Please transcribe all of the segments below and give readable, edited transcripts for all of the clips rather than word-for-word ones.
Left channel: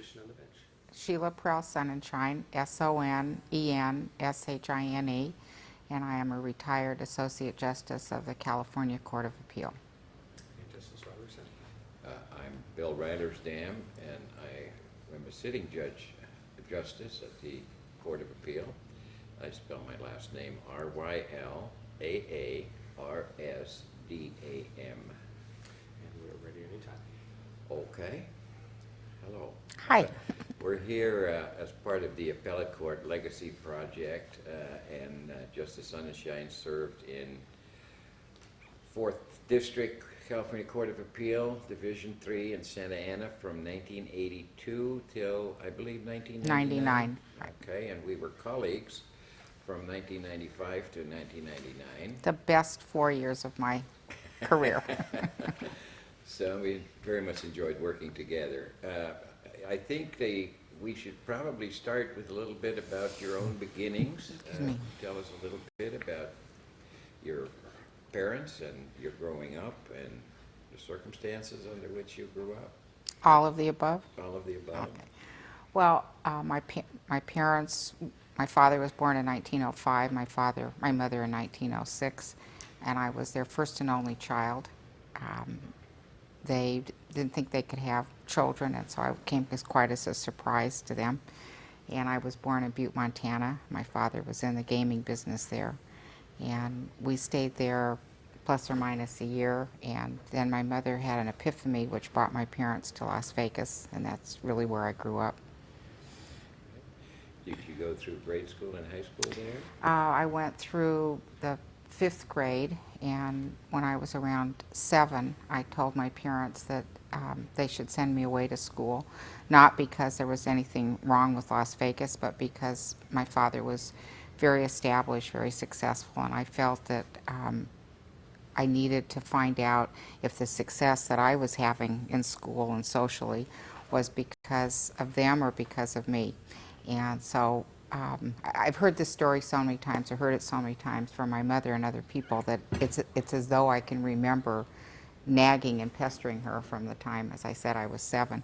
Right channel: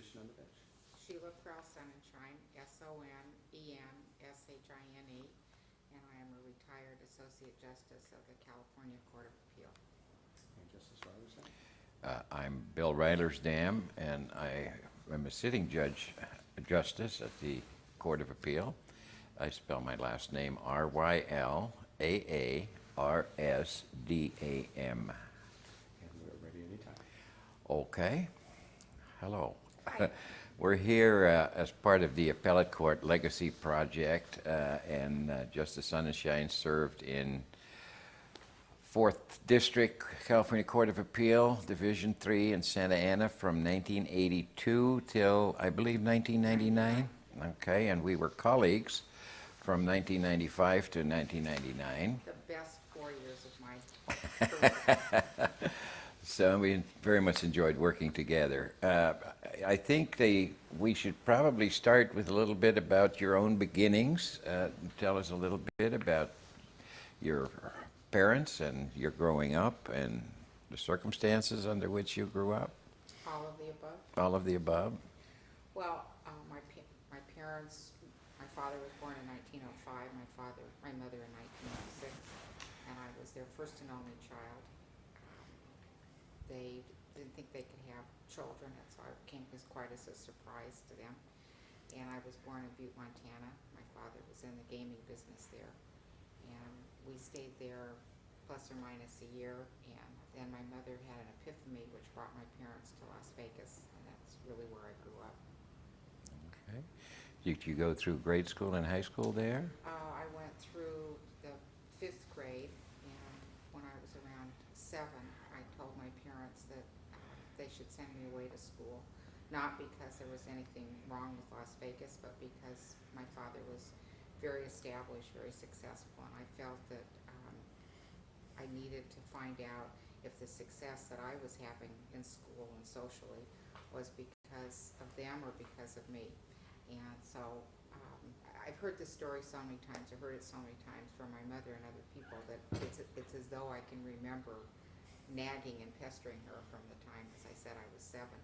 position on the bench? Sheila Prell, Sonenshine, Sonenshine, and I am a retired Associate Justice of the California Court of Appeal. And Justice Robertson? I'm Bill Reilersdam, and I am a sitting justice at the Court of Appeal. I spell my last name Rylaaarsdam. And we're ready anytime. Okay. Hello. Hi. We're here as part of the Appellate Court Legacy Project, and Justice Sonenshine served in 4th District, California Court of Appeal, Division 3 in Santa Ana from 1982 till, I believe, 1999? 99. Okay, and we were colleagues from 1995 to 1999. The best 4 years of my career. So we very much enjoyed working together. I think we should probably start with a little bit about your own beginnings. Tell us a little bit about your parents and your growing up and the circumstances under which you grew up. All of the above? All of the above. Okay. Well, my parents, my father was born in 1905, my mother in 1906, and I was their first and only child. They didn't think they could have children, and so I came as quite as a surprise to them. And I was born in Butte, Montana. My father was in the gaming business there, and we stayed there plus or minus a year, and then my mother had an epiphany which brought my parents to Las Vegas, and that's really where I grew up. Did you go through grade school and high school there? I went through the 5th grade, and when I was around 7, I told my parents that they should send me away to school, not because there was anything wrong with Las Vegas, but because my father was very established, very successful, and I felt that I needed to find out if the success that I was having in school and socially was because of them or because of me. And so I've heard this story so many times, I heard it so many times from my mother and other people, that it's as though I can remember nagging and pestering her from the time, as I said, I was 7.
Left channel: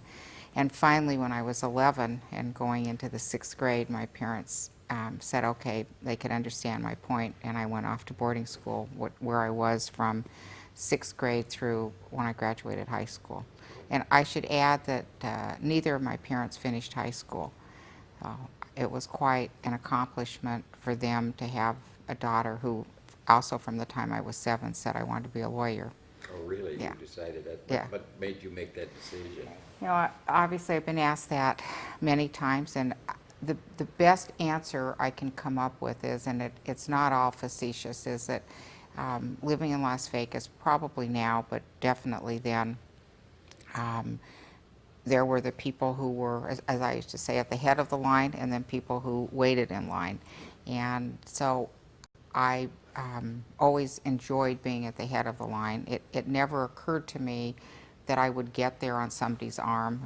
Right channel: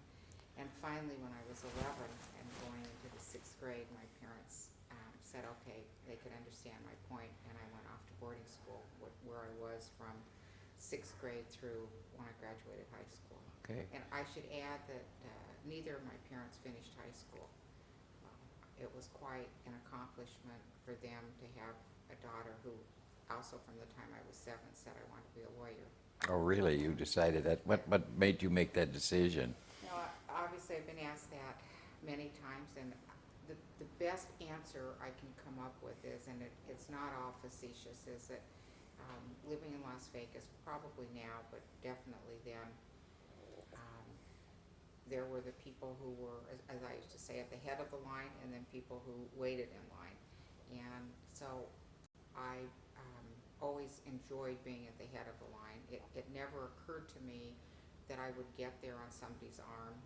And finally, when I was 11 and going into the 6th grade, my parents said, okay, they could understand my point, and I went off to boarding school, where I was from 6th grade through when I graduated high school. And I should add that neither of my parents finished high school. It was quite an accomplishment for them to have a daughter who also from the time I was 7 said I wanted to be a lawyer. Oh, really? Yeah. You decided that? Yeah. What made you make that decision? You know, obviously I've been asked that many times, and the best answer I can come up with is, and it's not all facetious, is that living in Las Vegas, probably now, but definitely then, there were the people who were, as I used to say, at the head of the line, and then people who waited in line. And so I always enjoyed being at the head of the line. It never occurred to me that I would get there on somebody's arm.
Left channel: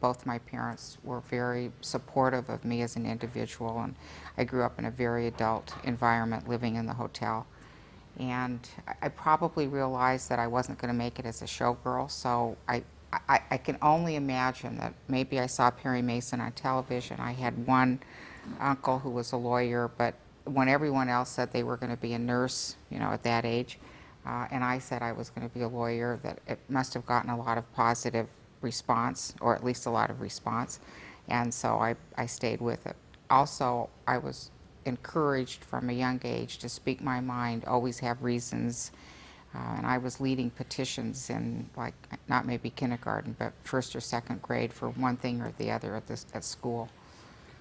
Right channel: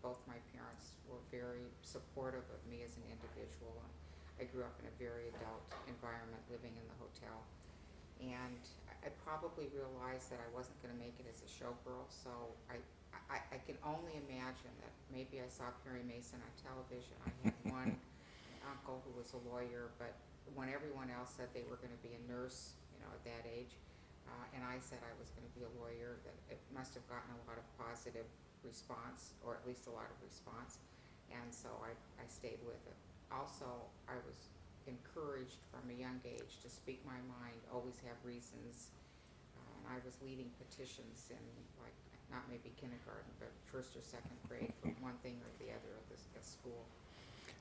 Both my parents were very supportive of me as an individual, and I grew up in a very adult environment living in the hotel. And I probably realized that I wasn't going to make it as a showgirl, so I can only imagine that maybe I saw Perry Mason on television. I had one uncle who was a lawyer, but when everyone else said they were going to be a nurse, you know, at that age, and I said I was going to be a lawyer, that it must have gotten a lot of positive response, or at least a lot of response, and so I stayed with it. Also, I was encouraged from a young age to speak my mind, always have reasons, and I was leading petitions in, like, not maybe kindergarten, but 1st or 2nd grade for one thing or the other at school.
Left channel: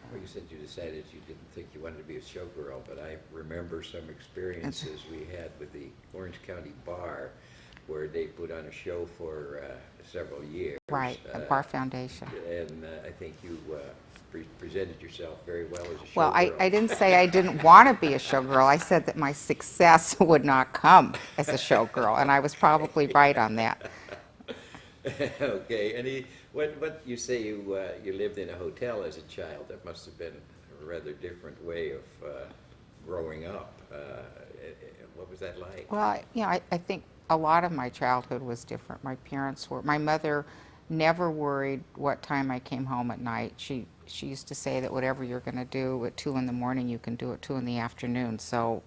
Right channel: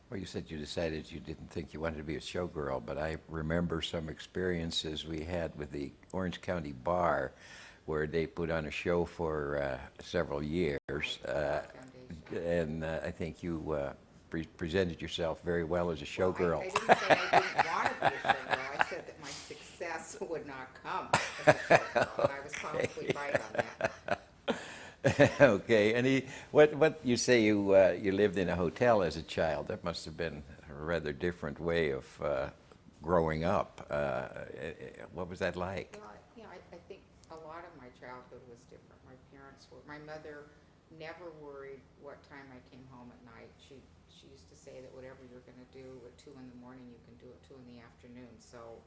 Well, you said you decided you didn't think you wanted to be a showgirl, but I remember some experiences we had with the Orange County Bar, where they put on a show for several years. Right, the Bar Foundation. And I think you presented yourself very well as a showgirl. Well, I didn't say I didn't want to be a showgirl. I said that my success would not come as a showgirl, and I was probably right on that. Okay, and what you say you lived in a hotel as a child? That must have been a rather different way of growing up. What was that like? Well, you know, I think a lot of my childhood was different. My parents were, my mother never worried what time I came home at night. She used to say that whatever you're going to do at 2 in the morning, you can do at 2 in the afternoon. So,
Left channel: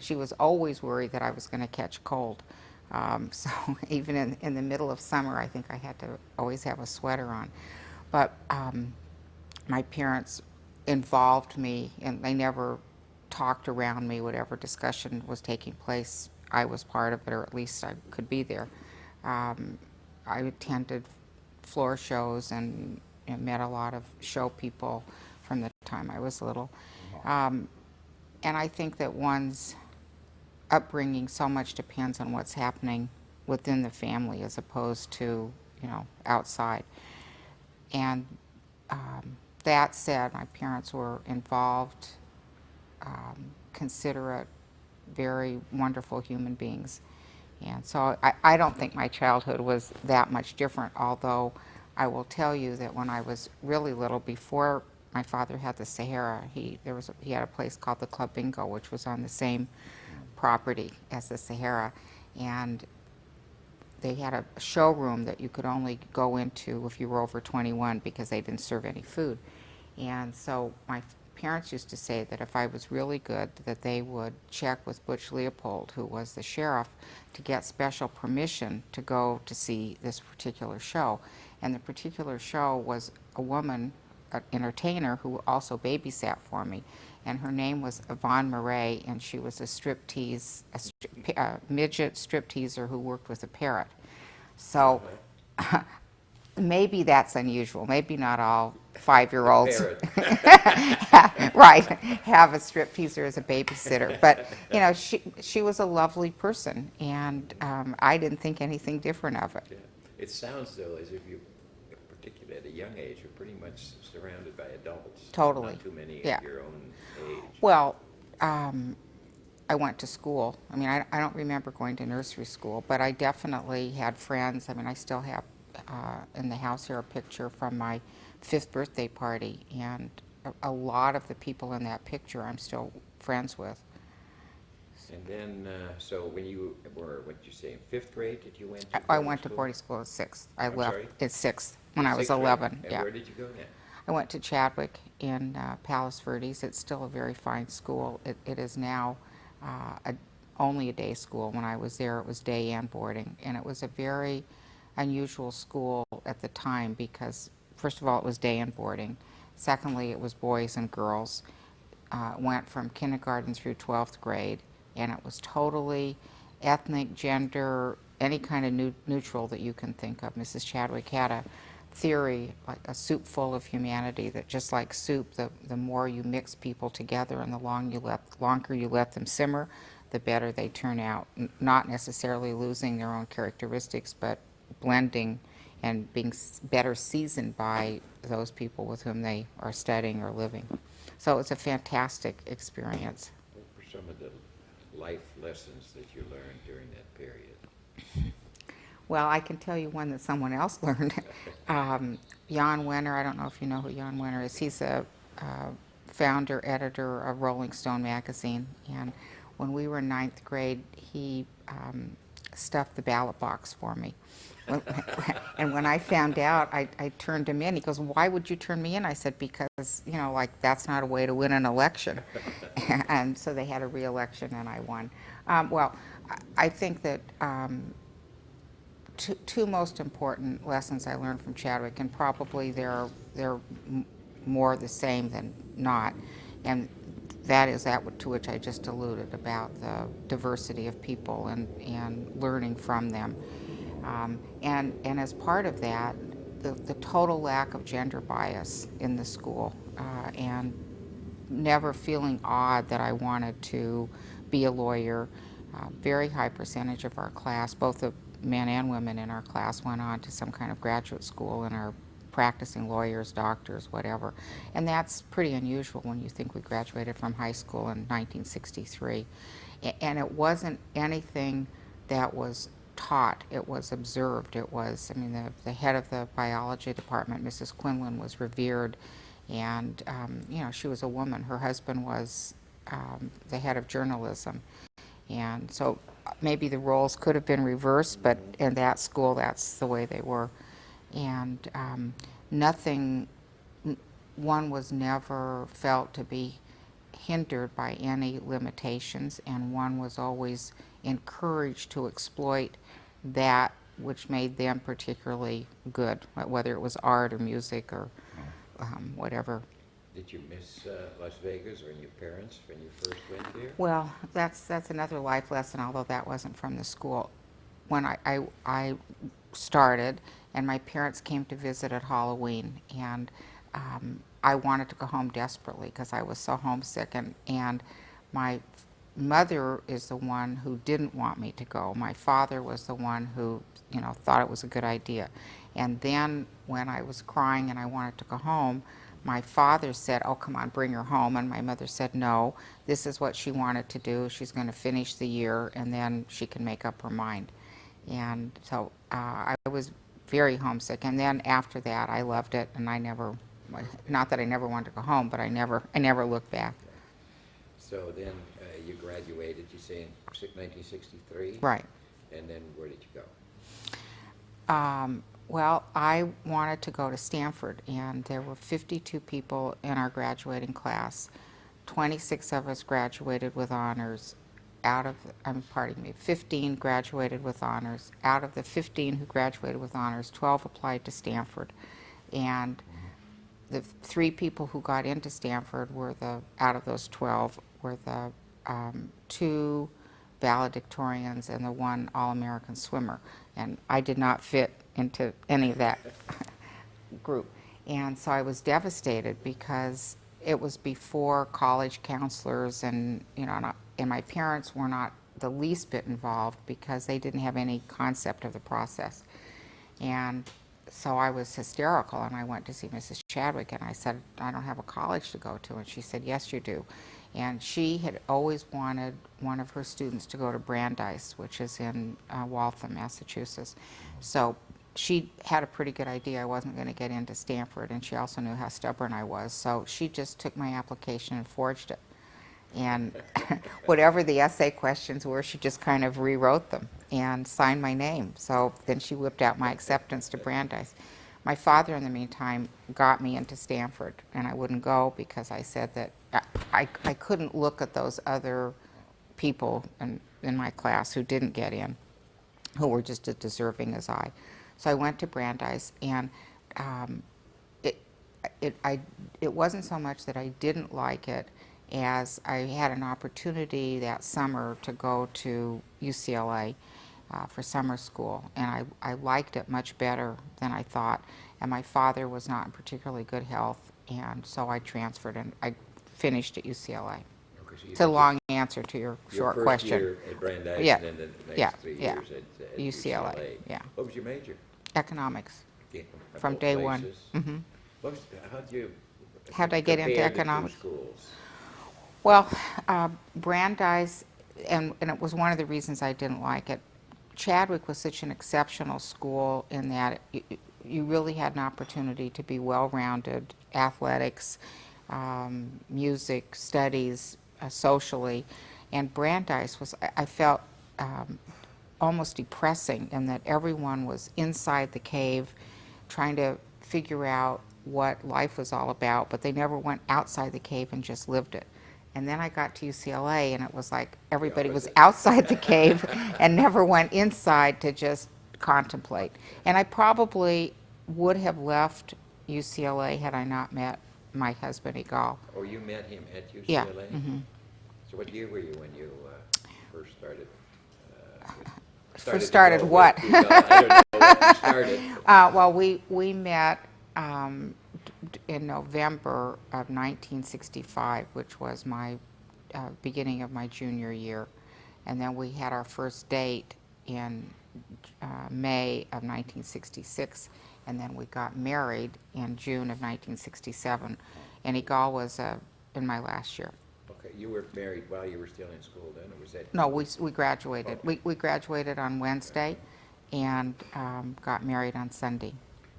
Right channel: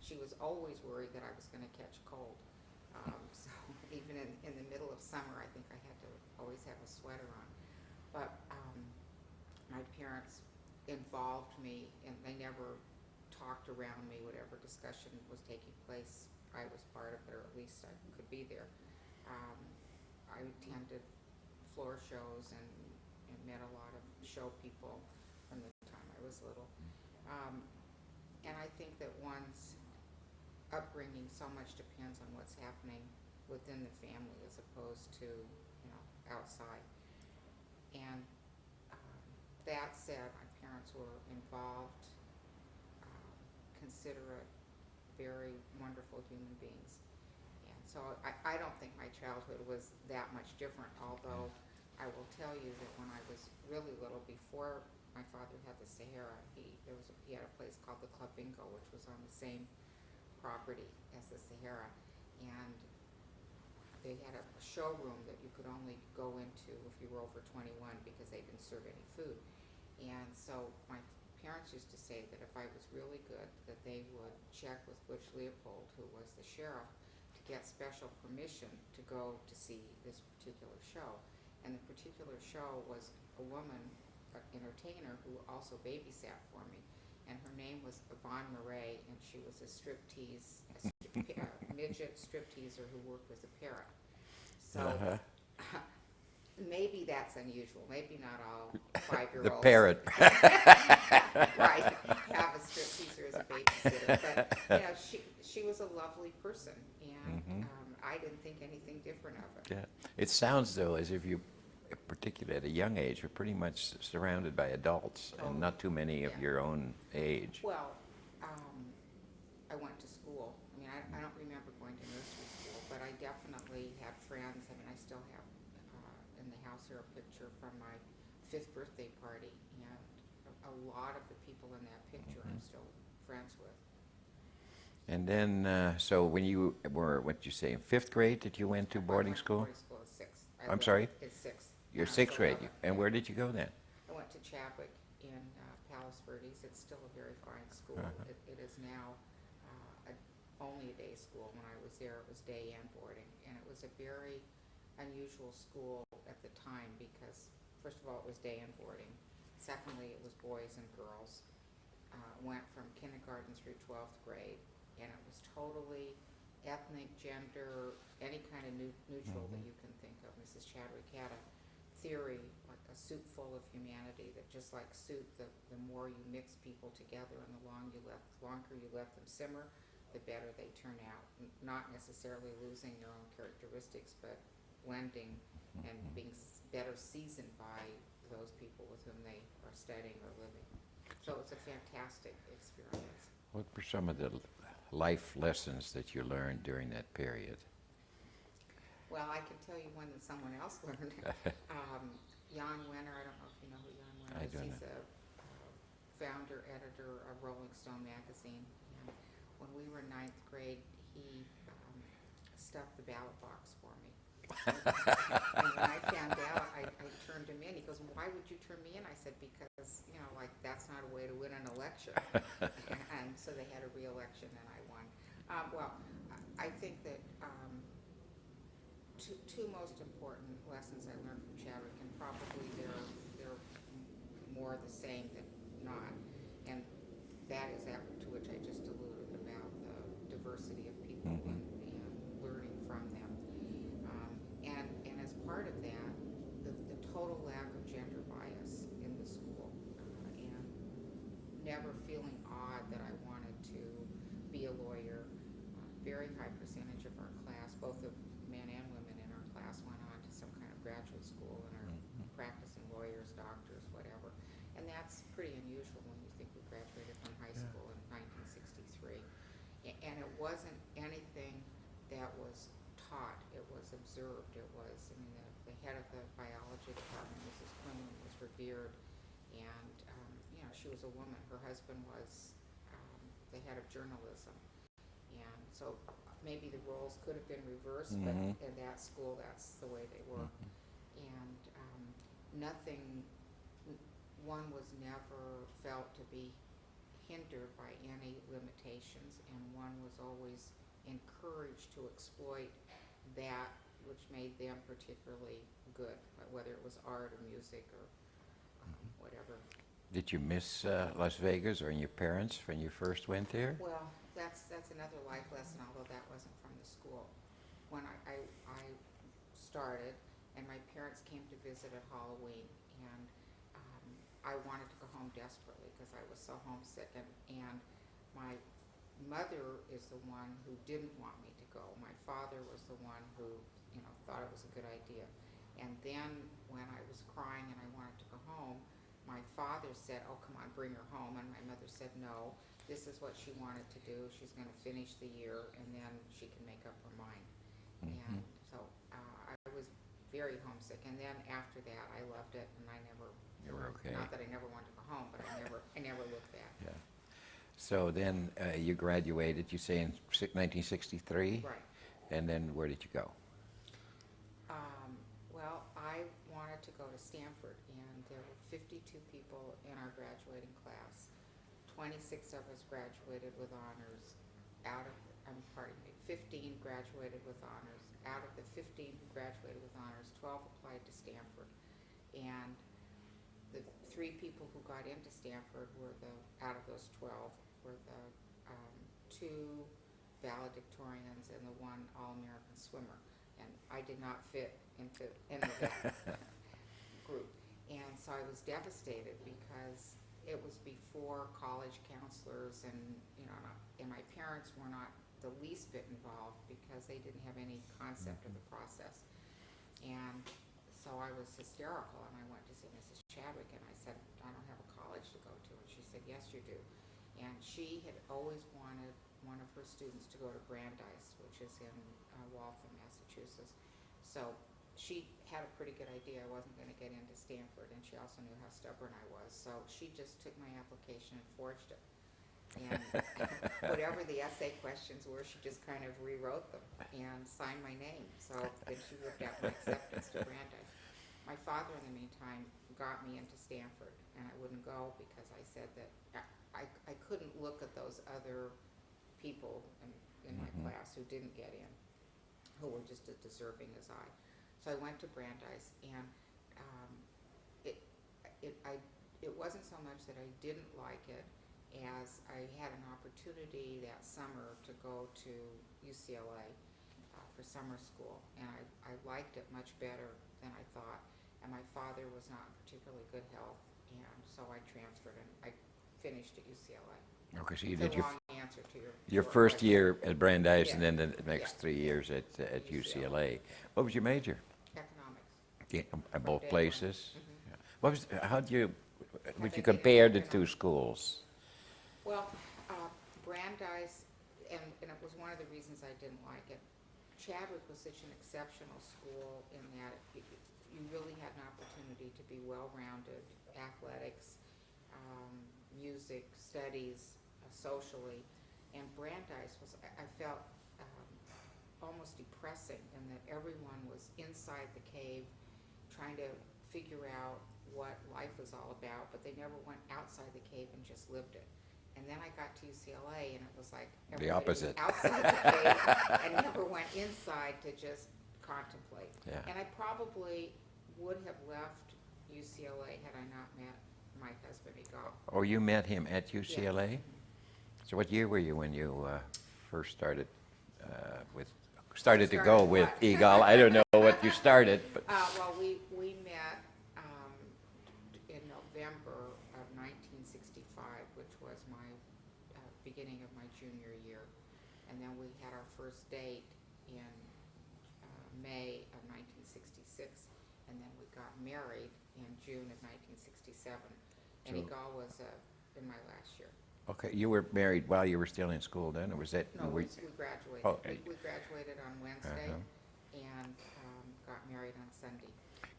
she was always worried that I was going to catch cold. So even in the middle of summer, I think I had to always have a sweater on. But my parents involved me, and they never talked around me. Whatever discussion was taking place, I was part of it, or at least I could be there. I attended floor shows and met a lot of show people from the time I was little. And I think that one's upbringing so much depends on what's happening within the family as opposed to, outside. And that said, my parents were involved, considerate, very wonderful human beings. And so I don't think my childhood was that much different, although I will tell you that when I was really little, before my father had the Sahara, he had a place called the Club Bingo, which was on the same property as the Sahara. And they had a showroom that you could only go into if you were over 21 because they didn't serve any food. And so my parents used to say that if I was really good, that they would check with Butch Leopold, who was the sheriff, to get special permission to go to see this particular show. And the particular show was a woman, an entertainer, who also babysat for me. And her name was Yvonne Murray, and she was a midget stripteaser who worked with a parrot. So maybe that's unusual. Maybe not all 5-year-olds Parrot. right, have a stripteaser as a babysitter. But, she was a lovely person, and I didn't think anything different of it. Yeah. It sounds, though, as if you, particularly at a young age, were pretty much surrounded by adults. Totally. Not too many Yeah. of your own age. Well, I went to school. I mean, I don't remember going to nursery school, but I definitely had friends. I mean, I still have in the house here a picture from my 5th birthday party, and a lot of the people in that picture I'm still friends with. And then, so when you were, what did you say, in 5th grade, did you went to I boarding went school? to boarding school at 6th. I'm sorry? At 6th, when In I was 6th grade? 11. And yeah. where did you go then? I went to Chadwick in Palos Verdes. It's still a very fine school. It is now only a day school. When I was there, it was day and boarding. And it was a very unusual school at the time because, first of all, it was day and boarding. Secondly, it was boys and girls. Went from kindergarten through 12th grade. And it was totally ethnic, gender, any kind of neutral that you can think of. Mrs. Chadwick had a theory, like a soup full of humanity, that just like soup, the more you mix people together and the longer you let them simmer, the better they turn out. Not necessarily losing their own characteristics, but blending and being better seasoned by those people with whom they are studying or living. So it's a fantastic experience. What were some of the life lessons that you learned during that period? Well, I can tell you one that someone else learned. Jan Wenner, I don't know if you know who Jan Wenner is. He's a founder, editor of Rolling Stone magazine. And when we were in 9th grade, he stuffed the ballot box for me. And when I found out, I turned him in. He goes, "Why would you turn me in?" I said, "Because, that's not a way to win an election." And so they had a re-election, and I won. Well, I think that two most important lessons I learned from Chadwick, and probably they're more the same than not, and that is that to which I just alluded about the diversity of people and learning from them. And as part of that, the total lack of gender bias in the school, and never feeling odd that I wanted to be a lawyer. Very high percentage of our class, both the men and women in our class, went on to some kind of graduate school and are practicing lawyers, doctors, whatever. And that's pretty unusual when you think we graduated from high school in 1963. And it wasn't anything that was taught, it was observed. It was, the head of the biology department, Mrs. Quinlan, was revered, and she was a woman. Her husband was the head of journalism, and so maybe the roles could have been reversed, but in that school, that's the way they were. And nothing, one was never felt to be hindered by any limitations, and one was always encouraged to exploit that which made them particularly good, whether it was art or music or whatever. Did you miss Las Vegas or your parents when you first went there? Well, that's another life lesson, although that wasn't from the school. When I started, and my parents came to visit at Halloween, and I wanted to go home desperately because I was so homesick, and my mother is the one who didn't want me to go. My father was the one who, thought it was a good idea. And then when I was crying and I wanted to go home, my father said, "Oh, come on, bring her home." And my mother said, "No, this is what she wanted to do. She's going to finish the year, and then she can make up her mind." And so I was very homesick. And then after that, I loved it, and I never, not that I never wanted to go home, but I never looked back. Yeah. So then you graduated, you say in 1963? Right. And then where did you go? Well, I wanted to go to Stanford, and there were 52 people in our graduating class. 26 of us graduated with honors. 15 graduated with honors. Out of the 15 who graduated with honors, 12 applied to Stanford. And the 3 people who got into Stanford were out of those 12, were the 2 valedictorians and the 1 All-American swimmer. And I did not fit into any of that group. And so I was devastated because it was before college counselors and my parents were not the least bit involved because they didn't have any concept of the process. And so I was hysterical, and I went to see Mrs. Chadwick, and I said, "I don't have a college to go to." And she said, "Yes, you do." And she had always wanted one of her students to go to Brandeis, which is in Waltham, Massachusetts. So she had a pretty good idea I wasn't going to get into Stanford, and she also knew how stubborn I was. So she just took my application and forged it. And whatever the essay questions were, she just kind of rewrote them and signed my name. So then she whipped out my acceptance to Brandeis. My father, in the meantime, got me into Stanford, and I wouldn't go because I said that I couldn't look at those other people in my class who didn't get in, who were just as deserving as I. So I went to Brandeis, and it wasn't so much that I didn't like it as I had an opportunity that summer to go to UCLA for summer school, and I liked it much better than I thought. And my father was not in particularly good health, and so I transferred and I finished at UCLA. Okay, so It's a long answer to your short first question. year at Brandeis, Yeah. and then the next Yeah, 3 yeah. years at UCLA, UCLA. yeah. What was your major? Economics. Yeah, at From both day one. places? Mhm. How'd you How'd I get into compare the 2 economics? schools? Well, Brandeis, and it was one of the reasons I didn't like it. Chadwick was such an exceptional school in that you really had an opportunity to be well-rounded, athletics, music, studies, socially. And Brandeis was, I felt, almost depressing in that everyone was inside the cave trying to figure out what life was all about, but they never went outside the cave and just lived it. And then I got to UCLA, and it was like everybody was opposite. outside the cave and never went inside to just contemplate. Yeah. And I probably would have left UCLA had I not met my husband, Igal. Or you met him at UCLA? Yeah. Mhm. So what year were you when you first started? Started to go what? With Eagle? I don't know what you started. Well, we met in November of 1965, which was my beginning of my junior year. And then we had our first date in May of 1966, and then we got married in June of 1967. And Igal was in my last year. Okay, you were married while you were still in school then, or was that? No, we graduated. Okay. We graduated on Wednesday and got married on Sunday.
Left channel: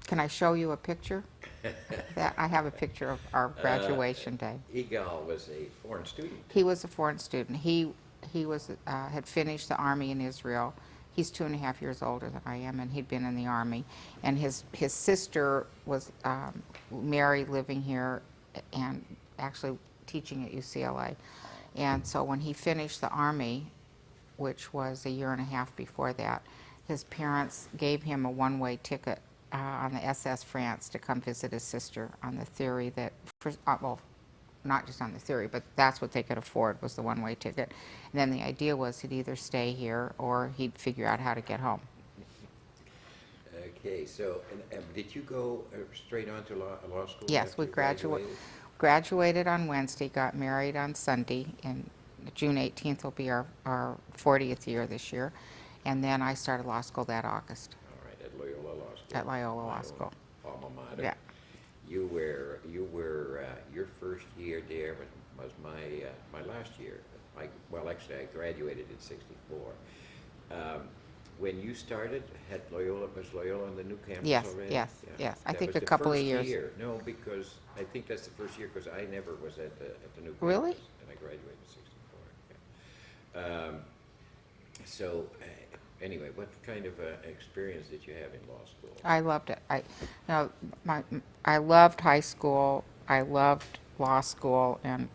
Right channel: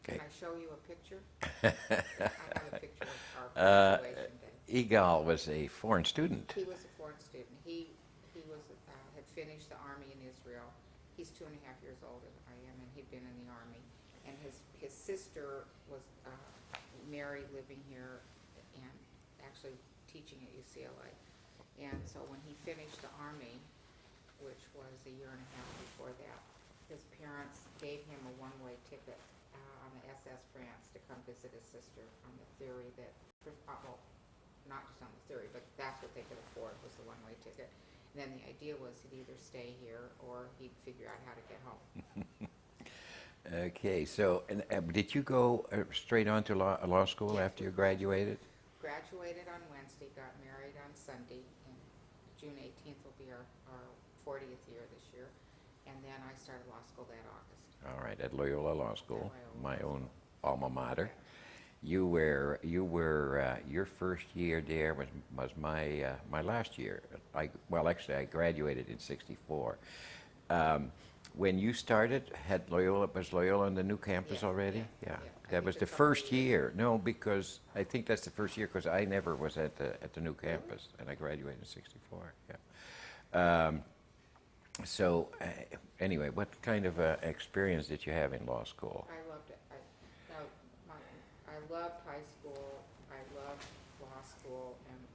Can I show you a picture? I have a picture of our graduation day. Eagle was a foreign student. He was a foreign student. He was had finished the army in Israel, he's 2.5 years older than I am, and he'd been in the Army. And his sister was married, living here, and actually teaching at UCLA. And so when he finished the Army, which was 1.5 years before that, his parents gave him a one-way ticket on the SS France to come visit his sister, on the theory that, well, not just on the theory, but that's what they could afford, was the one-way ticket. And then the idea was he'd either stay here or he'd figure out how to get home. Okay, so did you go straight on to law school Yes, after we you graduated? graduated on Wednesday, got married on Sunday, and June 18th will be our 40th year this year. And then I started law school that August. All right, at Loyola Law School. At Loyola my Law own School. Alma mater. Yeah. You were your first year there was my last year. Actually, I graduated in '64. When you started, was Loyola on the new campus Yes, already? yes, Yeah. yes. I That think was a the couple of first years. year. No, because I think that's the first year because I never was at the new campus. Really? And I graduated in '64. Yeah. So, anyway, what kind of experience did you have in law school? I loved it. I loved high school. I loved law school, and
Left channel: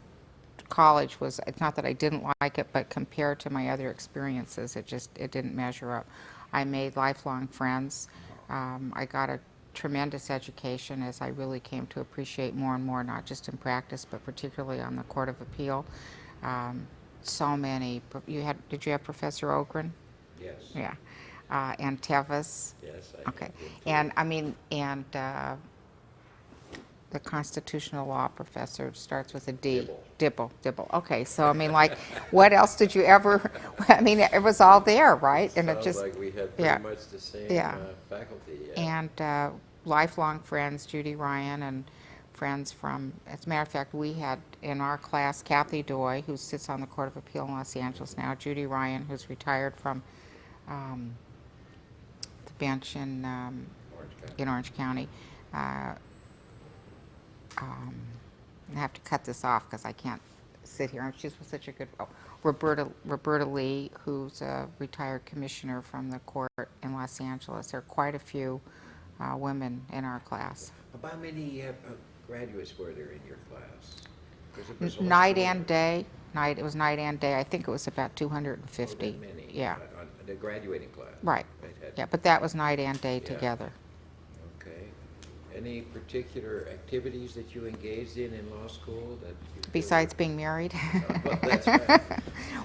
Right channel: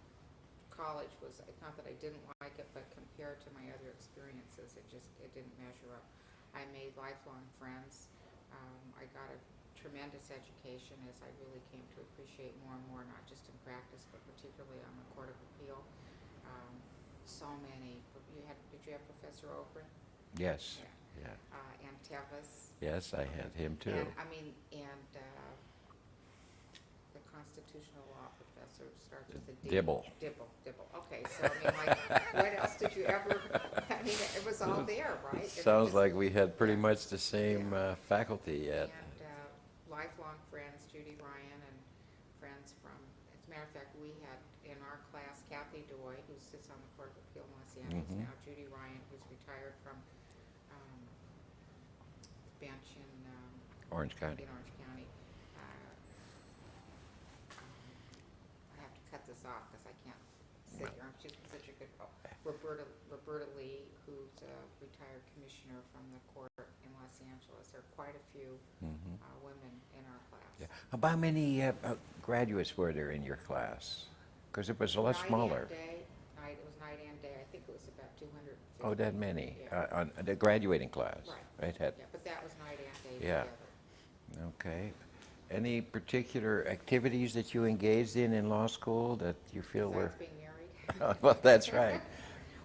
college was, it's not that I didn't like it, but compared to my other experiences, it didn't measure up. I made lifelong friends. I got a tremendous education as I really came to appreciate more and more, not just in practice, but particularly on the Court of Appeal. So many, did you have Professor Ogren? Yes. Yeah. And Tevis. Yes, I Okay. had him too. And I mean, the constitutional law professor starts with a D. Dibble. Dibble. Okay, so I mean, like, what else did you ever? I mean, it was all there, right? And Sounds it just, like we had yeah. pretty much the same Yeah. faculty. Yeah. And lifelong friends, Judy Ryan, and friends from. As a matter of fact, we had in our class Kathy Doy, who sits on the Court of Appeal in Los Angeles now. Judy Ryan, who's retired from the bench in Orange County. I have to cut this off because I can't sit here. She's such a good. Roberta Lee, who's a retired commissioner from the court in Los Angeles. There are quite a few women in our class. About many graduates were there in your class? Because it was a lot Night smaller. and day. It was night and day. I think it was about 250. Oh, that many? Yeah. On the graduating class? Right. It had- Yeah, but that was night and day Yeah. together. Okay. Any particular activities that you engaged in law school that you feel Besides being married. Well, that's right.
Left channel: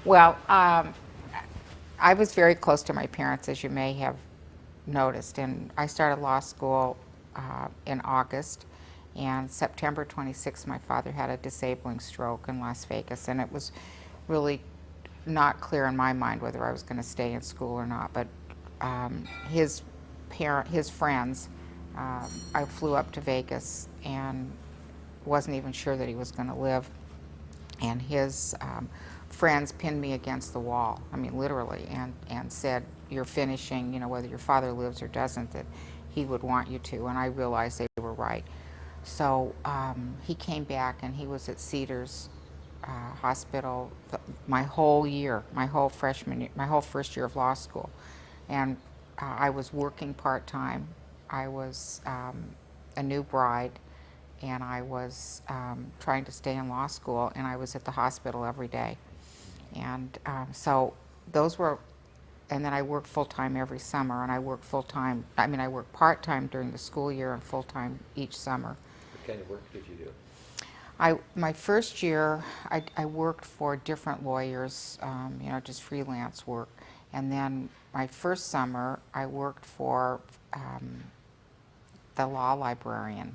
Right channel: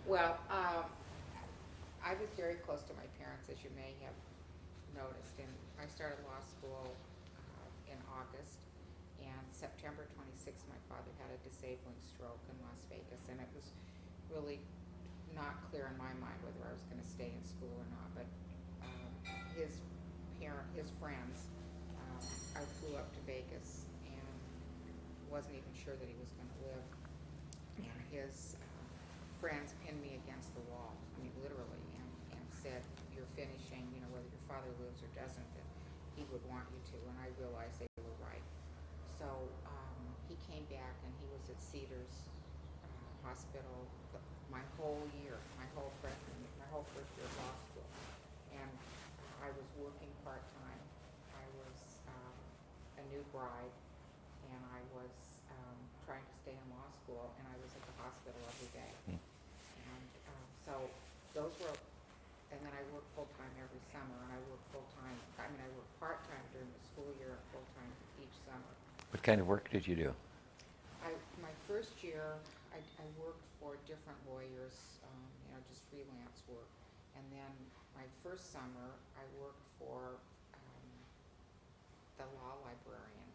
Well, I was very close to my parents, as you may have noticed, and I started law school in August, and September 26th, my father had a disabling stroke in Las Vegas, and it was really not clear in my mind whether I was going to stay in school or not, but his friends, I flew up to Vegas and wasn't even sure that he was going to live, and his friends pinned me against the wall, I mean literally, and said, you're finishing, whether your father lives or doesn't, that he would want you to, and I realized they were right. So he came back and he was at Cedars Hospital my whole first year of law school, and I was working part-time. I was a new bride, and I was trying to stay in law school, and I was at the hospital every day. And so those were, and then I worked full-time every summer, and I worked part-time during the school year and full-time each summer. What kind of work did you do? My first year, I worked for different lawyers, just freelance work. And then my first summer, I worked for the law librarian.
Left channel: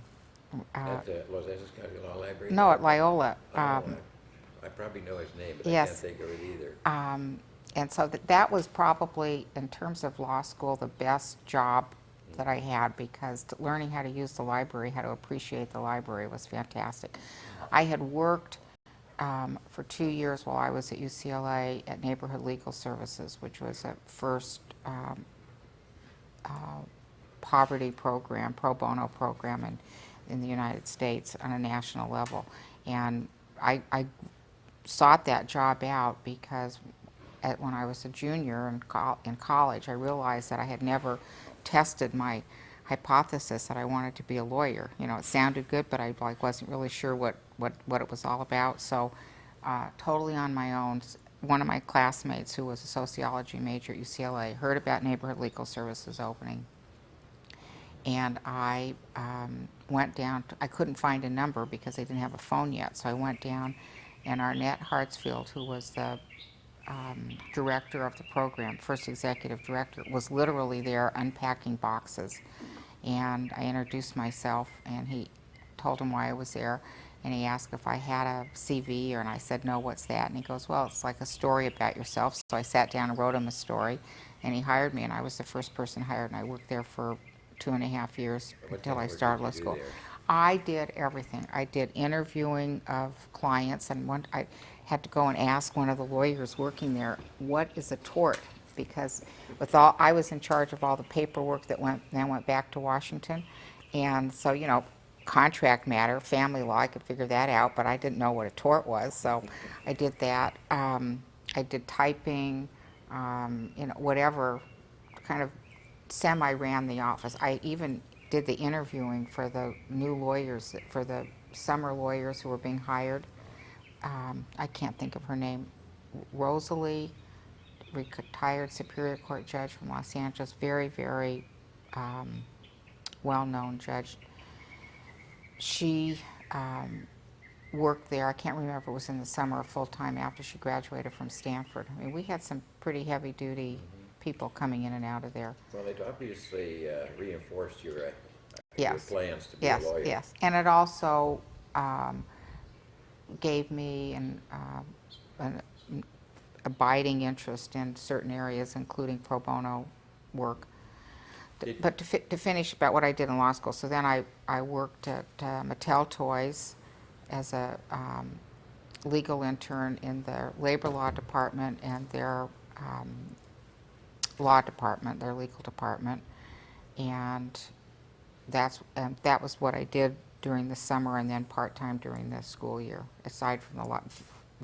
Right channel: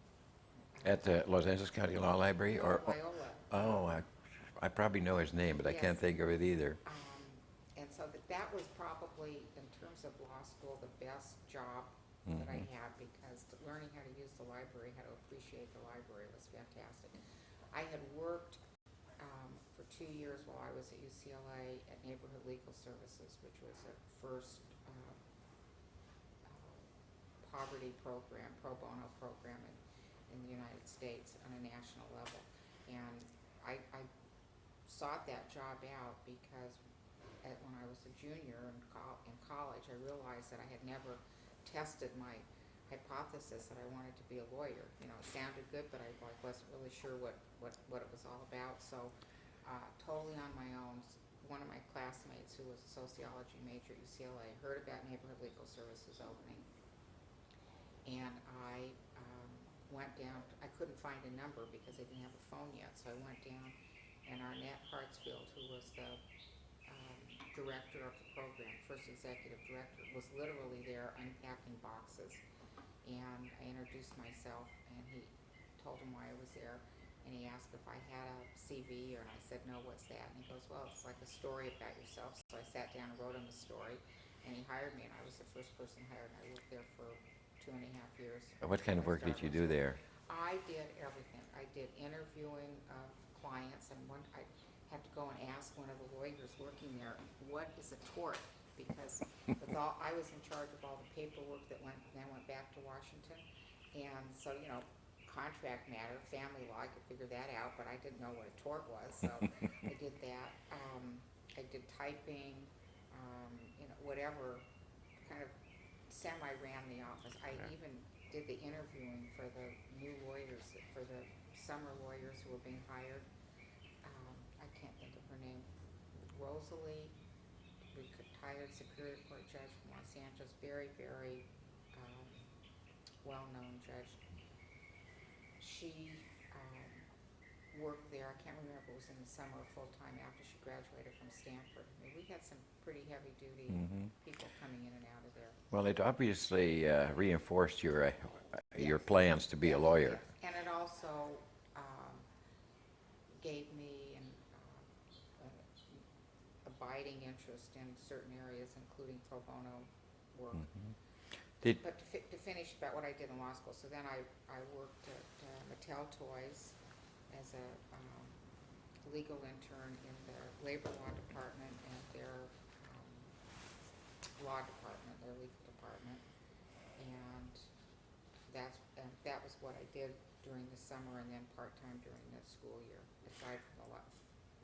At the Los Angeles County Law Library? No, at Loyola. I probably know his name, but I Yes. can't think of it either. And so that was probably, in terms of law school, the best job that I had, because learning how to use the library, how to appreciate the library was fantastic. I had worked for 2 years while I was at UCLA at Neighborhood Legal Services, which was a first poverty program, pro bono program in the United States on a national level. And I sought that job out because when I was a junior in college, I realized that I had never tested my hypothesis that I wanted to be a lawyer. You know, it sounded good, but I wasn't really sure what it was all about. So, totally on my own, one of my classmates who was a sociology major at UCLA heard about Neighborhood Legal Services opening, and I went down. I couldn't find a number because they didn't have a phone yet, so I went down, and Arnett Hartsfield, who was the director of the program, first executive director, was literally there unpacking boxes. And I introduced myself, and he told him why I was there, and he asked if I had a CV, and I said, no, what's that? And he goes, well, it's like a story about yourself. So I sat down and wrote him a story, and he hired me, and I was the first person hired, and I worked there for 2.5 years until I started law school. There? I did everything. I did interviewing of clients, and I had to go and ask one of the lawyers working there, what is a tort? Because I was in charge of all the paperwork that then went back to Washington, and so, you know, contract matter, family law, I could figure that out, but I didn't know what a tort was, so I did that. I did typing, you know, whatever kind of semi-ran the office. I even did the interviewing for the new lawyers, for the summer lawyers who were being hired. I can't think of her name. Rosalie, retired Superior Court judge from Los Angeles, very, very well-known judge. She worked there. I can't remember if it was in the summer or full-time after she graduated from Stanford. I mean, we had some pretty heavy-duty people coming in and out of there. Well, it obviously reinforced your Yes. plans to be Yes, a lawyer. yes, and it also gave me an abiding interest in certain areas, including pro bono work. But to finish about what I did in law school, so then I worked at Mattel Toys as a legal intern in their labor law department and their law department, their legal department, and that was what I did during the summer and then part-time during the school year, aside from the law.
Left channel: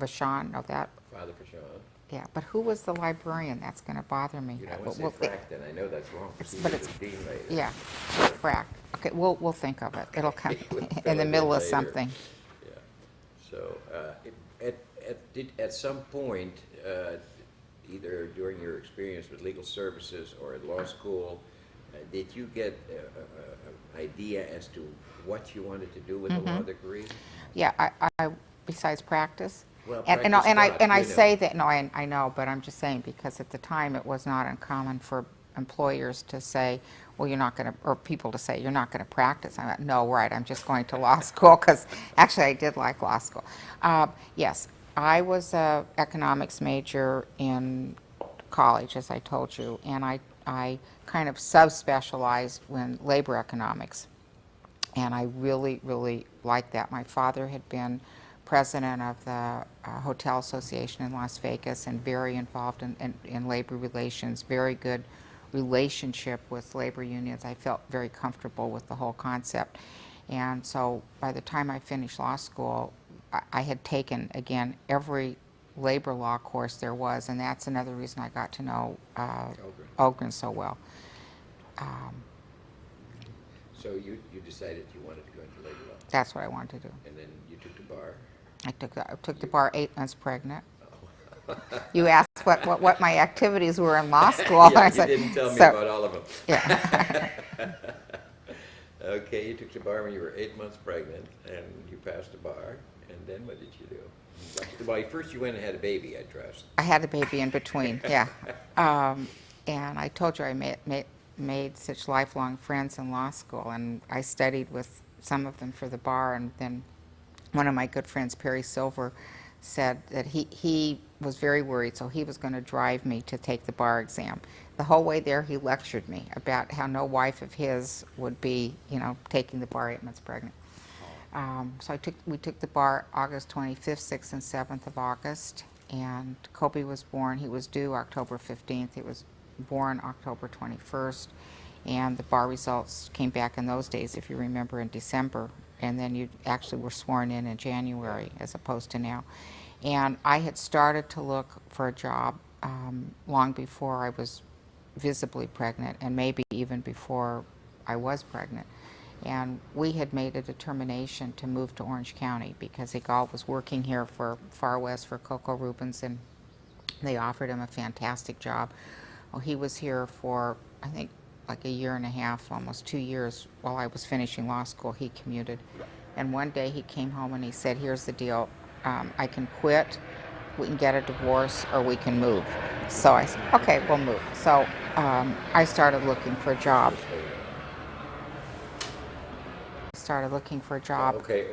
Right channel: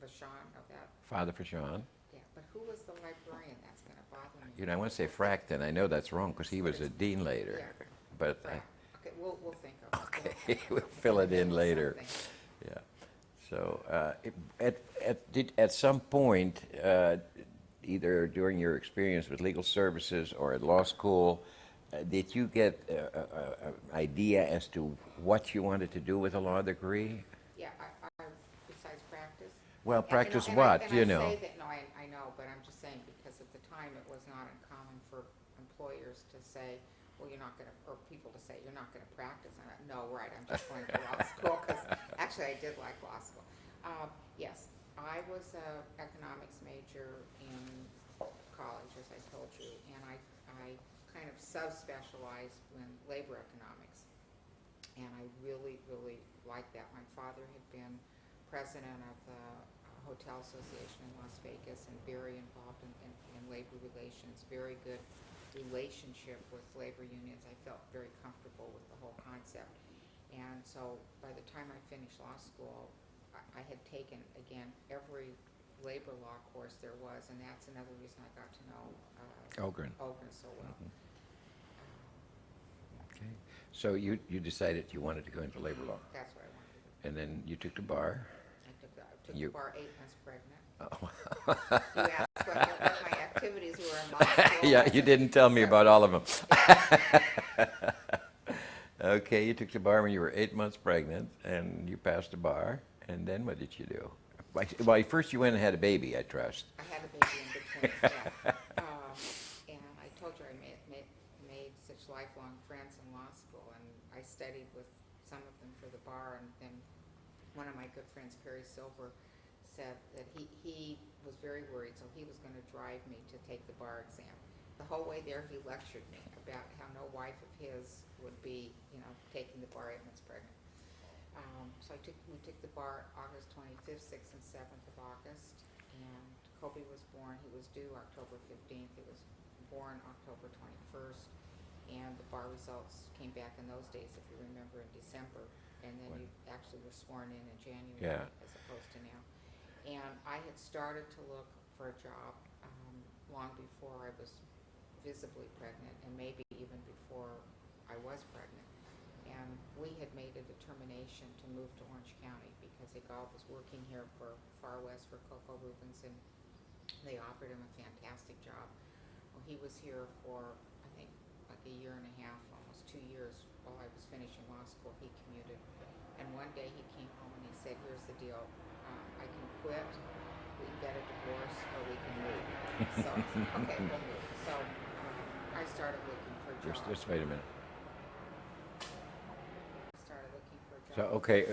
Vashon, know that? Father Vashon. Yeah, but who was the librarian? That's going to bother me. You know, I want to say Frackton. I know that's wrong because he But was a it's- dean later. Yeah, But- Frack. Okay, we'll think of it. It'll come We'll in fill the it middle of later. something. Yeah. So at some point, either during your experience with legal services or at law school, did you get an idea as to what you wanted to do with a law degree? Yeah, I besides practice. Well, And practice what, I you know? say that, no, I know, but I'm just saying because at the time it was not uncommon for employers to say, well, you're not going to, or people to say, you're not going to practice. I went, no, right, I'm just going to law school because actually I did like law school. Yes, I was an economics major in college, as I told you, and I kind of subspecialized in labor economics. And I really, really liked that. My father had been president of the Hotel Association in Las Vegas and very involved in labor relations, very good relationship with labor unions. I felt very comfortable with the whole concept. And so by the time I finished law school, I had taken, again, every labor law course there was, and that's another reason I got to know Ogren so well. So you decided you wanted to go into labor law, That's what I wanted to do. and then you took the bar. I took the bar 8 months pregnant. You asked what my activities were in law school. Yeah, I you said, didn't tell me so- about all of them. Yeah. Okay, you took the bar when you were 8 months pregnant, and you passed the bar, and then what did you do? Well, first you went and had a baby, I trust. I had a baby in between, yeah. And I told you I made such lifelong friends in law school, and I studied with some of them for the bar, and then one of my good friends, Perry Silver, said that he was very worried, so he was going to drive me to take the bar exam. The whole way there, he lectured me about how no wife of his would be, you know, taking the bar 8 months pregnant. So we took the bar August 25th, 6th, and 7th of August, and Kobe was born. He was due October 15th. He was born October 21st, and the bar results came back in those days, if you remember, in December, and then you actually were sworn in January as opposed to now. And I had started to look for a job long before I was visibly pregnant, and maybe even before I was pregnant. And we had made a determination to move to Orange County because Igal was working here for Far West for Coco Rubens, and they offered him a fantastic job. Well, he was here for, I think, like a year and a half, almost 2 years while I was finishing law school. He commuted. And one day he came home and he said, here's the deal. I can quit, we can get a divorce, or we can move. So I said, okay, we'll move. So I started looking for a job. Started looking for a job. Okay,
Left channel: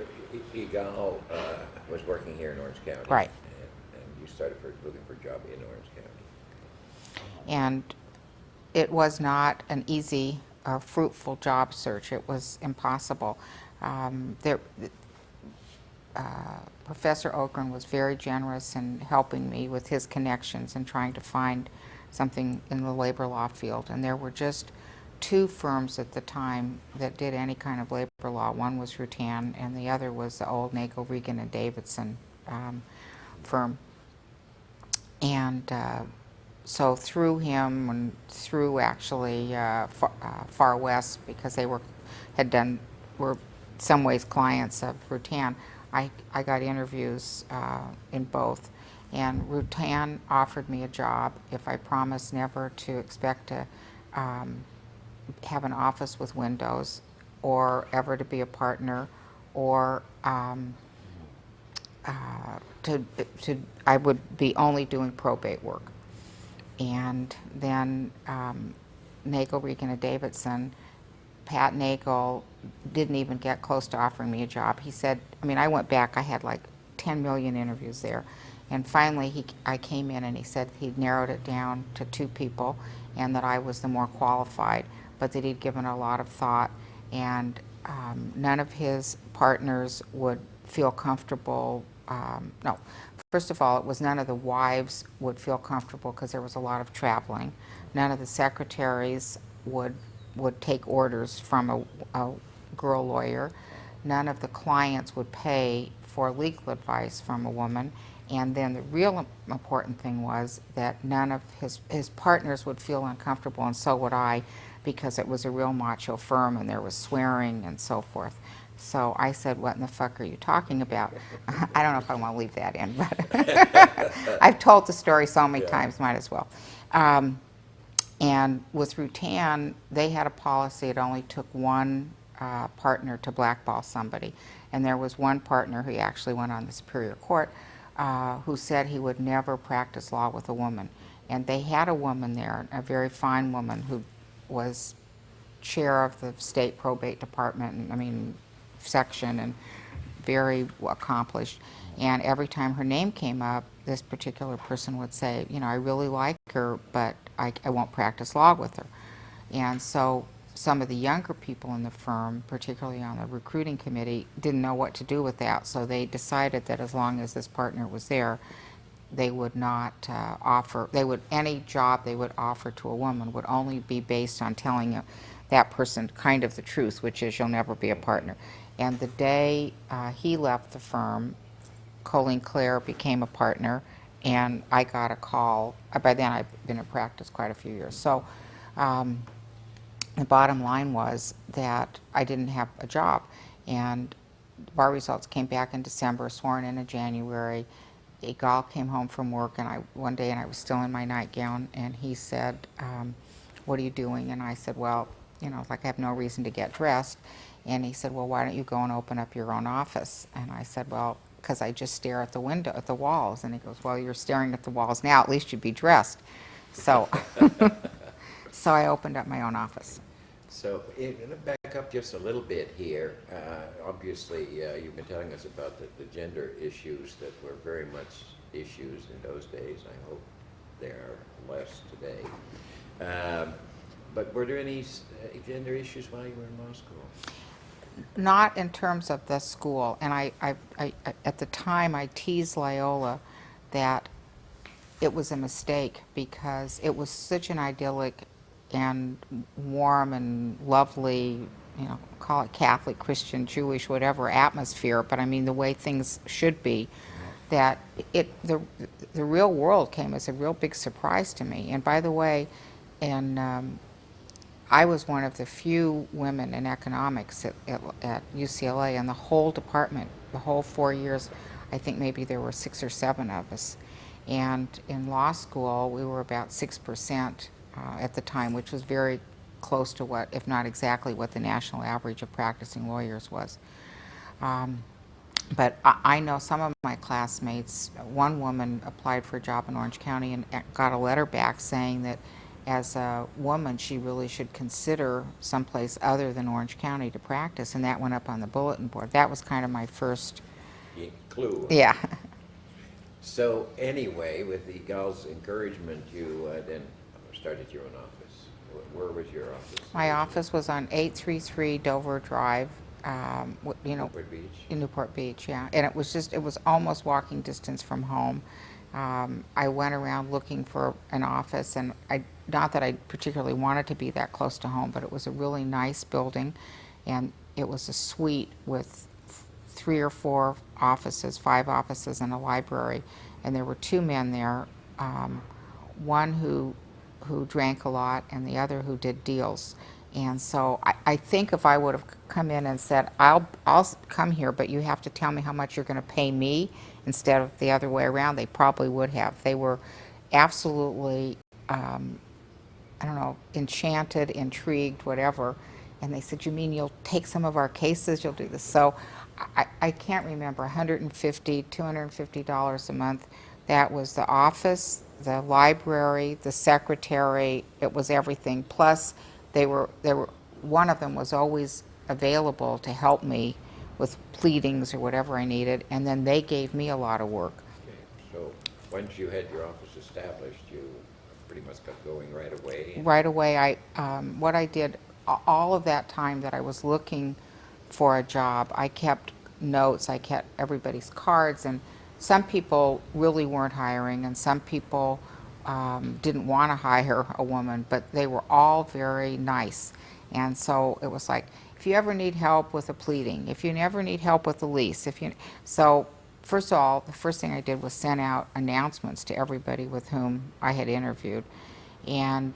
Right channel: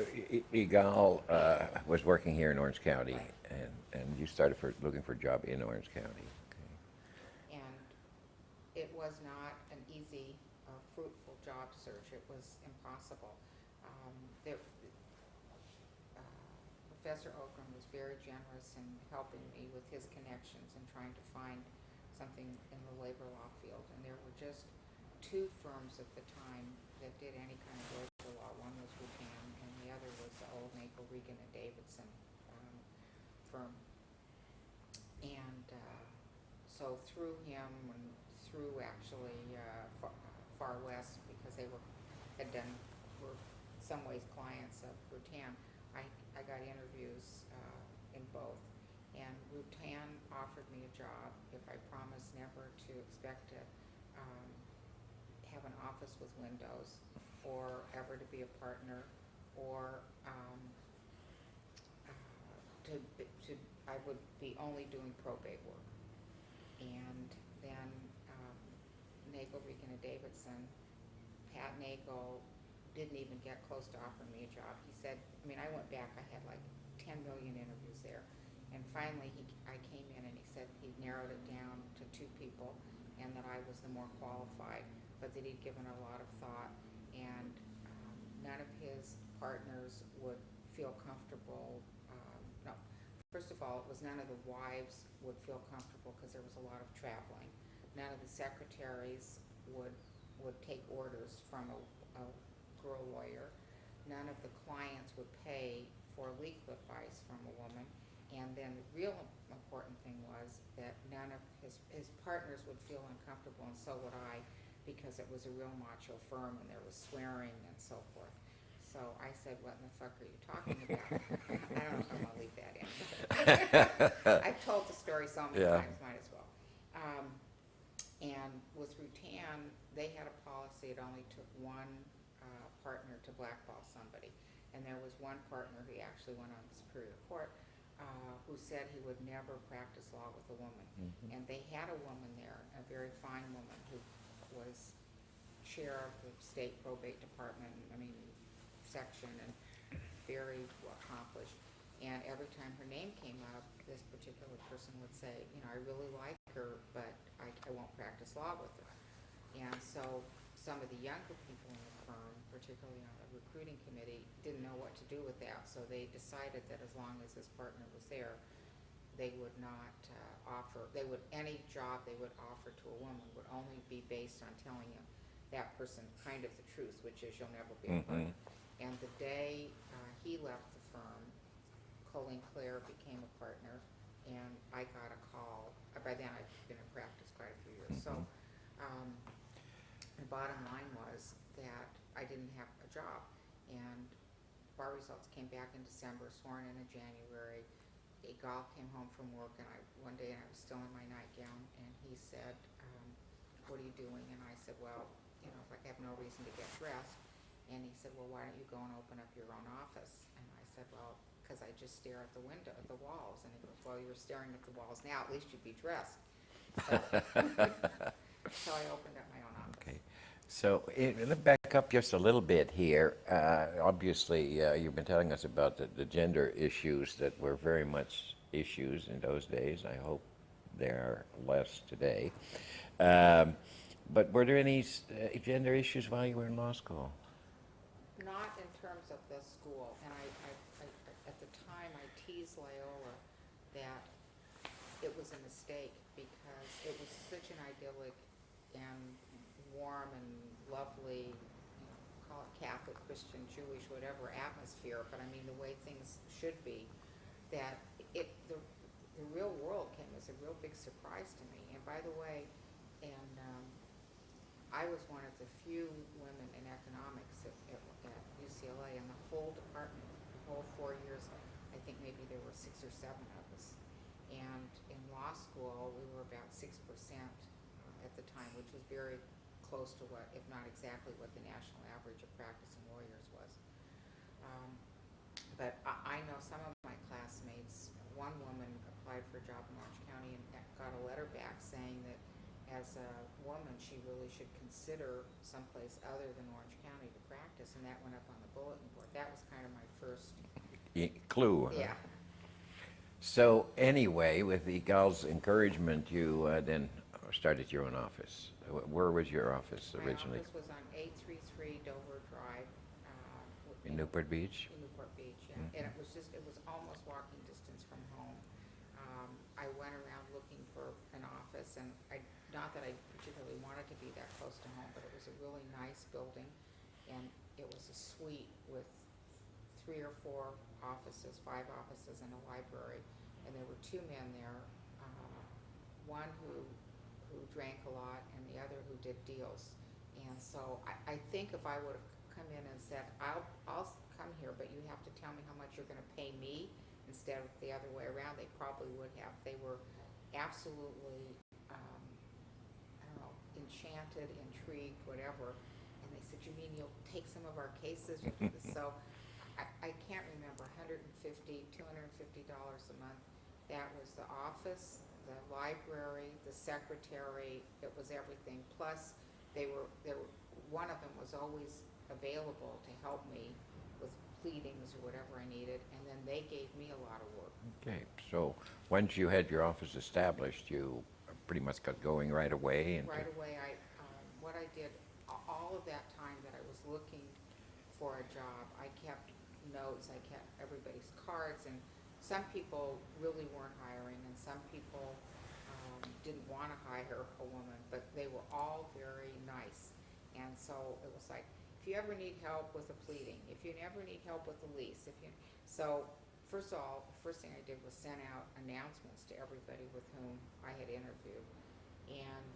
Igal was working here in Orange County. Right. And you started looking for a job in Orange County. And it was not an easy or fruitful job search. It was impossible. Professor Okren was very generous in helping me with his connections and trying to find something in the labor law field. And there were just 2 firms at the time that did any kind of labor law. One was Rutan, and the other was the old Nagel, Regan, and Davidson firm. And so through him and through actually Far West, because they were some ways clients of Rutan, I got interviews in both. And Rutan offered me a job if I promised never to expect to have an office with windows, or ever to be a partner, or I would be only doing probate work. And then Nagel, Regan, and Davidson, Pat Nagel didn't even get close to offering me a job. He said, I mean, I went back, I had like 10 million interviews there. And finally, I came in and he said he'd narrowed it down to 2 people and that I was the more qualified, but that he'd given a lot of thought, and none of his partners would feel comfortable. No, first of all, it was none of the wives would feel comfortable because there was a lot of traveling. None of the secretaries would take orders from a girl lawyer. None of the clients would pay for legal advice from a woman. And then the real important thing was that none of his partners would feel uncomfortable, and so would I, because it was a real macho firm and there was swearing and so forth. So I said, what in the fuck are you talking about? I don't know if I want to leave that in, but I've told the story so many times, might as well. And with Rutan, they had a policy, it only took one partner to blackball somebody. And there was one partner who actually went on the Superior Court who said he would never practice law with a woman. And they had a woman there, a very fine woman who was chair of the state probate department, and, I mean, section, and very accomplished. And every time her name came up, this particular person would say, you know, I really like her, but I won't practice law with her. And so some of the younger people in the firm, particularly on the recruiting committee, didn't know what to do with that. So they decided that as long as this partner was there, they would not any job they would offer to a woman would only be based on telling that person kind of the truth, which is you'll never be a partner. And the day he left the firm, Colleen Clare became a partner, and I got a call. By then I'd been in practice quite a few years. So the bottom line was that I didn't have a job, and bar results came back in December, sworn in January. Igal came home from work one day, and I was still in my nightgown, and he said, what are you doing? And I said, well, you know, like I have no reason to get dressed. And he said, well, why don't you go and open up your own office? And I said, well, because I just stare at the window, at the walls. And he goes, well, you're staring at the walls now, at least you'd be dressed. So, so I opened up my own office. So let me back up just a little bit here. Obviously, you've been telling us about the gender issues that were very much issues in those days. I hope they are less today. But were there any gender issues while you were in law school? Not in terms of the school. And I at the time, I teased Loyola that it was a mistake because it was such an idyllic and warm and lovely, you know, call it Catholic, Christian, Jewish, whatever atmosphere, but I mean the way things should be. that the real world came as a real big surprise to me. And by the way, and I was one of the few women in economics at UCLA, and the whole department, the whole 4 years, I think maybe there were 6 or 7 of us. And in law school, we were about 6% at the time, which was very close to what, if not exactly what, the national average of practicing lawyers was. But I know some of my classmates, one woman applied for a job in Orange County and got a letter back saying that as a woman, she really should consider someplace other than Orange County to practice, and that went up on the bulletin board. That was kind of my first Clue. Yeah. So anyway, with the gal's encouragement, you then started your own office. Where was your office? My office was on 833 Dover Drive, Newport Beach? in Newport Beach, yeah. And it was almost walking distance from home. I went around looking for an office, and not that I particularly wanted to be that close to home, but it was a really nice building, and it was a suite with 3 or 4 offices, 5 offices, and a library. And there were 2 men there, one who drank a lot and the other who did deals. And so I think if I would have come in and said, I'll come here, but you have to tell me how much you're going to pay me instead of the other way around, they probably would have. They were absolutely, I don't know, enchanted, intrigued, whatever. And they said, you mean you'll take some of our cases, you'll do this? So I can't remember, $150, $250 a month. That was the office, the library, the secretary, it was everything. Plus, one of them was always available to help me with pleadings or whatever I needed, and then they gave me a lot of work. Okay, so once you had your office established, you pretty much got going right away? Right away, what I did, all of that time that I was looking for a job, I kept notes, I kept everybody's cards, and some people really weren't hiring, and some people didn't want to hire a woman, but they were all very nice. And so it was like, if you ever need help with a pleading, if you never need help with a lease, so first of all, the first thing I did was send out announcements to everybody with whom I had interviewed. And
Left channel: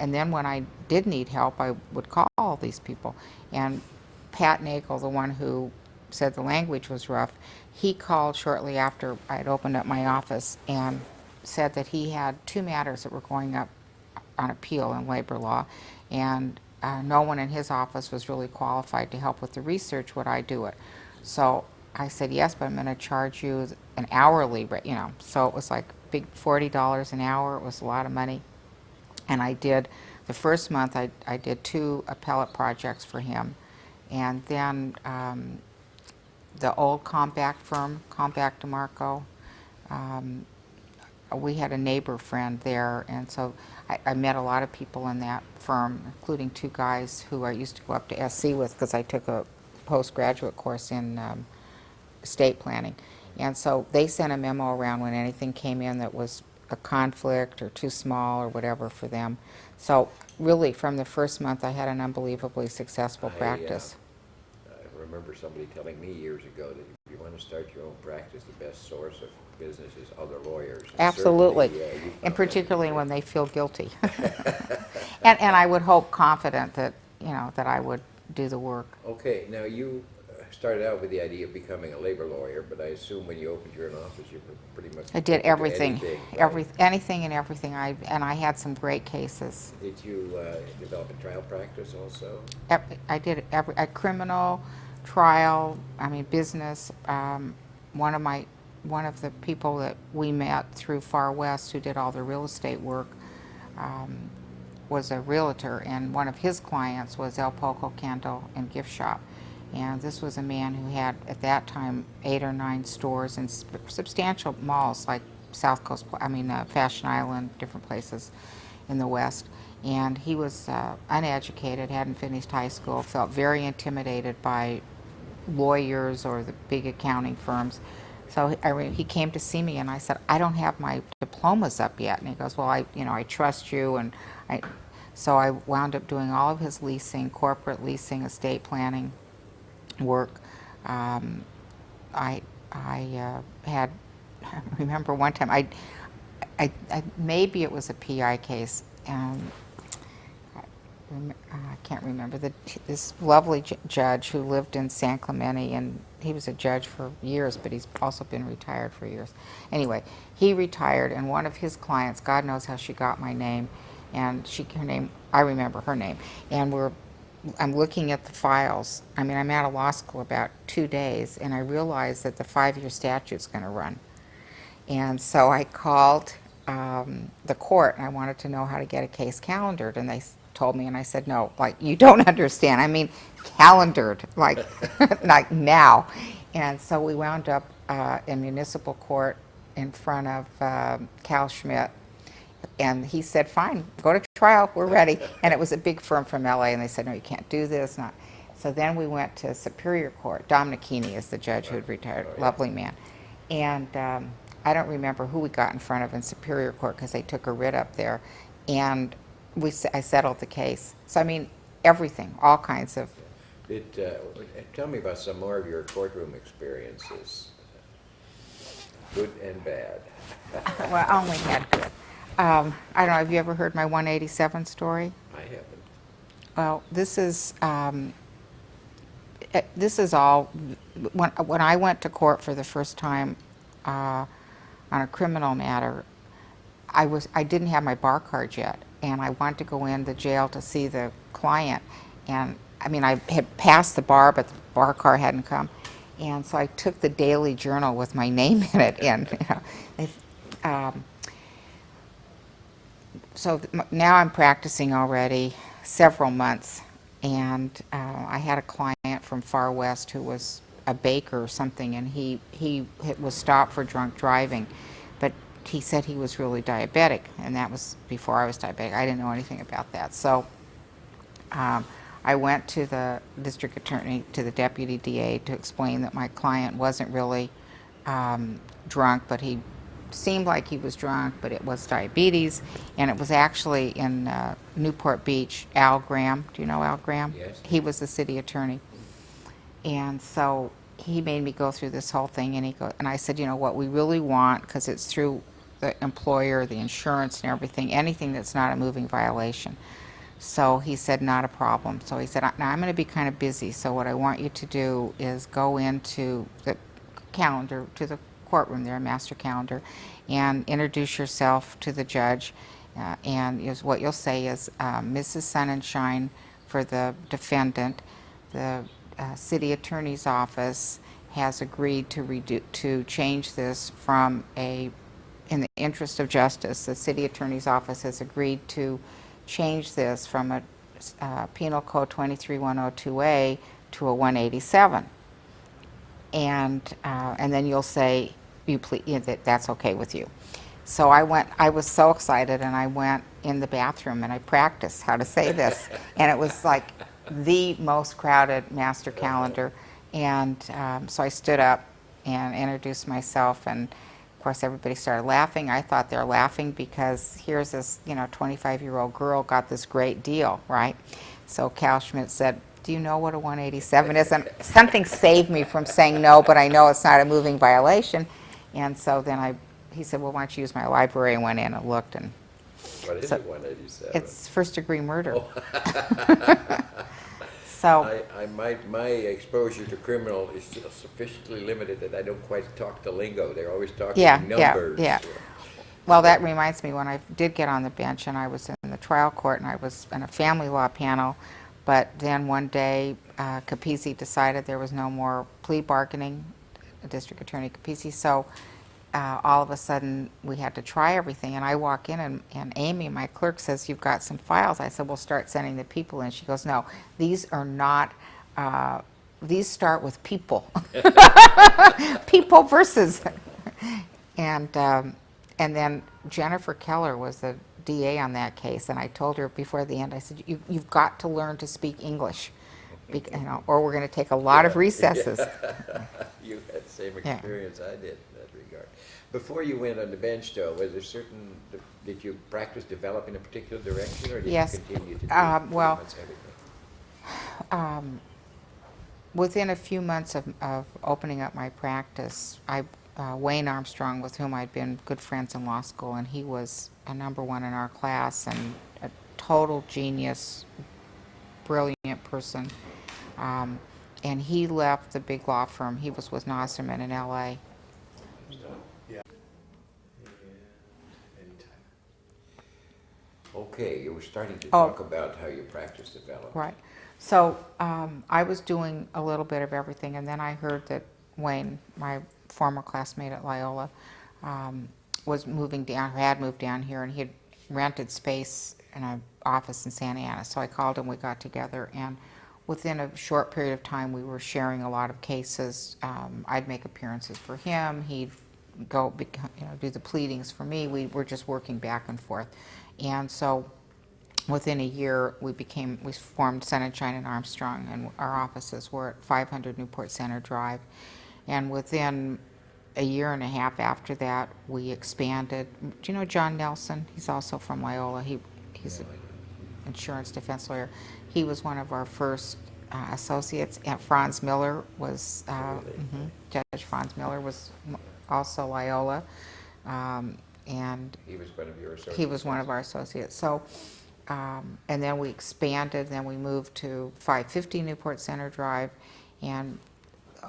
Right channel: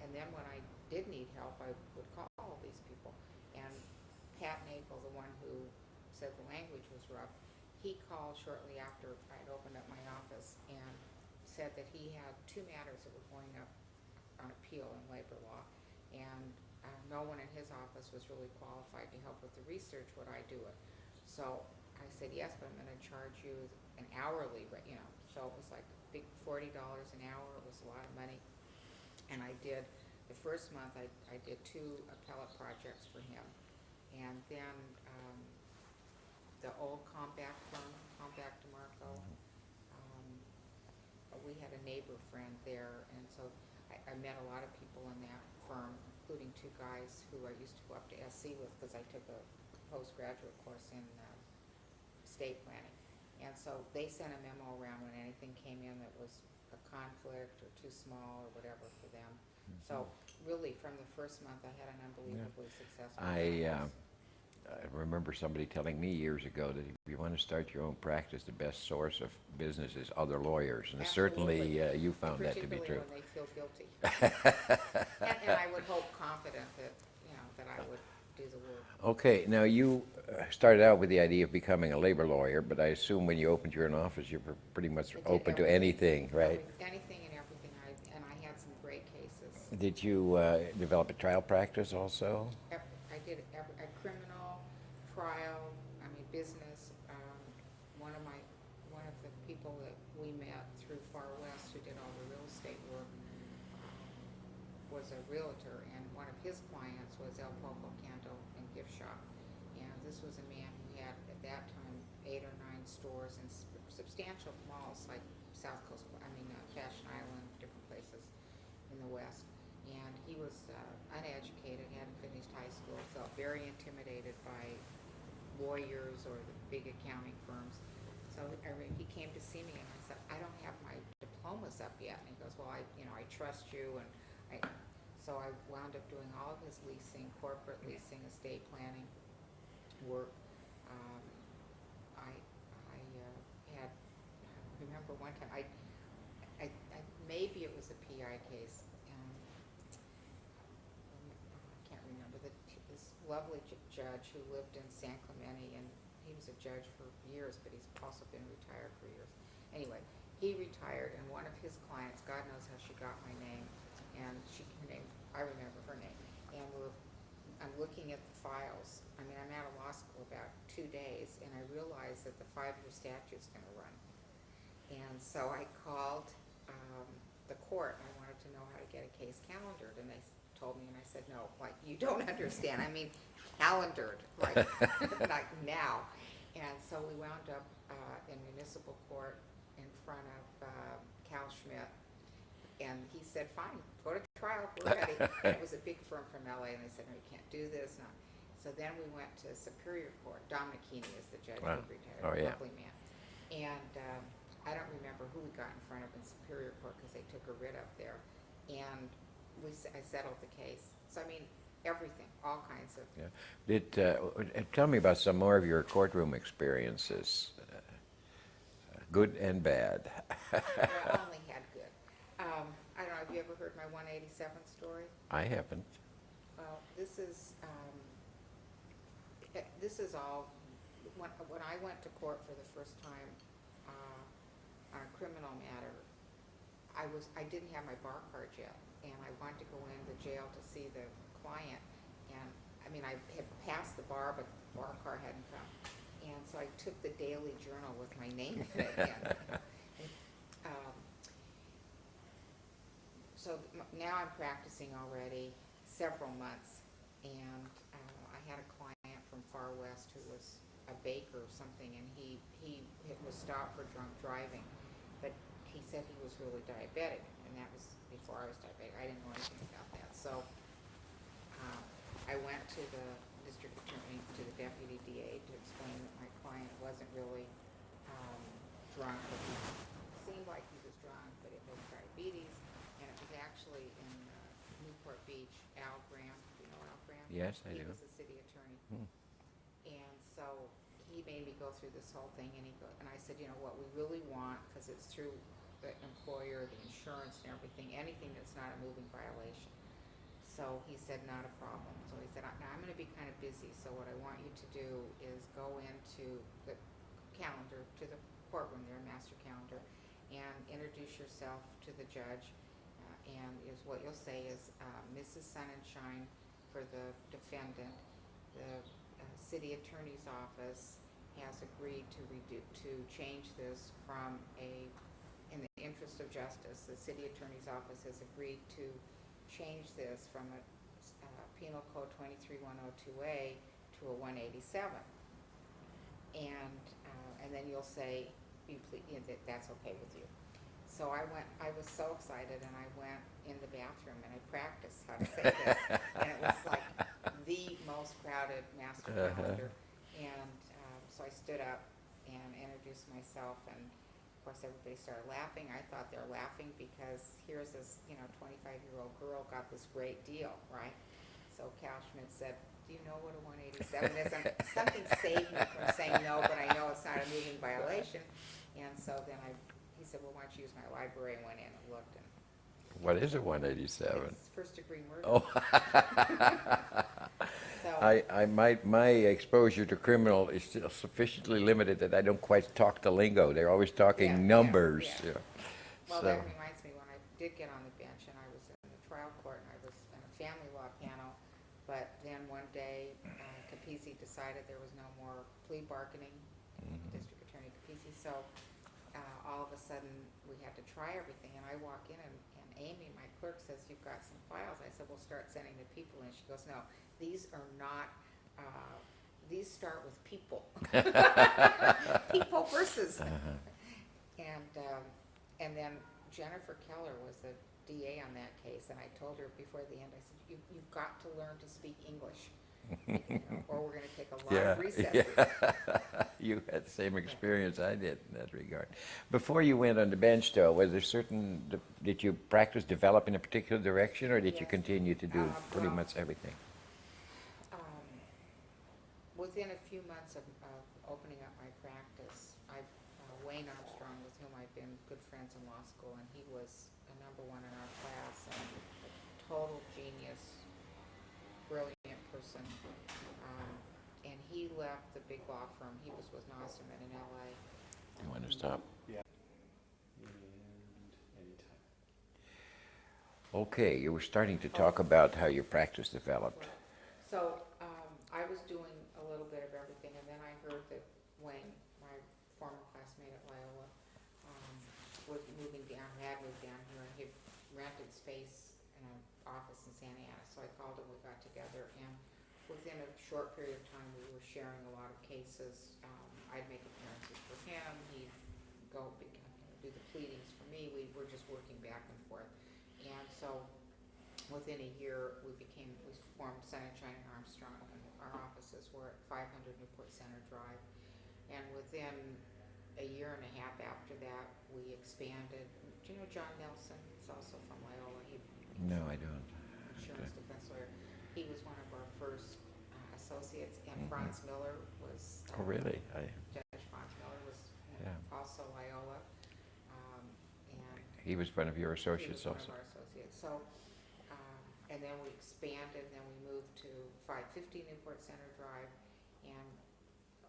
then when I did need help, I would call all these people. And Pat Nagel, the one who said the language was rough, he called shortly after I had opened up my office and said that he had 2 matters that were going up on appeal in labor law, and no one in his office was really qualified to help with the research. Would I do it? So I said, yes, but I'm going to charge you an hourly rate, So it was like big $40 an hour. It was a lot of money. And I did, the first month I did 2 appellate projects for him. And then the old Compact firm, Compact DeMarco, we had a neighbor friend there, and so I met a lot of people in that firm, including 2 guys who I used to go up to SC with because I took a postgraduate course in estate planning. And so they sent a memo around when anything came in that was a conflict or too small or whatever for them. So really, from the first month, I had an unbelievably successful practice. I remember somebody telling me years ago that if you want to start your own practice, the best source of business is other lawyers. And Absolutely, you found and that particularly to be when they feel guilty. and I would hope confident that, that I would do the work. Okay, now you started out with the idea of becoming a labor lawyer, but I assume when you opened your own office, you were pretty much I did open to everything, right? anything and everything. I had some great cases. Did you develop a trial practice also? I did a criminal trial. Business. One of the people that we met through Far West, who did all the real estate work, was a realtor, and one of his clients was El Poco Candle and Gift Shop. And this was a man who had, at that time, 8 or 9 stores in substantial malls like South Coast, Fashion Island, different places in the West. And he was uneducated, hadn't finished high school, felt very intimidated by lawyers or the big accounting firms. So he came to see me, and I said, I don't have my diplomas up yet. And he goes, well, I trust you. And so I wound up doing all of his leasing, corporate leasing, estate planning work. I had remember one time, maybe it was a PI case, I can't remember, this lovely judge who lived in San Clemente, and he was a judge for years, but he's also been retired for years. Anyway, he retired, and one of his clients, God knows how she got my name, and her name, I remember her name, and I'm looking at the files. I mean, I'm out of law school about 2 days, and I realized that the 5-year statute's going to run. And so I called the court, and I wanted to know how to get a case calendared, and they told me, and I said, no, like, you don't understand. I mean, calendared, like, like now. And so we wound up in municipal court in front of Cal Schmidt, and he said, fine, go to trial, we're ready. And it was a big firm from LA, and they said, no, you can't do this. Not. So then we went to Superior Court. Dominic Keeney is the judge who'd retired, Oh, yeah. Lovely man. And I don't remember who we got in front of in Superior Court because they took a writ up there. And I settled the case. So, I mean, everything, all kinds of. Tell me about some more of your courtroom experiences, good and bad. Well, I only had good. I don't know, have you ever heard my 187 story? I haven't. Well, this is all, when I went to court for the first time on a criminal matter, I didn't have my bar card yet, and I wanted to go in the jail to see the client, and I mean, I had passed the bar, but the bar card hadn't come, and so I took the Daily Journal with my name in it, and so now I'm practicing already several months, and I had a client from Far West who was a baker or something, and he was stopped for drunk driving, but he said he was really diabetic, and that was before I was diabetic. I didn't know anything about that. So I went to the district attorney, to the deputy DA, to explain that my client wasn't really drunk, but he seemed like he was drunk, but it was diabetes, and it was actually in Newport Beach. Al Graham, do you know Al Graham? Yes. He was the city attorney. And so he made me go through this whole thing, and I said, you know, what we really want, because it's through the employer, the insurance and everything, anything that's not a moving violation. So he said, not a problem. So he said, now I'm going to be kind of busy, so what I want you to do is go into the calendar, to the courtroom there, master calendar, and introduce yourself to the judge. And what you'll say is, Mrs. Sonenshine for the defendant, the city attorney's office has agreed to change this from in the interest of justice, the city attorney's office has agreed to change this from a Penal Code 23102A to a 187. And then you'll say, that's okay with you. So I was so excited, and I went in the bathroom and I practiced how to say this. And it was like the most crowded master calendar. And so I stood up and introduced myself, and of course everybody started laughing. I thought they were laughing because here's this 25-year-old girl got this great deal, right? So Cal Schmidt said, do you know what a 187 is? And something saved me from saying no, but I know it's not a moving violation. And so then he said, well, why don't you use my library? And went in and looked. And What is it, 187? it's first-degree murder. Oh. So my exposure to criminal is still sufficiently limited that I don't quite talk the lingo. They're always talking numbers. Yeah. Well, that reminds me, when I did get on the bench and I was in the trial court and I was in a family law panel, but then one day Capizzi decided there was no more plea bargaining, District Attorney Capizzi, so all of a sudden we had to try everything, and I walk in and Amy, my clerk, says, you've got some files. I said, we'll start sending the people in. She goes, no, these are not, these start with people. People versus. And then Jennifer Keller was the DA on that case, and I told her before the end, I said, you've got to learn to speak English, or we're going to take a lot of recesses. Yeah. You had the same experience I did in that regard. Before you went on the bench, though, was there did you practice develop in a particular direction, or did you continue to do pretty much everything? Within a few months of opening up my practice, I Wayne Armstrong, with whom I'd been good friends in law school, and he was a #1 in our class and a total genius, brilliant person. And he left the big law firm. He was with Nosserman in L.A. I'm going to stop. Yeah. And anytime. Okay, you were starting to Oh. talk about how your practice developed. Right. So I was doing a little bit of everything, and then I heard that Wayne, my former classmate at Loyola, was moving down, had moved down here, and he had rented space in an office in Santa Ana. So I called him, we got together, and within a short period of time, we were sharing a lot of cases. I'd make appearances for him. He'd go, do the pleadings for me. We were just working back and forth. And so within a year, we formed Sonenshine and Armstrong, and our offices were at 500 Newport Center Drive. And within a year and a half after that, we expanded. Do you know John Nelson? He's also from Loyola. He's No, I an insurance defense lawyer. He was one of our first associates. And Franz Miller was, Really? Judge Franz Miller was also Loyola. And He was one of your associates? he was one of our associates. So, and then we expanded, then we moved to 550 Newport Center Drive, and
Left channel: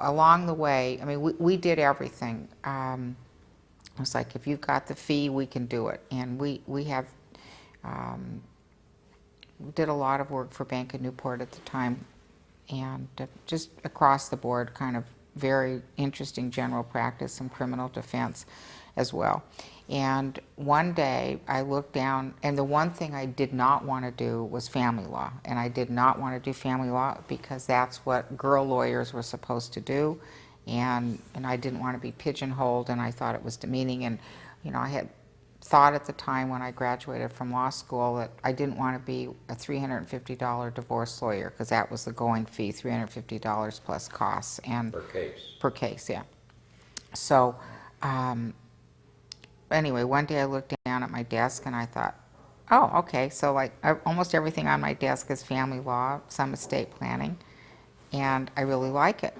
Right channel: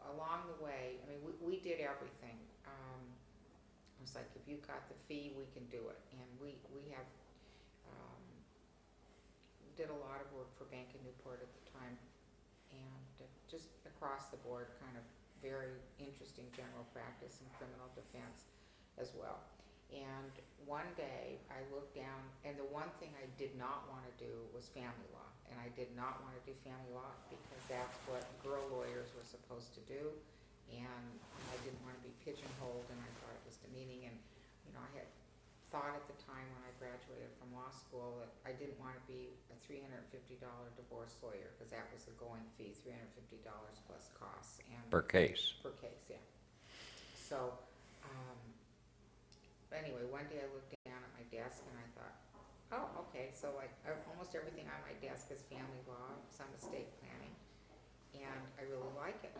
along the way, I mean, we did everything. It was like, if you've got the fee, we can do it. And we have, did a lot of work for Bank of Newport at the time, and just across the board, kind of very interesting general practice and criminal defense as well. And one day I looked down, and the one thing I did not want to do was family law. And I did not want to do family law because that's what girl lawyers were supposed to do. And I didn't want to be pigeonholed, and I thought it was demeaning. And, I had thought at the time when I graduated from law school that I didn't want to be a $350 divorce lawyer, because that was the going fee, $350 plus costs. And Per case? Per case, yeah. So, anyway, one day I looked down at my desk and I thought, oh, okay, so like almost everything on my desk is family law, some estate planning, and I really like it.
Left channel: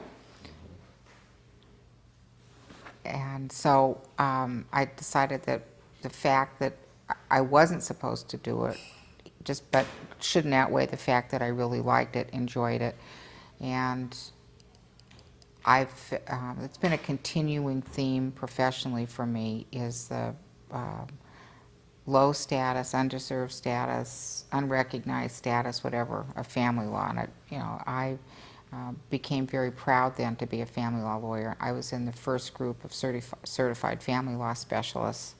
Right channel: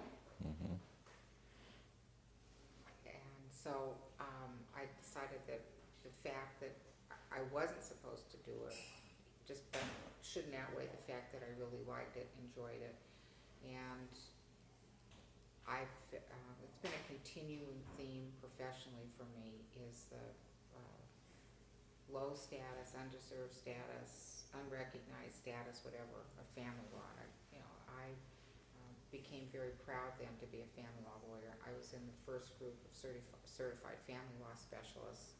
And so I decided that the fact that I wasn't supposed to do it, but shouldn't outweigh the fact that I really liked it, enjoyed it, and it's been a continuing theme professionally for me, is the low status, underserved status, unrecognized status, whatever, of family law. And I became very proud then to be a family law lawyer. I was in the first group of certified family law specialists,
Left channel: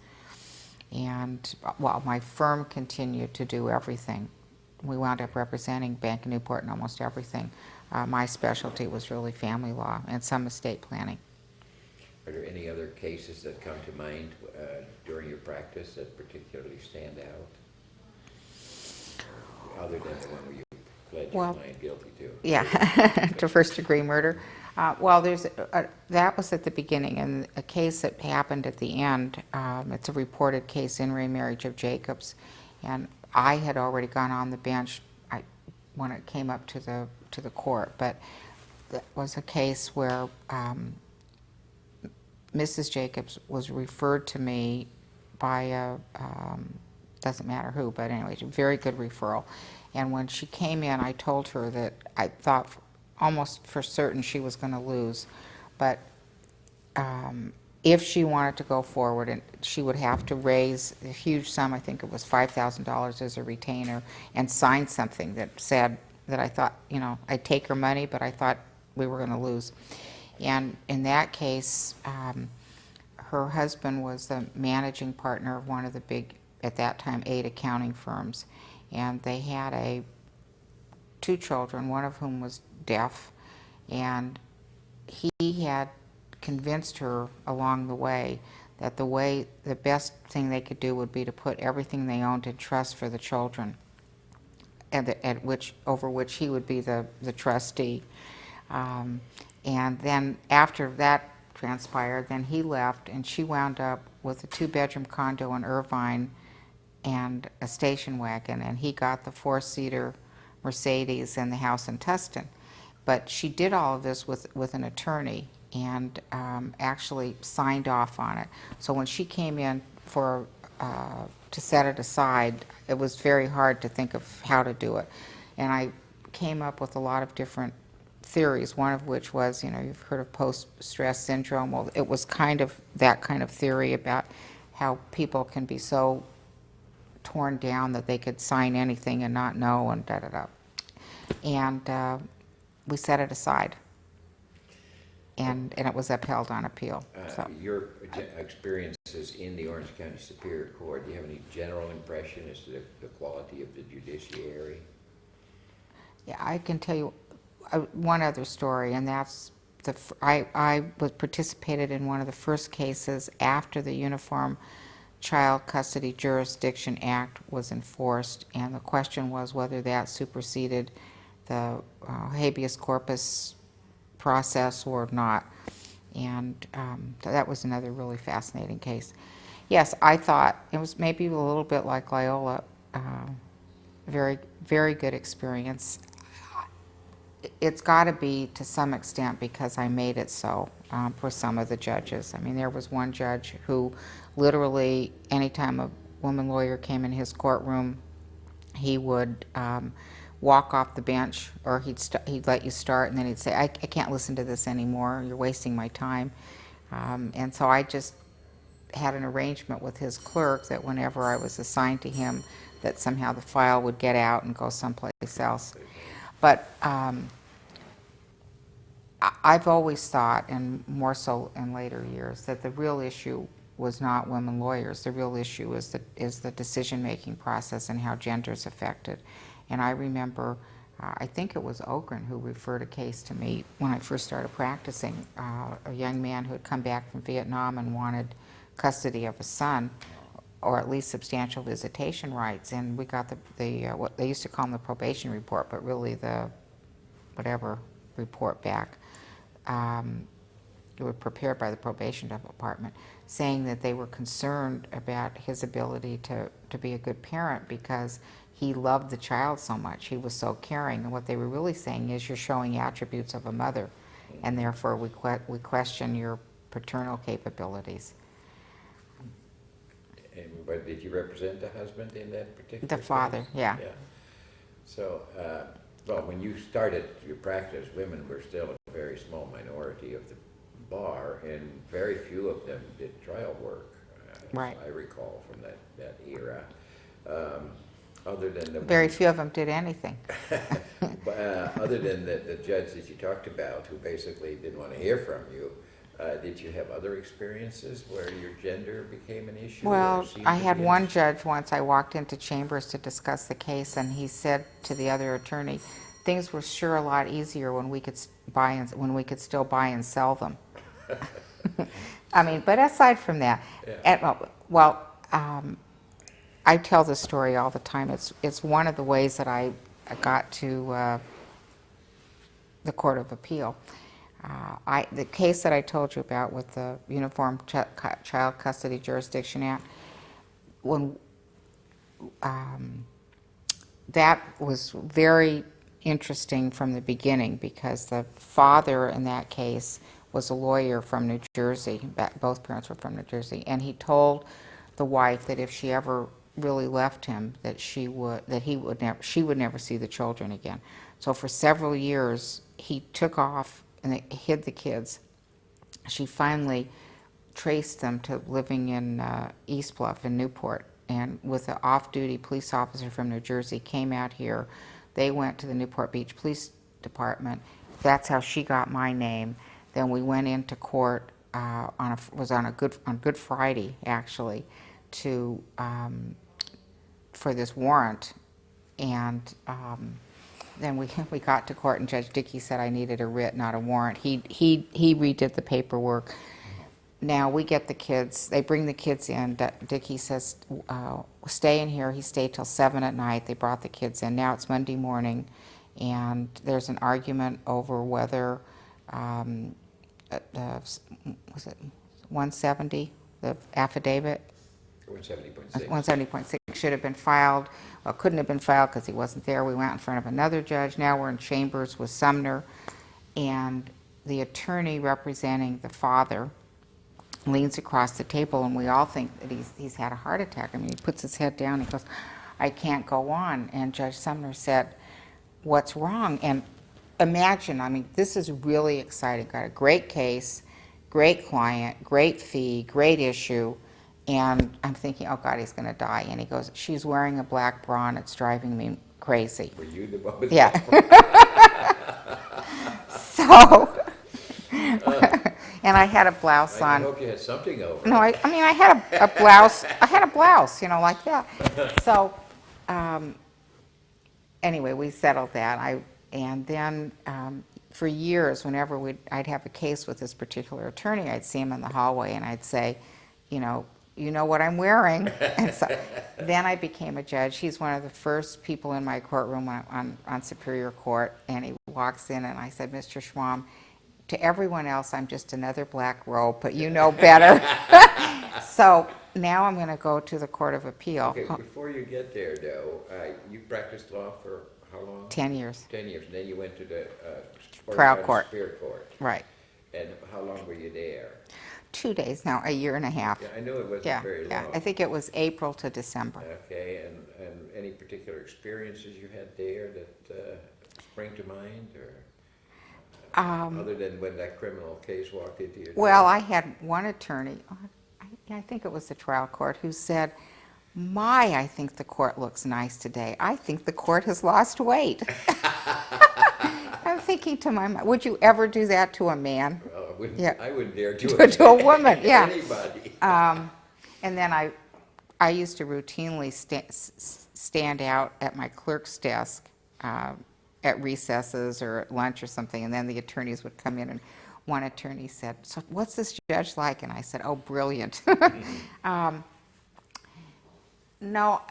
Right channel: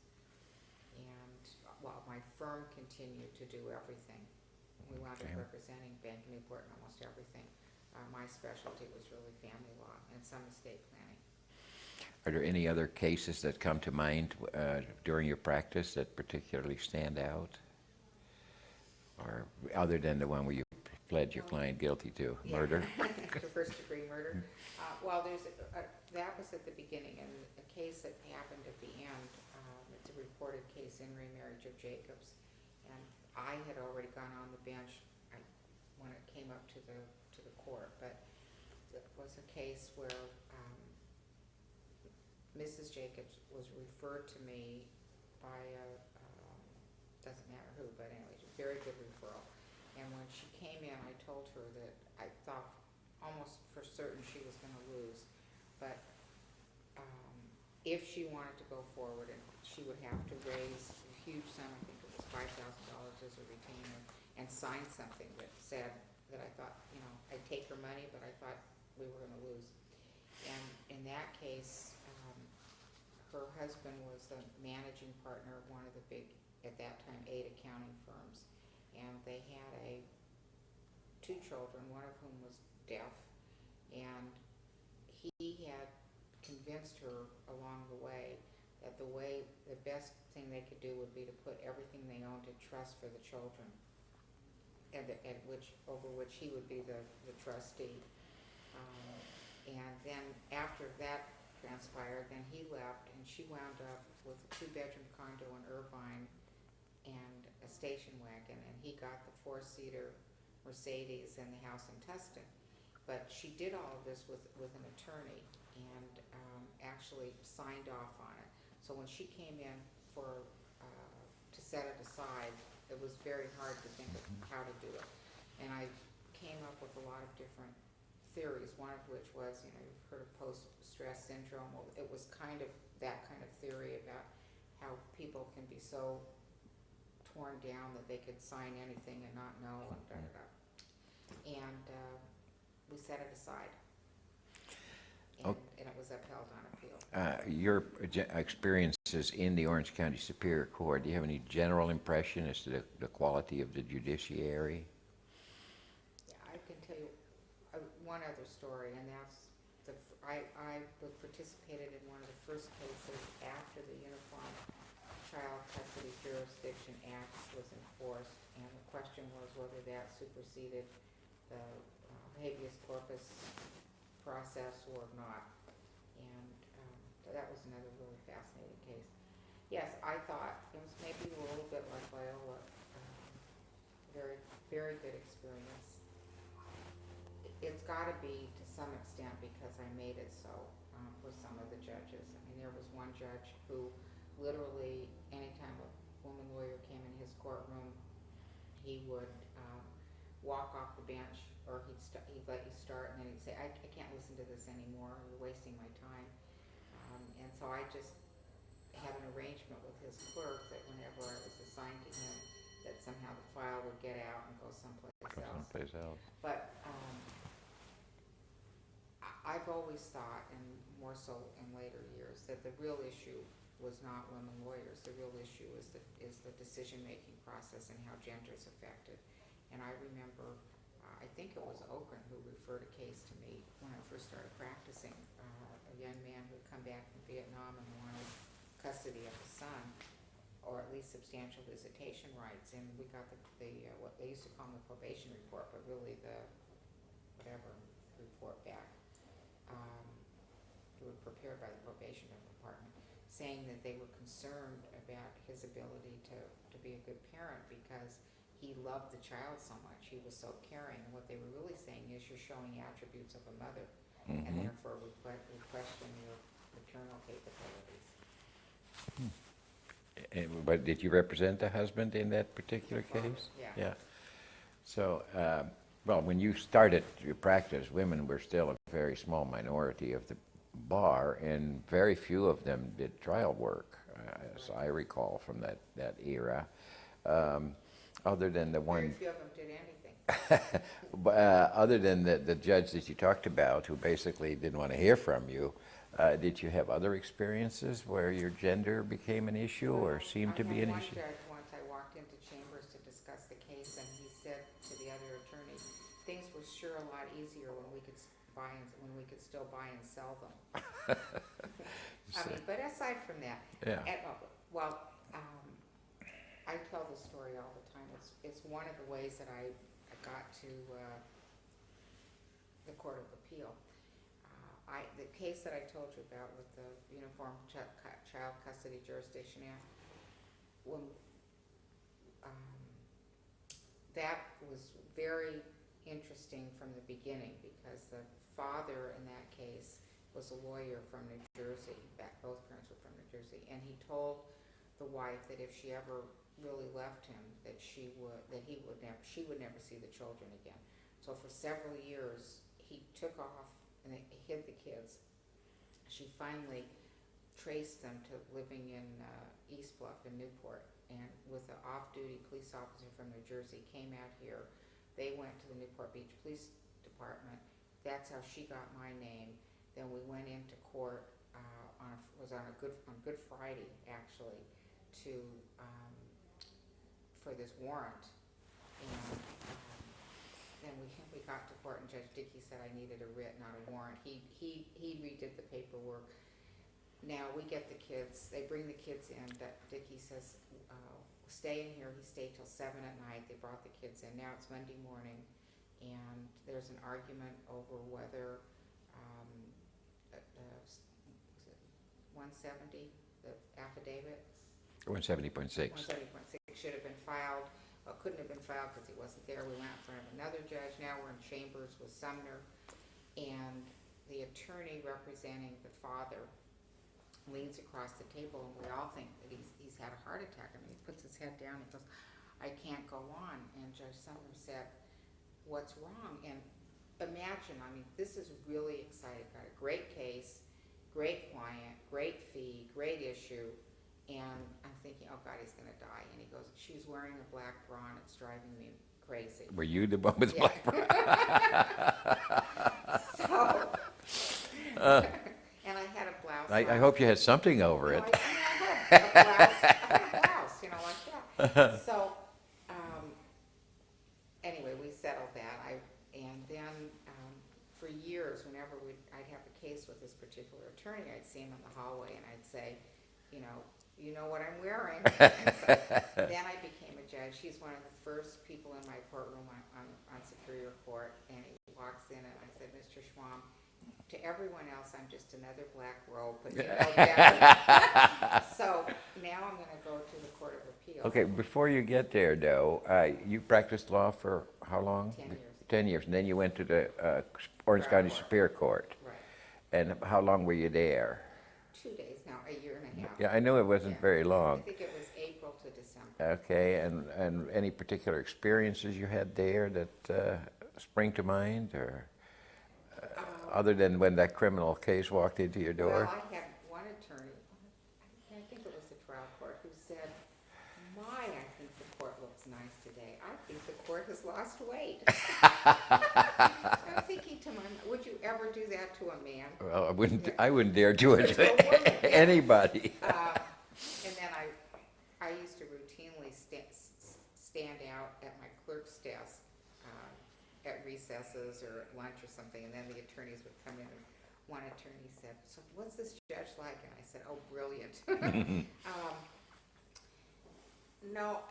and while my firm continued to do everything, we wound up representing Bank of Newport in almost everything. My specialty was really family law and some estate planning. Are there any other cases that come to mind during your practice that particularly stand out? Or other than the one where you pled your client guilty to? Yeah, to first-degree murder. Well, that was at the beginning, and a case that happened at the end, it's a reported case, in re marriage of Jacobs, and I had already gone on the bench when it came up to the court, but that was a case where Mrs. Jacobs was referred to me by doesn't matter who, but anyway, a very good referral. And when she came in, I told her that I thought almost for certain she was going to lose, but if she wanted to go forward, and she would have to raise a huge sum, I think it was $5,000 as a retainer, and sign something that said that I thought, I'd take her money, but I thought we were going to lose. And in that case, her husband was the managing partner of one of the big, at that time, 8 accounting firms. And they had 2 children, one of whom was deaf. And he had convinced her along the way that the best thing they could do would be to put everything they owned in trust for the children, and over which he would be the trustee. And then after that transpired, then he left, and she wound up with a 2-bedroom condo in Irvine and a station wagon, and he got the 4-seater Mercedes and the house in Tustin. But she did all of this with an attorney, and actually signed off on it. So when she came in to set it aside, it was very hard to think of how to do it. And I came up with a lot of different theories, one of which was, you've heard of post-stress syndrome. Well, it was kind of that kind of theory about how people can be so torn down that they could sign anything and not know, and da-da-da. And we set it aside, and it was upheld on appeal. So. Your experiences in the Orange County Superior Court, do you have any general impression as to the quality of the judiciary? Yeah, I can tell you one other story, and that's I participated in one of the first cases after the Uniform Child Custody Jurisdiction Act was enforced, and the question was whether that superseded the habeas corpus process or not. And that was another really fascinating case. Yes, I thought it was maybe a little bit like Loyola. Very, very good experience. It's got to be to some extent because I made it so for some of the judges. I mean, there was one judge who literally, anytime a woman lawyer came in his courtroom, he would walk off the bench, or he'd let you start, and then he'd say, I can't listen to this anymore, you're wasting my time. And so I just had an arrangement with his clerk that whenever I was assigned to him, that somehow the file would get out and go someplace else. But I've always thought, and more so in later years, that the real issue was not women lawyers. The real issue is the decision-making process and how gender is affected. And I remember, I think it was Ogren who referred a case to me when I first started practicing, a young man who had come back from Vietnam and wanted custody of a son, or at least substantial visitation rights. And we got what they used to call them the probation report, but really the whatever report back. It was prepared by the probation department, saying that they were concerned about his ability to be a good parent because he loved the child so much. He was so caring. And what they were really saying is, you're showing attributes of a mother, and therefore we question your paternal capabilities. But did you represent the husband in that particular The father, case? yeah. So, well, when you started your practice, women were still a very small minority of the bar, and very few of them did trial work, Right. as I recall from that era. Other than the Very one, few of them did anything. other than the judge that you talked about, who basically didn't want to hear from you, did you have other experiences where your gender became an issue? Well, or seemed I to had be an one issue? judge once, I walked into chambers to discuss the case, and he said to the other attorney, things were sure a lot easier when we could still buy and sell them. I mean, but aside from that, Yeah. I tell this story all the time. It's one of the ways that I got to the Court of Appeal. The case that I told you about with the Uniform Child Custody Jurisdiction Act, when that was very interesting from the beginning, because the father in that case was a lawyer from New Jersey. Both parents were from New Jersey, and he told the wife that if she ever really left him, that she would never see the children again. So for several years he took off and hid the kids. She finally traced them to living in East Bluff in Newport, and with an off-duty police officer from New Jersey came out here. They went to the Newport Beach Police Department. That's how she got my name. Then we went into court on Good Friday, actually, for this warrant, and then we got to court, and Judge Dickey said I needed a writ, not a warrant. He redid the paperwork. Now we get the kids. They bring the kids in. Dickey says, "Stay in here." He stayed till 7 at night. They brought the kids in. Now it's Monday morning, and there's an argument over whether was it 170, the affidavit. 170.6. 170.6 should have been filed. Well, couldn't have been filed because he wasn't there. We went in front of another judge. Now we're in chambers with Sumner, and the attorney representing the father leans across the table, and we all think that he's had a heart attack. I mean, he puts his head down, he goes, "I can't go on." And Judge Sumner said, "What's wrong?" And imagine, I mean, this is really exciting. Got a great case, great client, great fee, great issue. And I'm thinking, oh God, he's going to die. And he goes, "She's wearing a black bra and it's driving me crazy." Were you the one with Yeah. So, and I had a blouse I on. hope you had something over No, it. I mean, I had a blouse. I had a blouse, like that. So, anyway, we settled that. And then for years, whenever I'd have a case with this particular attorney, I'd see him in the hallway, and I'd say, you know what I'm wearing. And so then I became a judge. He's one of the first people in my courtroom on Superior Court, and he walks in, and I said, "Mr. Schwam, to everyone else, I'm just another black robe, but you know better." So now I'm going to go to the Court of Appeal. Okay, before you get there, though, you practiced law for how long? 10 years. 10 years, and then you went to the Orange Trial County court. Superior Court. Right. And how long were you there? 2 days now, a year and a half. Yeah, I knew it wasn't very long. Yeah. I think it was April to December. Okay, and any particular experiences you had there that spring to mind, or other than when that criminal case walked into your door? Well, I had one attorney, I think it was the trial court, who said, I think the court looks nice today. I think the court has lost weight." I'm thinking to my mind, would you ever do that to a man? Well, Yeah. I wouldn't dare do it To a woman, yeah. Anybody. And then I used to routinely stand out at my clerk's desk at recesses or at lunch or something, and then the attorneys would come in, and one attorney said, "So what's this judge like?" And I said, "Oh, brilliant." No,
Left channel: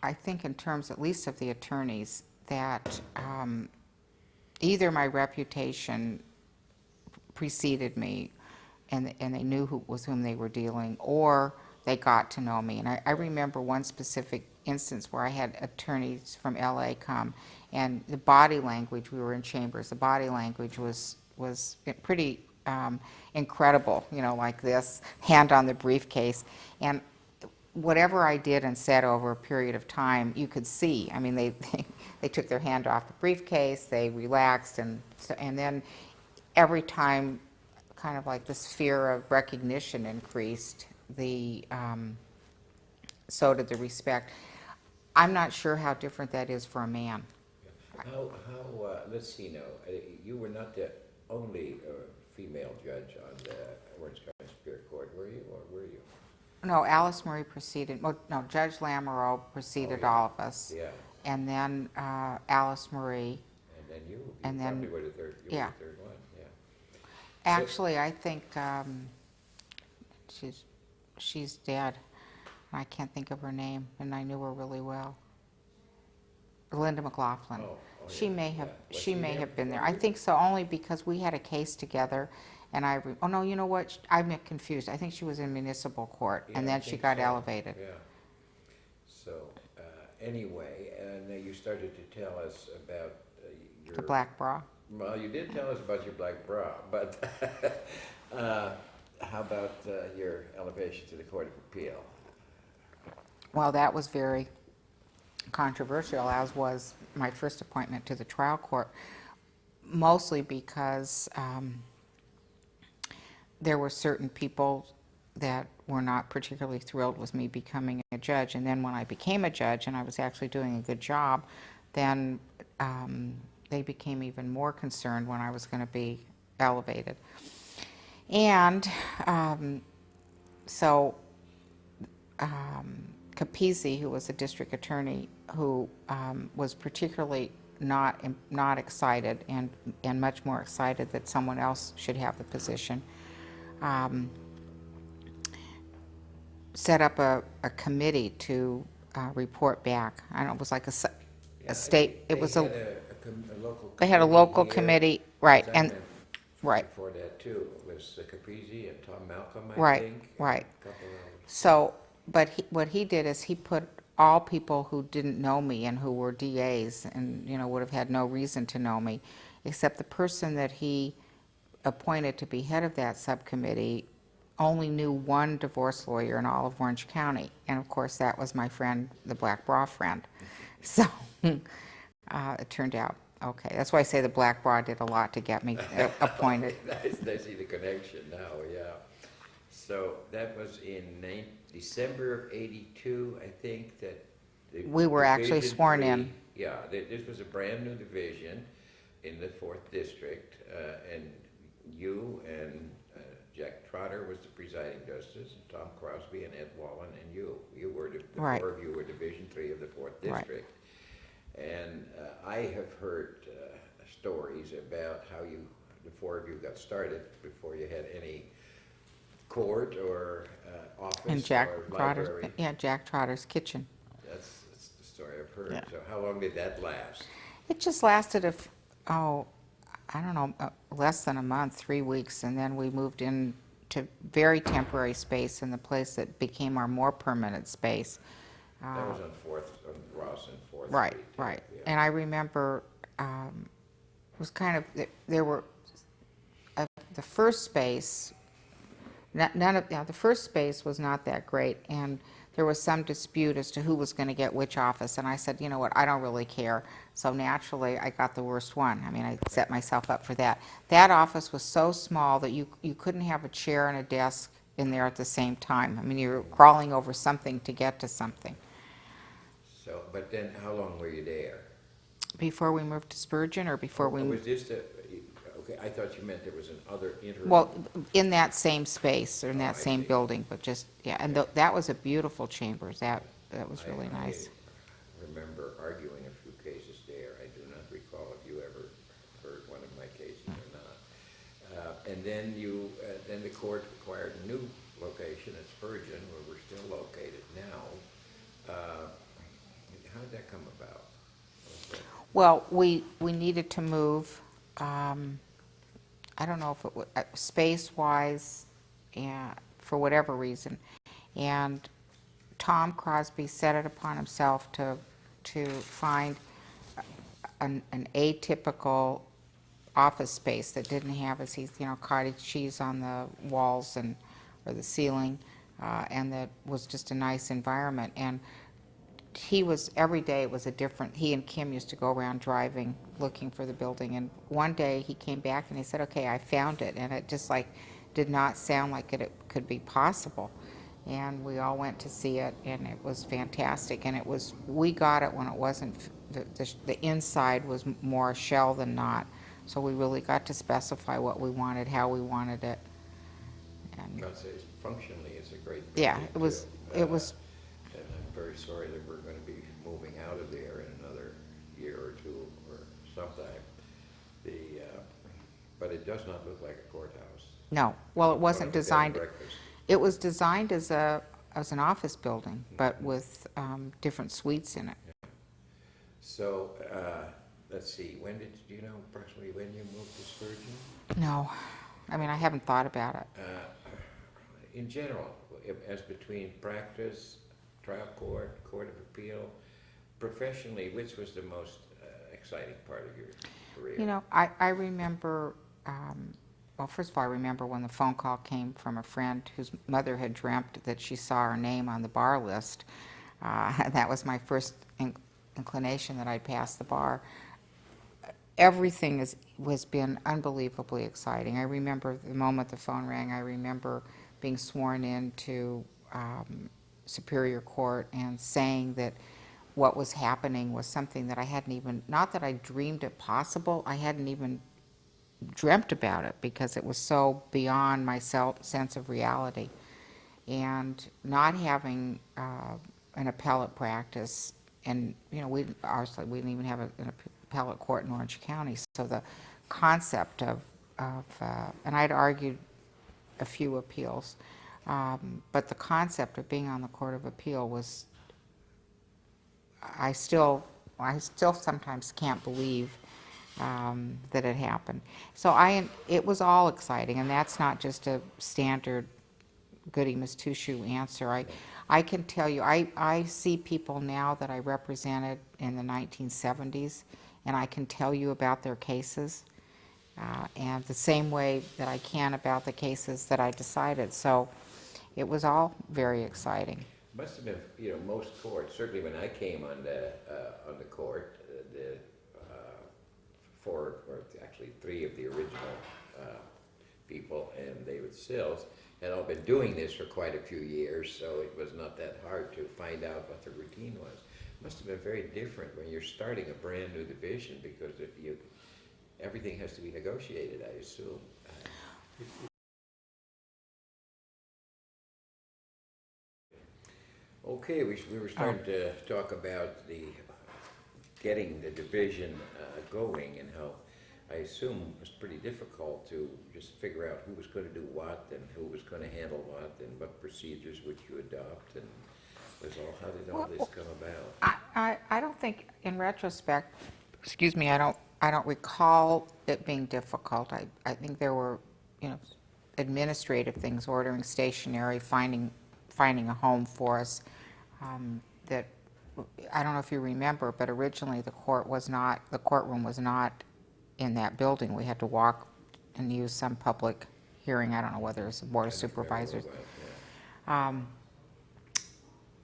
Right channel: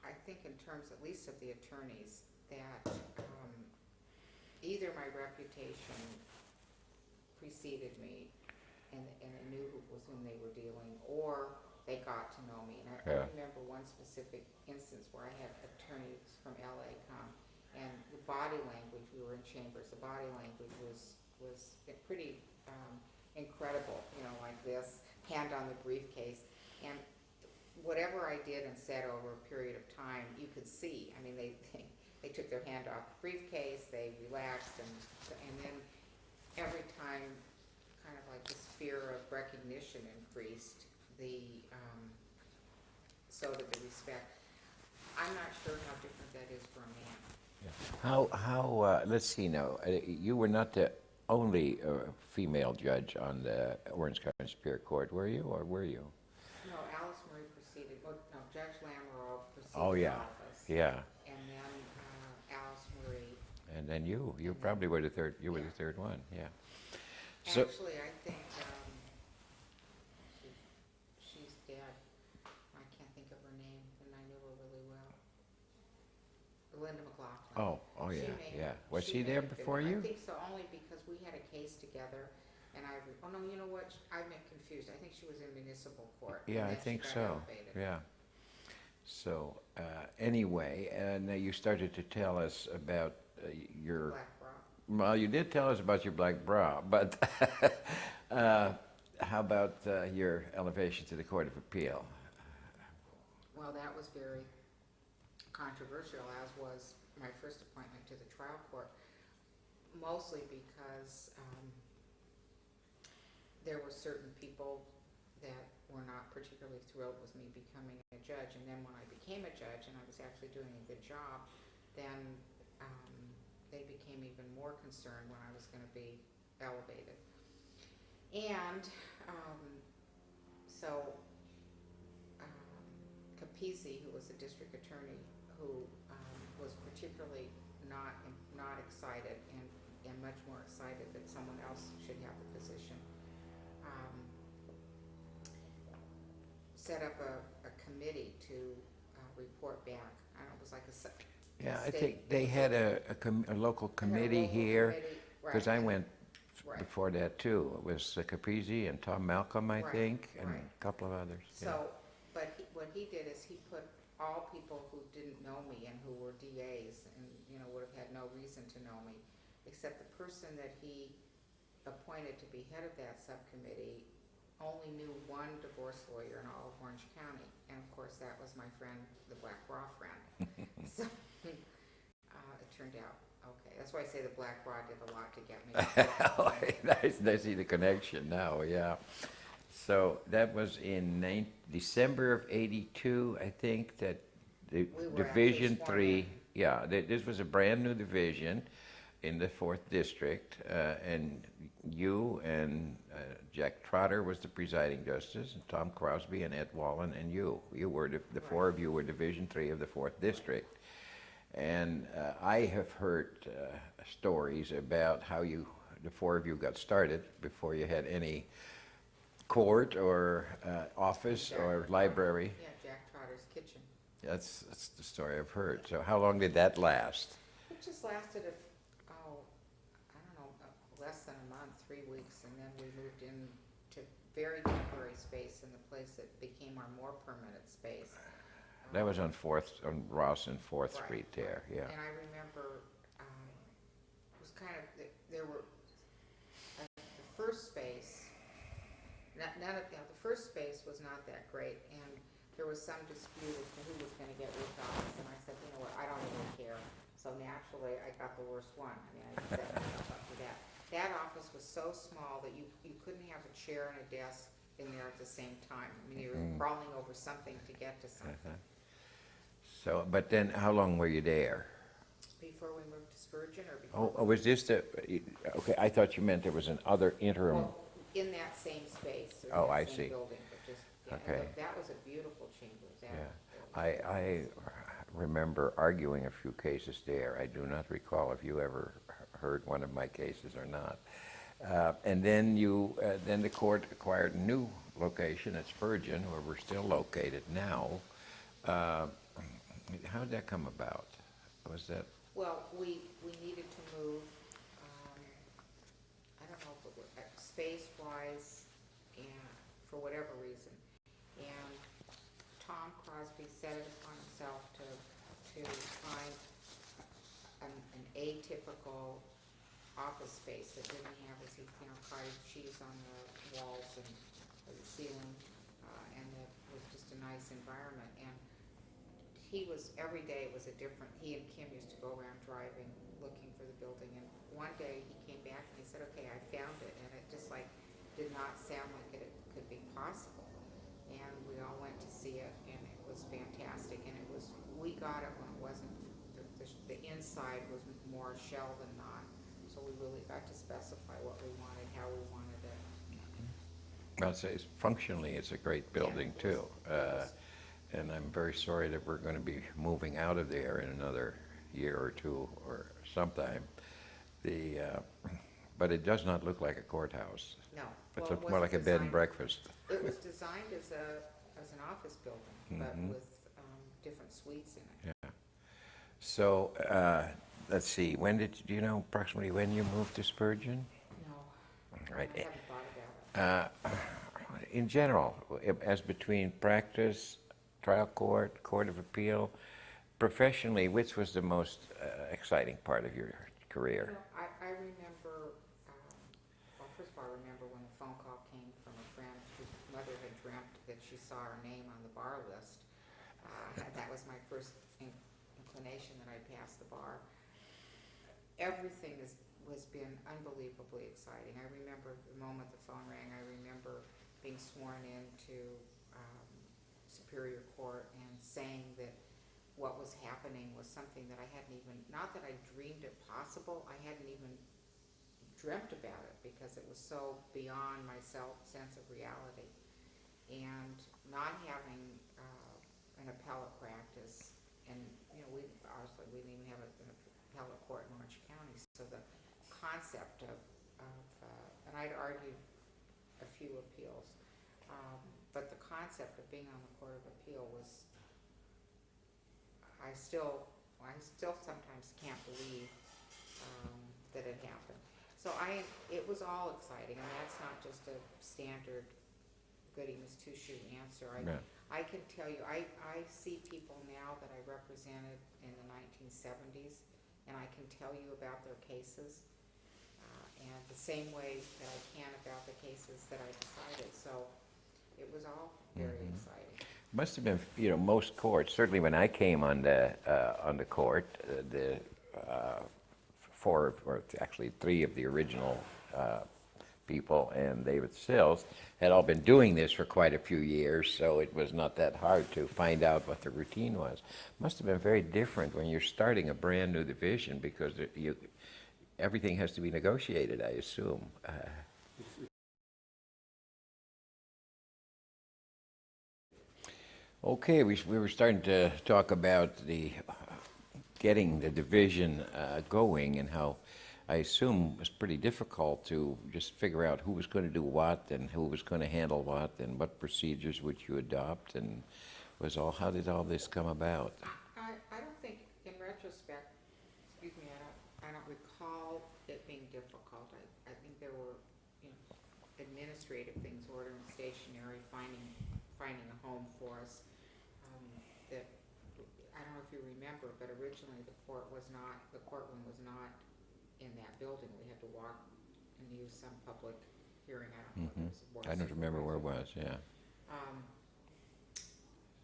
I think in terms at least of the attorneys that either my reputation preceded me and they knew with whom they were dealing, or they got to know me. And I remember one specific instance where I had attorneys from LA come, and the body language, we were in chambers, the body language was pretty incredible, like this, hand on the briefcase. And whatever I did and said over a period of time, you could see. I mean, they took their hand off the briefcase, they relaxed, and then every time, kind of like this fear of recognition increased, so did the respect. I'm not sure how different that is for a man. Let's see now, you were not the only female judge on the Orange County Superior Court, were you, or were you? No, Alice Marie preceded, no, Judge Lamoureux preceded all of us. Yeah. And then Alice Marie. And then you And probably then- were the third, you were yeah. the third one, yeah. Actually, I think she's dead. I can't think of her name, and I knew her really well. Linda McLaughlin. Oh, She yeah, may have. yeah. Was She she may there have been before there. I you? think so, only because we had a case together, and oh no, you know what? I'm confused. I think she was in municipal court, Yeah, and I then she think got so. elevated. Yeah. So, anyway, and you started to tell us about your... The black bra. Well, you did tell us about your black bra, but how about your elevation to the Court of Appeal? Well, that was very controversial, as was my first appointment to the trial court, mostly because there were certain people that were not particularly thrilled with me becoming a judge. And then when I became a judge and I was actually doing a good job, then they became even more concerned when I was going to be elevated. And so Capizzi, who was the district attorney, who was particularly not excited and much more excited that someone else should have the position, set up a committee to report back. I don't know, it was like a state. It was a local committee. They had a local here, committee, right? 'cause I went right. before that too. It was Capizzi and Tom Malcolm, I Right, think, right. and a couple of others. So, but what he did is he put all people who didn't know me and who were DAs and, would have had no reason to know me, except the person that he appointed to be head of that subcommittee only knew one divorce lawyer in all of Orange County. And of course, that was my friend, the Black Bra friend. So it turned out okay. That's why I say the Black Bra did a lot to get me appointed. I see the connection now, yeah. So that was in December of '82, I think, that the We were actually Division sworn 3 in. Yeah, this was a brand-new division in the 4th District, and you and Jack Trotter was the presiding justice, and Tom Crosby and Ed Wallen, and you. You were the Right. 4 of you were Division 3 of the 4th Right. District. And I have heard stories about how the 4 of you got started before you had any court or In office Jack or Trotter's, library. yeah, Jack Trotter's kitchen. That's the story I've heard. Yeah. So how long did that last? It just lasted I don't know, less than a month, 3 weeks, and then we moved in to very temporary space in the place that became our more permanent space. That was on Ross and 4th Right, Street there. right. Yeah. And I remember it was kind of, there were, the first space, the first space was not that great, and there was some dispute as to who was going to get which office, and I said, you know what, I don't really care. So naturally, I got the worst one. I mean, I set myself up for that. That office was so small that you couldn't have a chair and a desk in there at the same time. I mean, you were crawling over something to get to something. So, but then how long were you there? Before we moved to Spurgeon, or before we Was this okay, I thought you meant there was an other interim. Well, in that same space, or in Oh, that I same see. building, but just, yeah, and Okay. that was a beautiful chambers. That was really I nice. remember arguing a few cases there. I do not recall if you ever heard one of my cases or not. And then then the court acquired a new location at Spurgeon, where we're still located now. How did that come about? Was that? Well, we needed to move, I don't know if it was, space-wise, yeah, for whatever reason. And Tom Crosby set it upon himself to find an atypical office space that didn't have, as he's, cottage cheese on the walls or the ceiling, and that was just a nice environment. And every day was a different, he and Kim used to go around driving, looking for the building. And one day he came back and he said, okay, I found it. And it just did not sound like it could be possible. And we all went to see it, and it was fantastic. And we got it when it wasn't, the inside was more shell than not. So we really got to specify what we wanted, how we wanted it. And I'd say functionally, it's a great yeah, building it was. And I'm very sorry that we're going to be moving out of there in another year or two or sometime. But it does not look like a courthouse. No, well, it looks more wasn't like a bed and designed. breakfast. It was designed as an office building, but with different suites in it. Yeah. So let's see. Do you know approximately when you moved to Spurgeon? No, I mean, I haven't thought about it. In general, as between practice, trial court, court of appeal, professionally, which was the most exciting part of your career? I remember, well, first of all, I remember when the phone call came from a friend whose mother had dreamt that she saw her name on the bar list. That was my first inclination that I'd pass the bar. Everything was been unbelievably exciting. I remember the moment the phone rang. I remember being sworn into Superior Court and saying that what was happening was something that I hadn't even, not that I dreamed it possible, I hadn't even dreamt about it because it was so beyond my sense of reality. And not having an appellate practice, and we didn't even have an appellate court in Orange County, so the concept of and I'd argued a few appeals, but the concept of being on the Court of Appeal was, I still sometimes can't believe that it happened. So it was all exciting, and that's not just a standard goody Miss Two-Shoe answer. I can tell you, I see people now that I represented in the 1970s, and I can tell you about their cases, and the same way that I can about the cases that I decided. So it was all very exciting. Must have been, you know, most courts, certainly when I came on the court, the four, or actually three of the original people and David Sills had all been doing this for quite a few years, so it was not that hard to find out what the routine was. Must have been very different when you're starting a brand new division, because everything has to be negotiated, I assume. Okay, we were starting to talk about getting the division going, and how I assume it was pretty difficult to just figure out who was going to do what and who was going to handle what and what procedures would you adopt, and how did all this come about? I don't think, in retrospect, excuse me, I don't recall it being difficult. I think there were, you know, administrative things, ordering stationery, finding a home for us. That I don't know if you remember, but originally the courtroom was not in that building. We had to walk and use some public hearing. I don't know whether it was the Board of Supervisors. Where it was, yeah.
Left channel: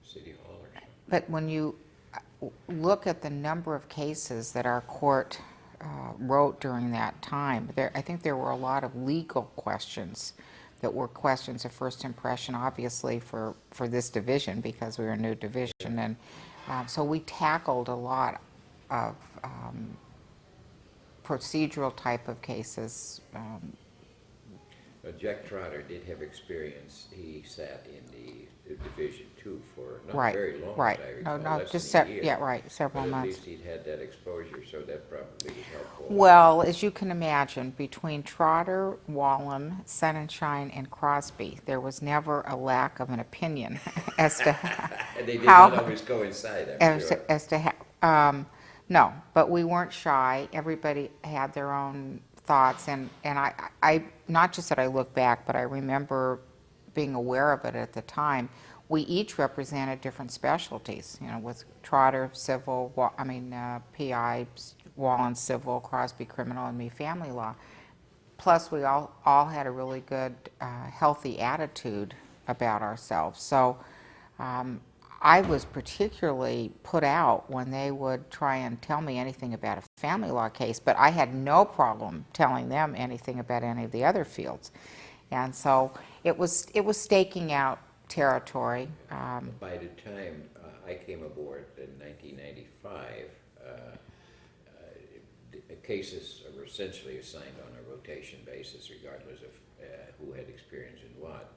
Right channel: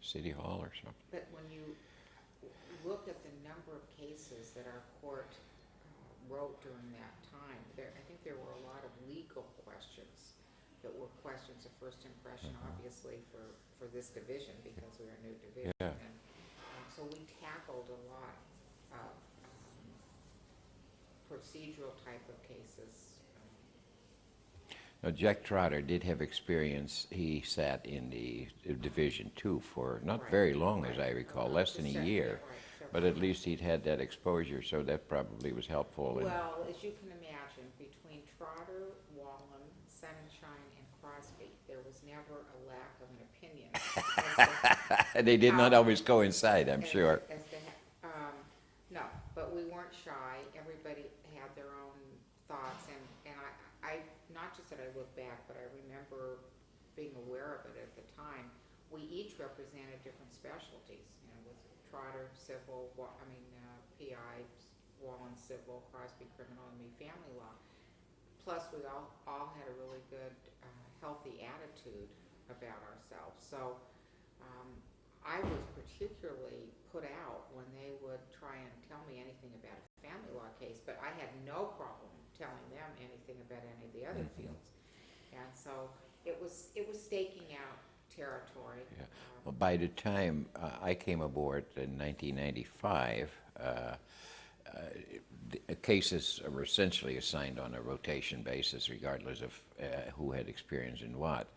City Hall or something. But when you look at the number of cases that our court wrote during that time, I think there were a lot of legal questions that were questions of first impression, obviously, for this division, because we were a new division. Yeah. And so we tackled a lot of procedural type of cases. Now, Jack Trotter did have experience. He sat in the Division 2 for not very long, as I recall, less than a year. Yeah, right, several months. But at least he'd had that exposure, so that probably was helpful. Well, as you can imagine, between Trotter, Wallam, Sonenshine, and Crosby, there was never a lack of an opinion as to and they did not always coincide, I'm sure. As to how, no, but we weren't shy. Everybody had their own thoughts, and I not just that I look back, but I remember being aware of it at the time. We each represented different specialties, you know, with Trotter civil, PI, Wallen civil, Crosby criminal, and me family law. Plus, we all had a really good, healthy attitude about ourselves. So I was particularly put out when they would try and tell me anything about a family law case, but I had no problem telling them anything about any of the other fields. And so it was staking out territory. Well, by the time I came aboard in 1995, cases were essentially assigned on a rotation basis, regardless of who had experience in what.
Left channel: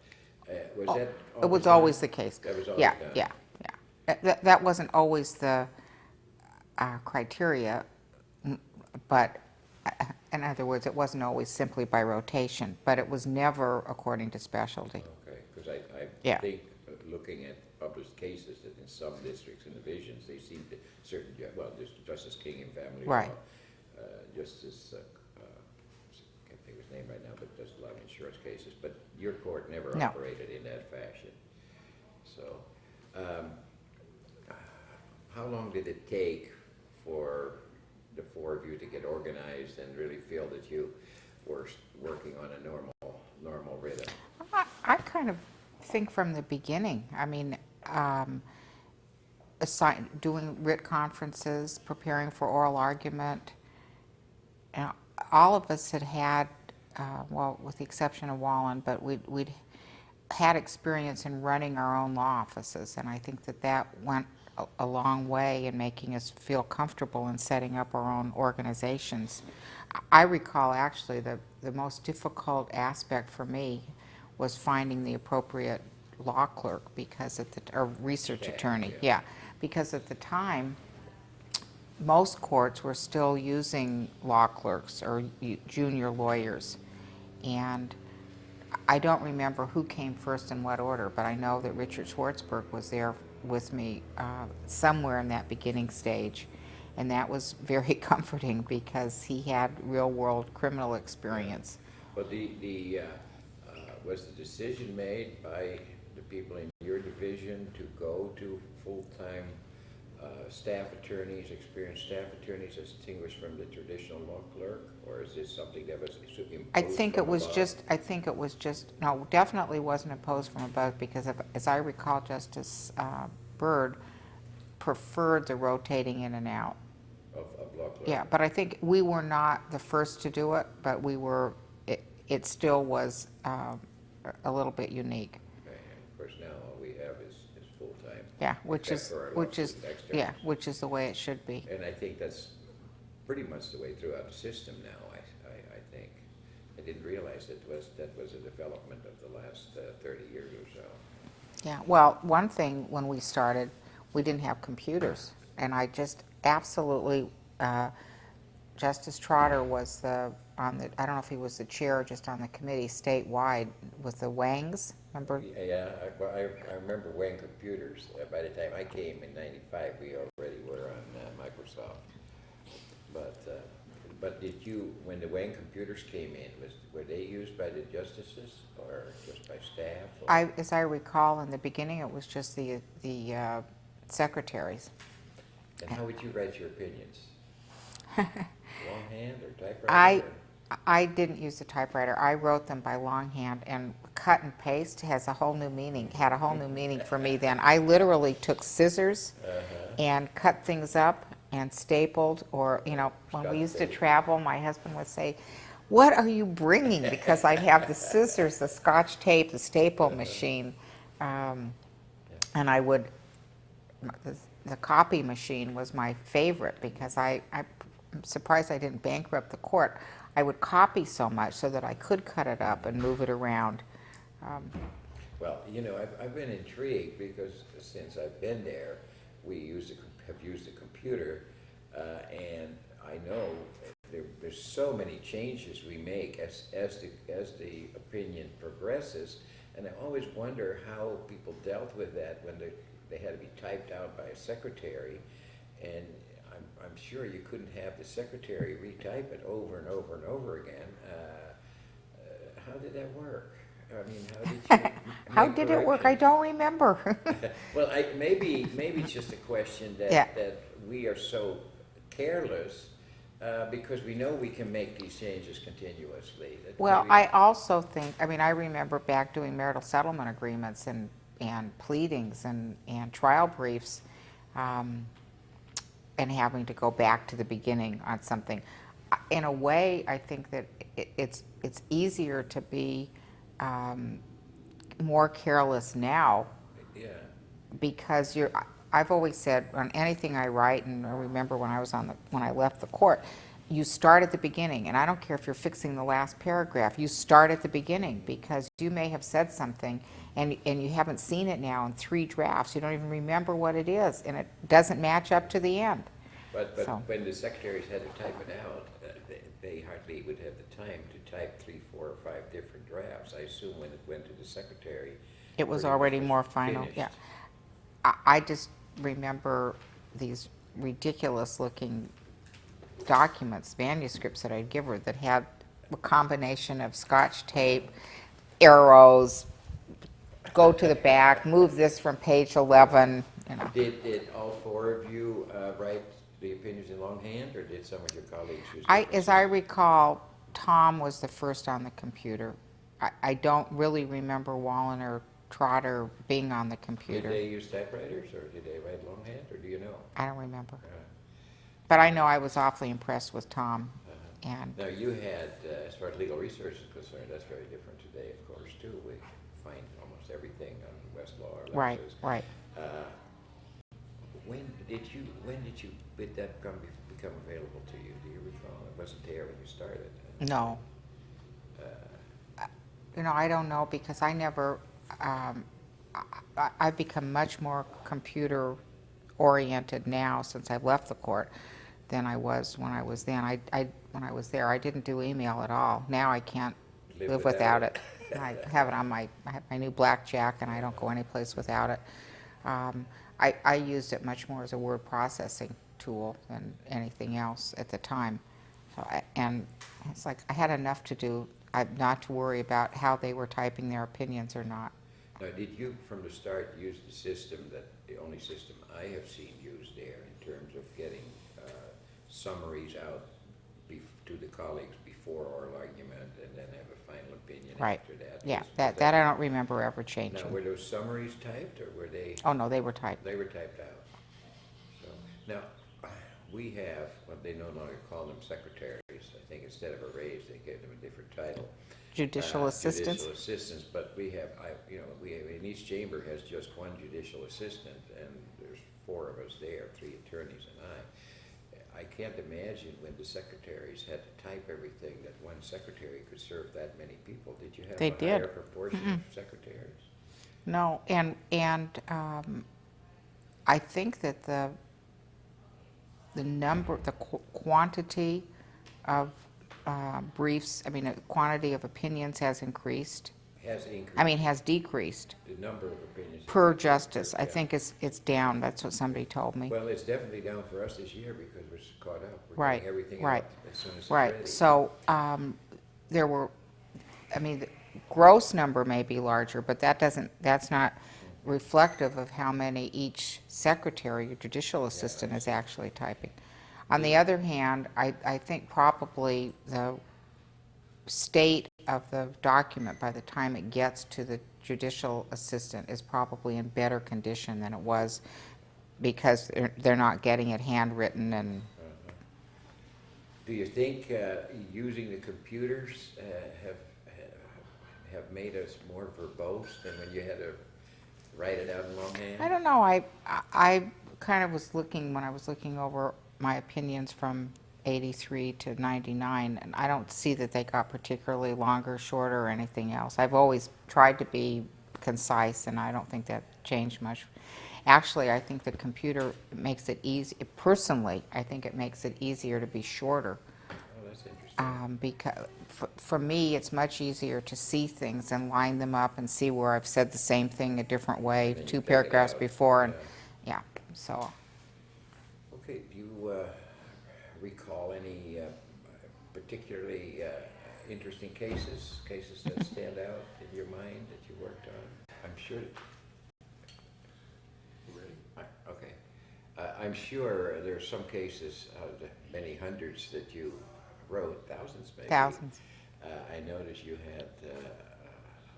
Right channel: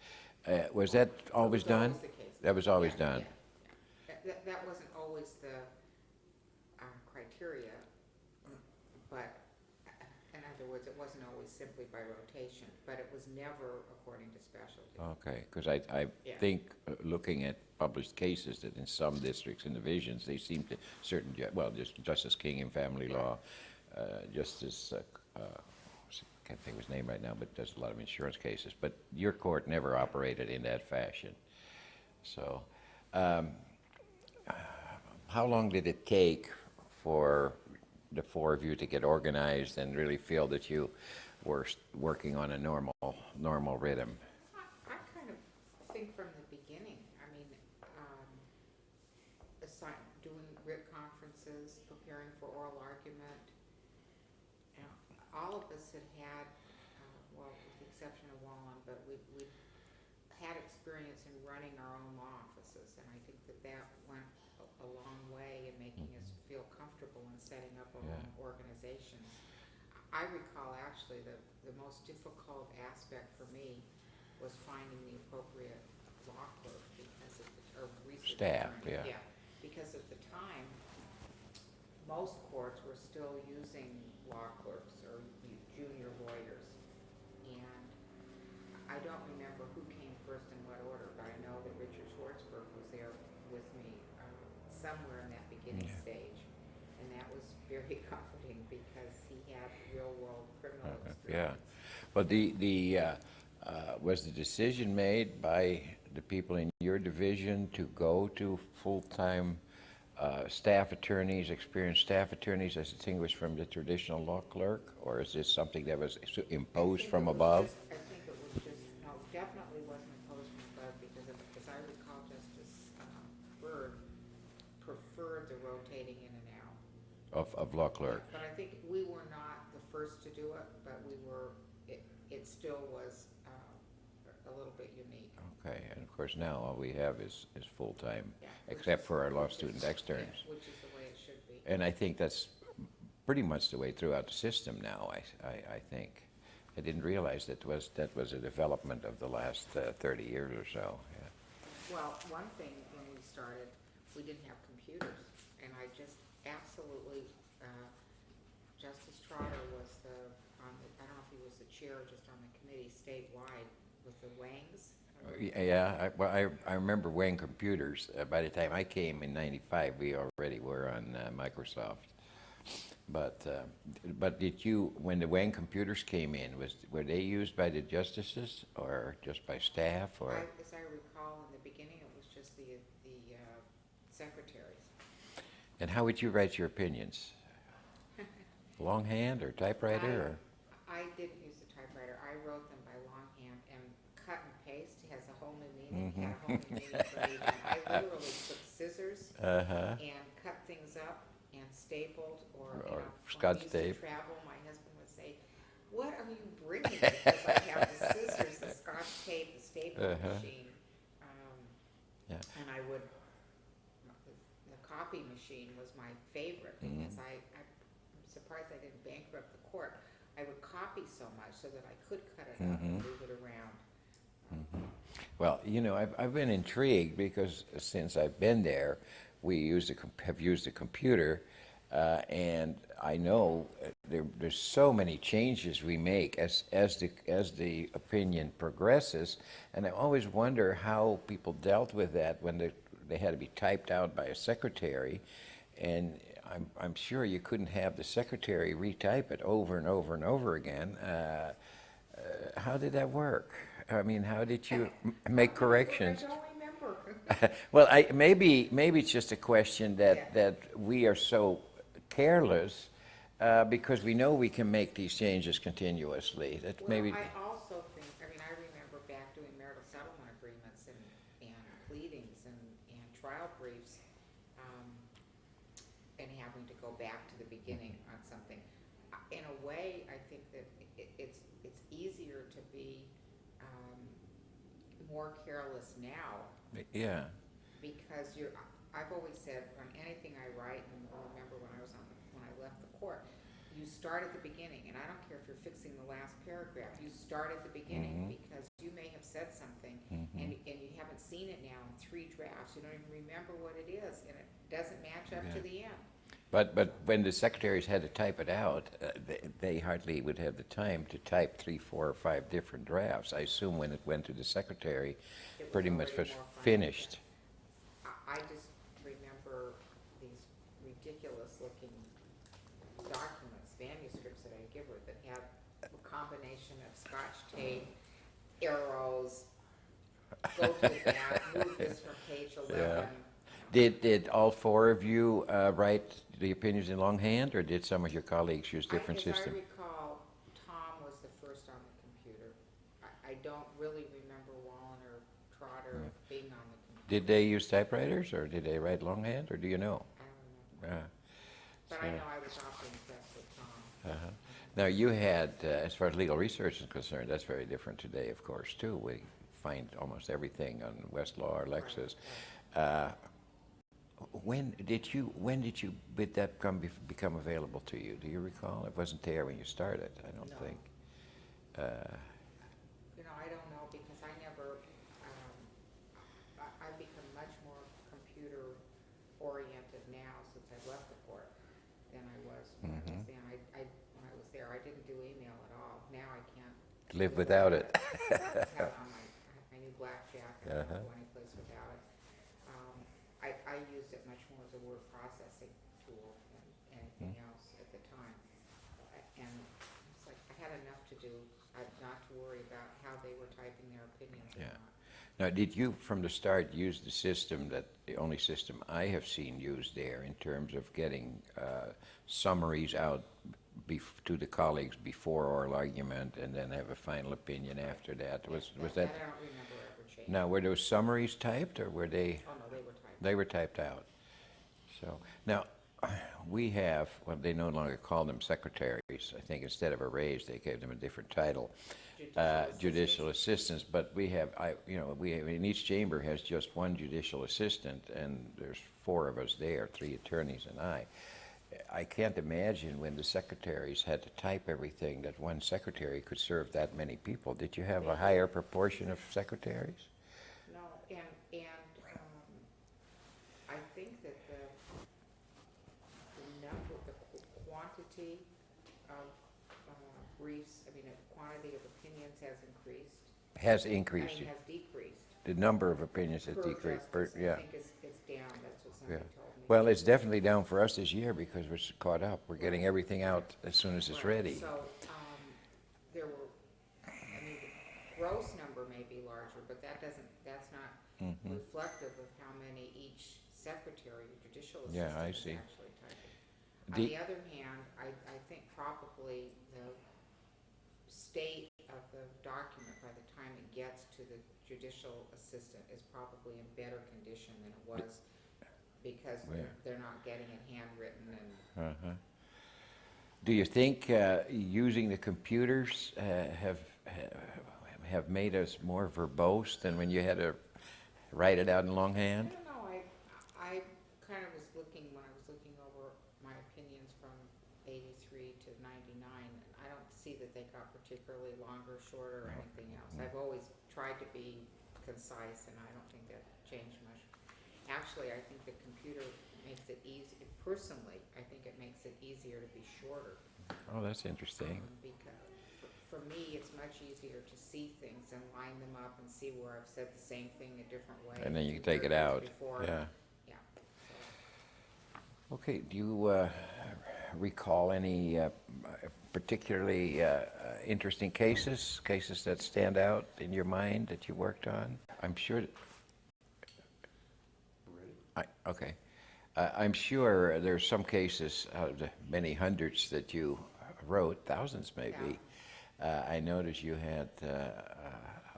Was that always done? It was always the case. That was always done? Yeah. That wasn't always the criteria, but in other words, it wasn't always simply by rotation, but it was never according to specialty. Okay, because I think, looking at published cases, that in some districts and divisions, they seem to, Justice King in family law, Justice, can't think of his name right now, but does a lot of insurance cases, but your court never operated in that fashion. So, how long did it take for the four of you to get organized and really feel that you were working on a normal rhythm? I kind of think from the beginning. I mean, doing writ conferences, preparing for oral argument. You know, all of us had, well, with the exception of Wallen, but we'd had experience in running our own law offices, and I think that went a long way in making us feel comfortable in setting up our own organizations. I recall actually the most difficult aspect for me was finding the appropriate law clerk, because or research attorney, because at the time most courts were still using law clerks or junior lawyers, and I don't remember who came first in what order, but I know that Richard Schwartzberg was there with me somewhere in that beginning stage, and that was very comforting because he had real-world criminal experience. Yeah. Well, was the decision made by the people in your division to go to full-time staff attorneys, experienced staff attorneys, as distinguished from the traditional law clerk? Or is this something that was imposed from above? I think it was just, no, definitely wasn't imposed from above, because as I recall, Justice Byrd preferred the rotating in and out. Of law clerk? Yeah, but I think we were not the first to do it, but we were, it still was a little bit unique. Okay, and of course now all we have is full-time. Yeah, which except is, for our law which is, student externs. yeah, which is the way it should be. And I think that's pretty much the way throughout the system now, I think. I didn't realize that was a development of the last 30 years or so. Yeah, well, one thing, when we started, we didn't have computers, and I just absolutely, Justice Trotter was I don't know if he was the chair or just on the committee statewide with the Wangs, remember? Yeah, I remember Wang computers. By the time I came in '95, we already were on Microsoft. But did you, when the Wang computers came in, were they used by the justices or just by staff? Or? As I recall, in the beginning, it was just the secretaries. And how would you write your opinions? Longhand or typewriter? I didn't use the typewriter. I wrote them by longhand, and cut and paste has a whole new meaning, had a whole new meaning for me then. I literally took scissors and cut things up and stapled, or, you know, when we used to travel, my husband would say, "What are you bringing?" Because I have the scissors, the Scotch tape, the staple machine, and I would, the copy machine was my favorite, because I'm surprised I didn't bankrupt the court. I would copy so much so that I could cut it up and move it around. Well, you know, I've been intrigued because since I've been there, we have used a computer, and I know there's so many changes we make as the opinion progresses, and I always wonder how people dealt with that when they had to be typed out by a secretary, and I'm sure you couldn't have the secretary retype it over and over and over again. How did that work? I mean, how did you make corrections? How did it work? I don't remember. Well, maybe it's just a question that we are so careless because we know we can make these changes continuously. Well, I also think, I mean, I remember back doing marital settlement agreements and pleadings and trial briefs, and having to go back to the beginning on something. In a way, I think that it's easier to be more careless now. Yeah. Because I've always said on anything I write, and I remember when I left the court, you start at the beginning, and I don't care if you're fixing the last paragraph, you start at the beginning, because you may have said something and you haven't seen it now in 3 drafts, you don't even remember what it is, and it doesn't match up to the end. But when the secretaries had to type it out, they hardly would have the time to type 3, 4, or 5 different drafts. I assume when it went to the secretary, it was already more final. Finished. Yeah. I just remember these ridiculous looking documents, manuscripts that I'd give her that had a combination of Scotch tape, arrows, go to the back, move this from page 11. You know. Did all 4 of you write the opinions in longhand, or did some of your colleagues use different systems? As I recall, Tom was the first on the computer. I don't really remember Wallen or Trotter being on the computer. Did they use typewriters, or did they write longhand, or do you know? I don't remember. But I know I was awfully impressed with Tom. And now you had, as far as legal research is concerned, that's very different today, of course, too. We find almost everything on Westlaw or Lexis. Right. When did that become available to you? Do you recall? It wasn't there when you started. No. You know, I don't know, because I never. I've become much more computer oriented now since I've left the court than I was when I was then. When I was there, I didn't do email at all. Now I can't live without it. I have it on I have my new blackjack, and I don't go anyplace without it. I used it much more as a word processing tool than anything else at the time. So and it's like I had enough to do, not to worry about how they were typing their opinions or not. Now, did you, from the start, use the system that, the only system I have seen used there in terms of getting summaries out to the colleagues before oral argument and then have a final opinion Right. after that? Yeah, Was that I don't remember ever changing. Now, were those summaries typed, or were they? Oh, no, they were typed. They were typed out. So, now, we have, well, they no longer call them secretaries. I think instead of a raise, they gave them a different title. Judicial assistants? Judicial assistants, but we have, in each chamber has just one judicial assistant, and there's 4 of us there, 3 attorneys and I. I can't imagine when the secretaries had to type everything that one secretary could serve that many people. Did you have They a higher did. proportion of secretaries? No, and I think that the quantity of briefs, quantity of opinions has increased. Has increased. Has decreased. The number of opinions. has Per decreased. justice. I Yeah. think it's down. That's what somebody told me. Well, it's definitely down for us this year because we're caught up. We're Right, getting everything right. out as soon as it's Right, ready. so there were, the gross number may be larger, but that's not reflective of how many each secretary or judicial assistant is see. actually typing. On the other hand, I think probably the state of the document by the time it gets to the judicial assistant is probably in better condition than it was because they're not getting it handwritten and Do you think using the computers have made us more verbose than when you had to write it out in longhand? I don't know. I kind of was looking, when I was looking over my opinions from 83 to 99, and I don't see that they got particularly longer, shorter, or anything else. I've always tried to be concise, and I don't think that changed much. Actually, I think the computer makes it easy. Personally, I think it makes it easier to be shorter. Oh, that's interesting. Because for me, it's much easier to see things and line them up and see where I've said the same thing a different way And then you 2 take it paragraphs out. before. And, Yeah. so. Okay, do you recall any particularly interesting cases that stand out in your mind that you worked on? I'm sure. Okay. I'm sure there's some cases out of the many hundreds that you wrote, thousands maybe. Thousands. I noticed you had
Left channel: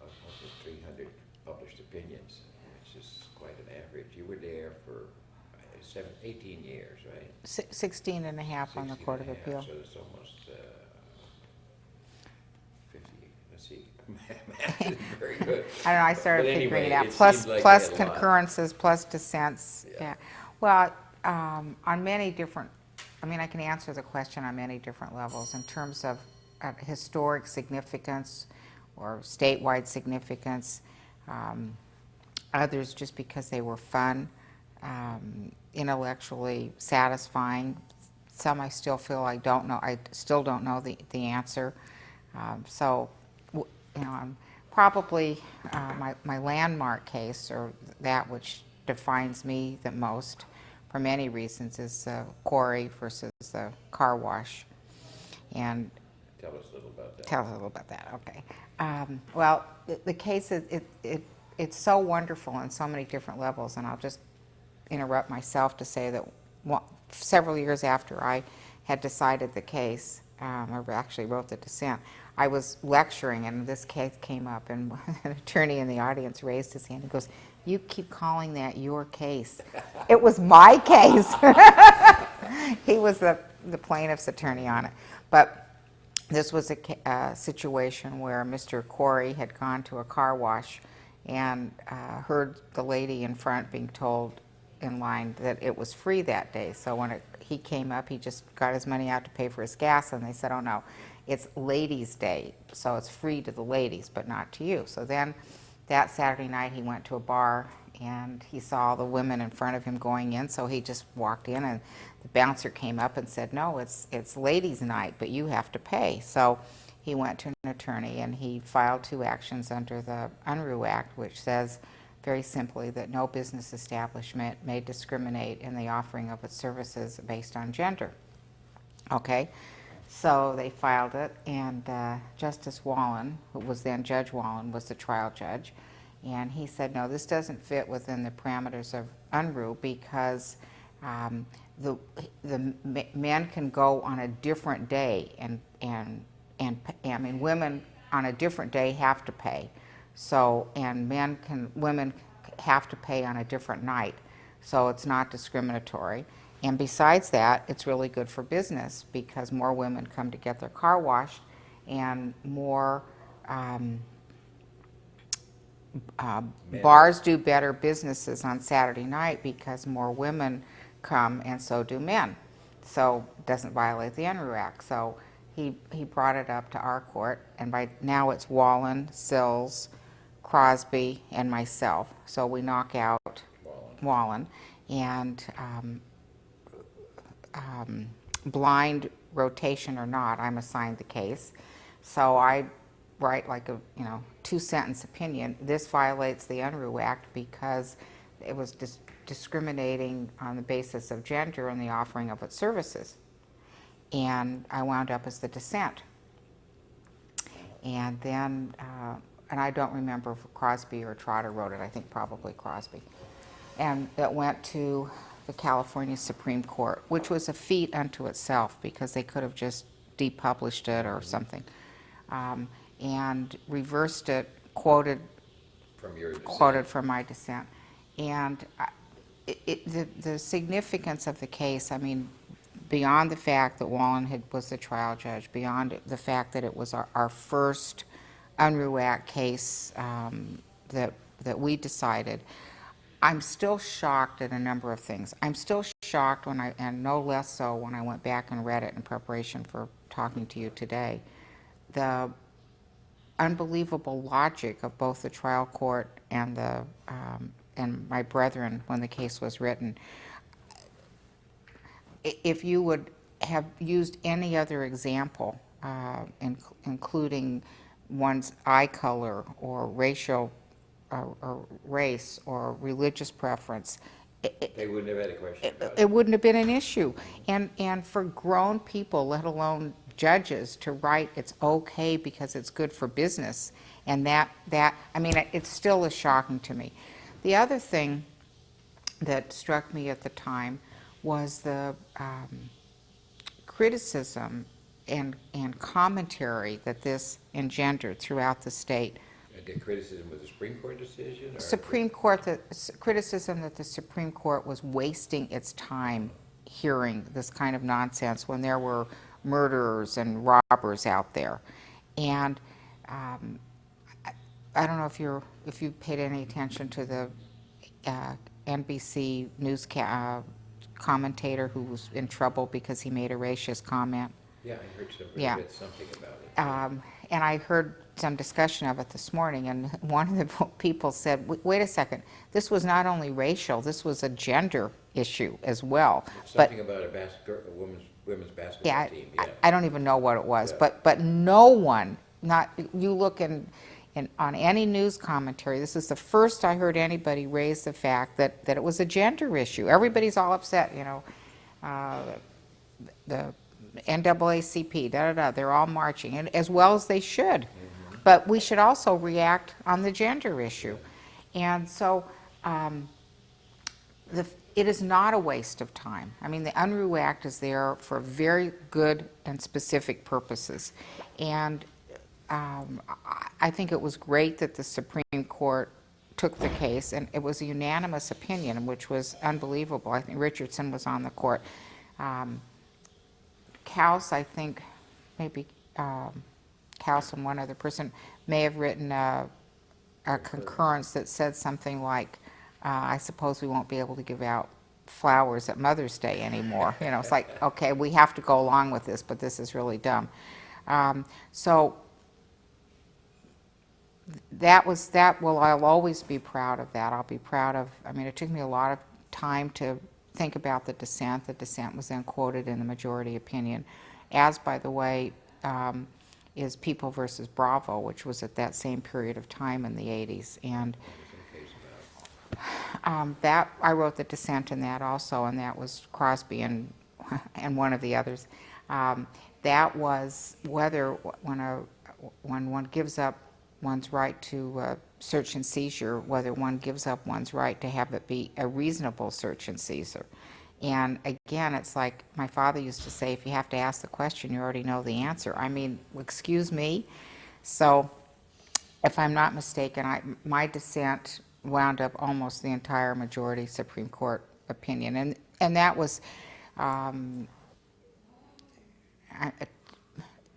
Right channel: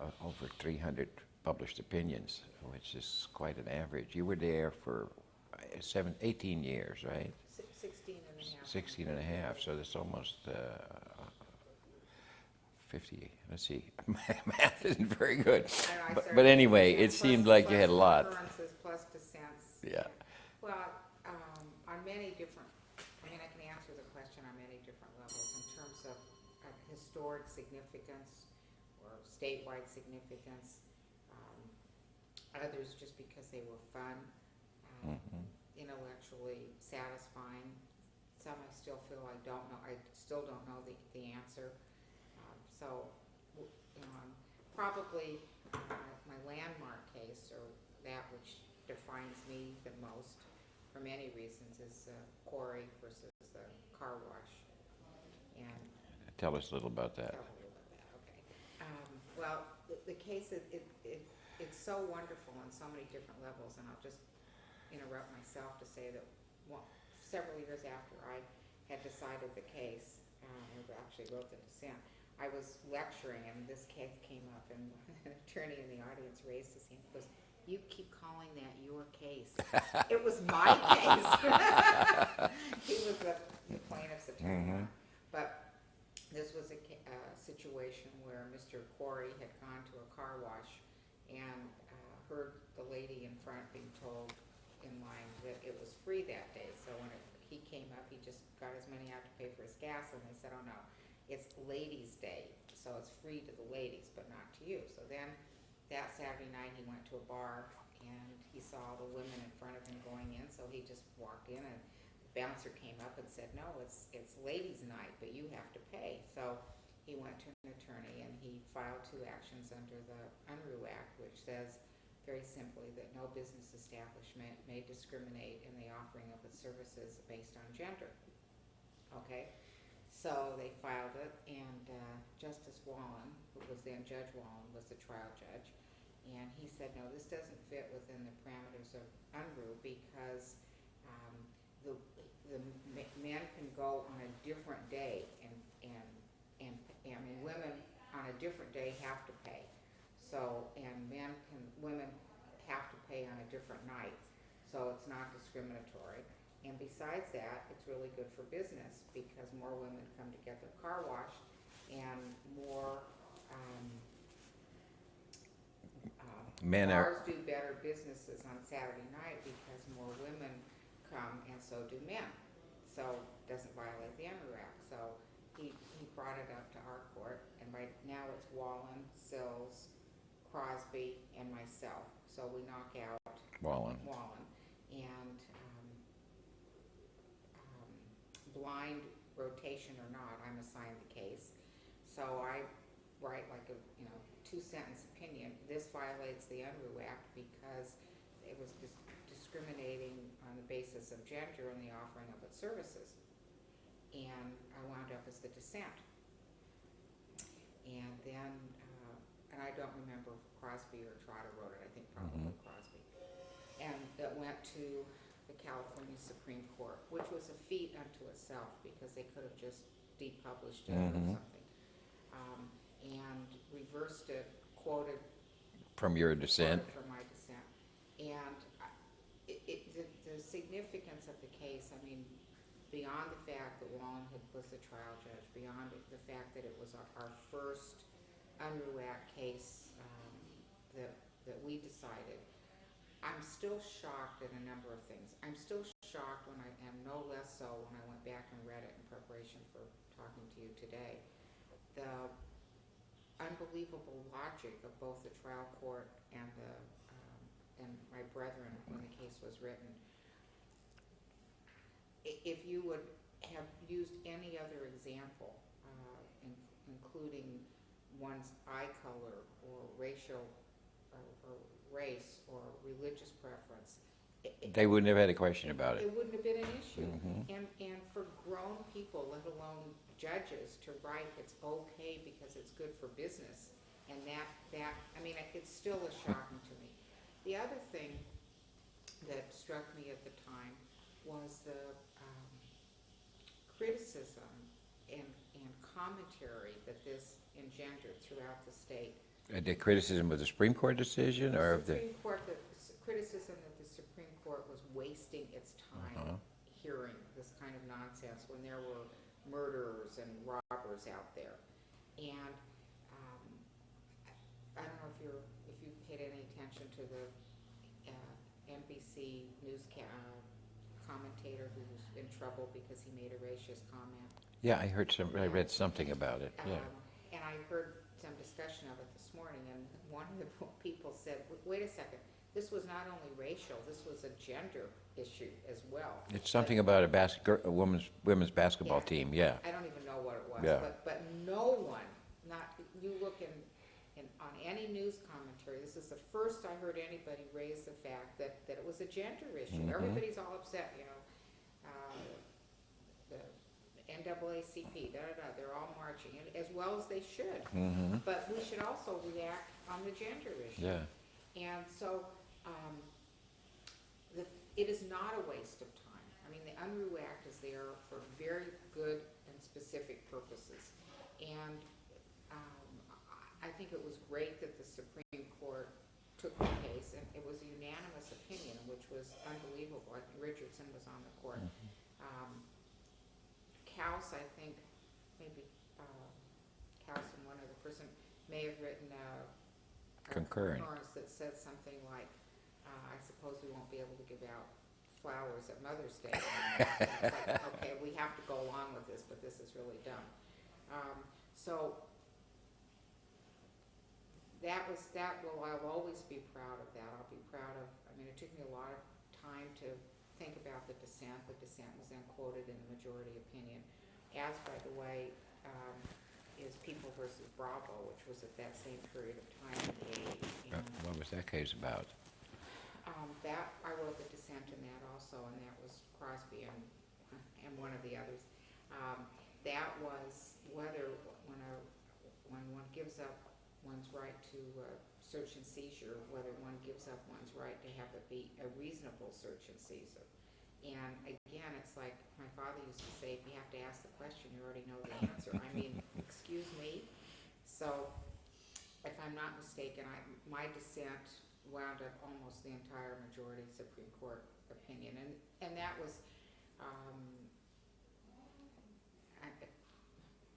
over 300 published opinions, which is quite an average. You were there for 18 years, right? 16 and a half on the 16 Court and of a half, Appeal. so that's almost 50. Let's see, math isn't very good. I don't know, I started But anyway, figuring that. it Plus- seemed like plus they had a lot. concurrences, plus dissents, Yeah. yeah. Well, on many different, I can answer the question on many different levels in terms of historic significance or statewide significance. Others just because they were fun, intellectually satisfying. Some I still feel I still don't know the answer. Probably my landmark case, or that which defines me the most for many reasons, is Quarry versus the car wash. And Tell us a little about that. tell us a little about that, okay. Well, the case is, it's so wonderful on so many different levels, and I'll just interrupt myself to say that several years after I had decided the case, or actually wrote the dissent, I was lecturing and this case came up, and an attorney in the audience raised his hand and goes, "You keep calling that your case." It was my case. He was the plaintiff's attorney on it. But this was a situation where Mr. Quarry had gone to a car wash and heard the lady in front being told in line that it was free that day. So when he came up, he just got his money out to pay for his gas, and they said, "Oh no, it's Ladies' Day, so it's free to the ladies, but not to you." So then that Saturday night he went to a bar and he saw the women in front of him going in, so he just walked in, and the bouncer came up and said, "No, it's ladies' night, but you have to pay." So he went to an attorney and he filed 2 actions under the Unruh Act, which says very simply that no business establishment may discriminate in the offering of its services based on gender. Okay, so they filed it, and Justice Wallen, who was then Judge Wallen, was the trial judge, And he said, no, this doesn't fit within the parameters of UNRU because the men can go on a different day, and I mean, women on a different day have to pay. So, and women have to pay on a different night. So it's not discriminatory. And besides that, it's really good for business because more women come to get their car washed, and more bars do better businesses on Saturday night because more women come, and so do men. So it doesn't violate the UNRU Act. So he brought it up to our court, and by now it's Wallen, Sills, Crosby, and myself. So we knock out Wallen. And blind rotation or not, I'm assigned the case. So I write like a 2-sentence opinion. This violates the UNRU Act because it was discriminating on the basis of gender in the offering of its services. And I wound up as the dissent. And then, and I don't remember if Crosby or Trotter wrote it, I think probably Crosby. And it went to the California Supreme Court, which was a feat unto itself because they could have just depublished it or something. And reversed it, quoted from your dissent. Quoted from my dissent. And the significance of the case, I mean, beyond the fact that Wallen was the trial judge, beyond the fact that it was our first UNRU Act case that we decided, I'm still shocked at a number of things. I'm still shocked and no less so when I went back and read it in preparation for talking to you today, the unbelievable logic of both the trial court and and my brethren when the case was written. If you would have used any other example, including one's eye color or racial or race or religious preference, they wouldn't have had a question about it. It wouldn't have been an issue. And for grown people, let alone judges, to write it's okay because it's good for business, and that I mean, it still is shocking to me. The other thing that struck me at the time was the criticism and commentary that this engendered throughout the state. The criticism of the Supreme Court decision? Or Criticism that the Supreme Court was wasting its time hearing this kind of nonsense when there were murderers and robbers out there. And I don't know if you paid any attention to the NBC news commentator who was in trouble because he made a racist comment. Yeah, I heard read something about it. And I heard some discussion of it this morning, and one of the people said, wait a second, this was not only racial, this was a gender issue as well. It's something about a women's basketball team, yeah. I don't even know what it was, Yeah. but no one, you look on any news commentary, this is the first I heard anybody raise the fact that it was a gender issue. Everybody's all upset, the NAACP, they're all marching, and as well as they should. But we should also react on the gender issue. Yeah. And so it is not a waste of time. I mean, the UNRU Act is there for very good and specific purposes. And I think it was great that the Supreme Court took the case, and it was a unanimous opinion, which was unbelievable. I think Richardson was on the court. Kaus, I think, maybe Kaus and one other person may have written a concurrence that said something like, I suppose we won't be able to give out flowers at Mother's Day anymore. It's like, okay, we have to go along with this, but this is really dumb. So I'll always be proud of that. I'll be proud of, I mean, it took me a lot of time to think about the dissent. The dissent was then quoted in the majority opinion, as, by the way, is People versus Bravo, which was at that same period of time in the 80s. And what was that case about? That I wrote the dissent in that also, and that was Crosby and one of the others. That was whether when one gives up one's right to search and seizure, whether one gives up one's right to have it be a reasonable search and seizure. And again, it's like my father used to say, if you have to ask the question, you already know the answer. I mean, excuse me? So if I'm not mistaken, my dissent wound up almost the entire majority Supreme Court opinion. And that was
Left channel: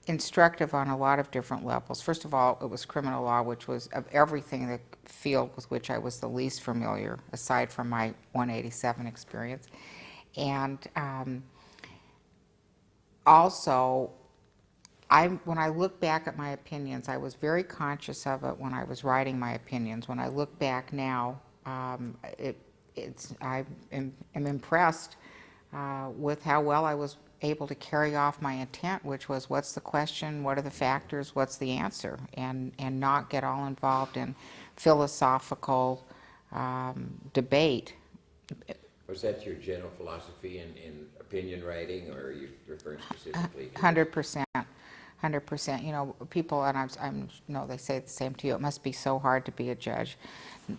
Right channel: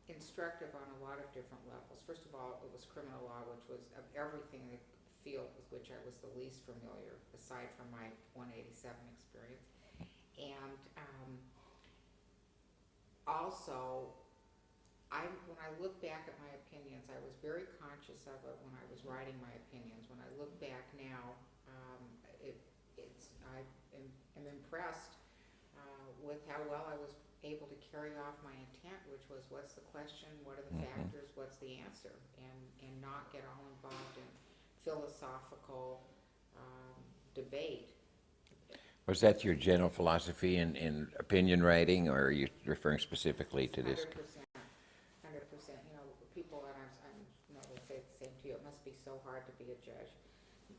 instructive on a lot of different levels. First of all, it was criminal law, which was of everything, the field with which I was the least familiar, aside from my 187 experience. And also, when I look back at my opinions, I was very conscious of it when I was writing my opinions. When I look back now, I am impressed with how well I was able to carry off my intent, which was, what's the question, what are the factors, what's the answer, and not get all involved in philosophical debate. Was that your general philosophy in opinion writing, or are you referring specifically to 100%. 100%. You know, people, and I'm no, they say the same to you. It must be so hard to be a judge,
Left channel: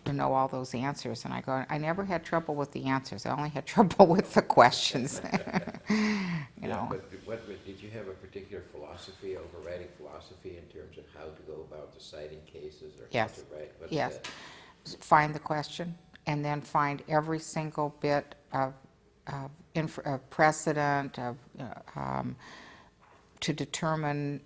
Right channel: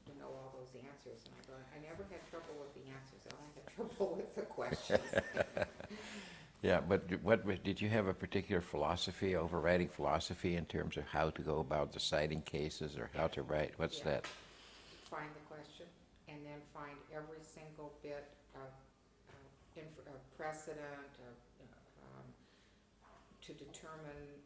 to know all those answers. And I go, I never had trouble with the answers. I only had trouble with the questions. Yeah, but did you have a particular philosophy, overriding philosophy, in terms of how to go about deciding cases, or how to write? What's that? Find the question, and then find every single bit of precedent to determine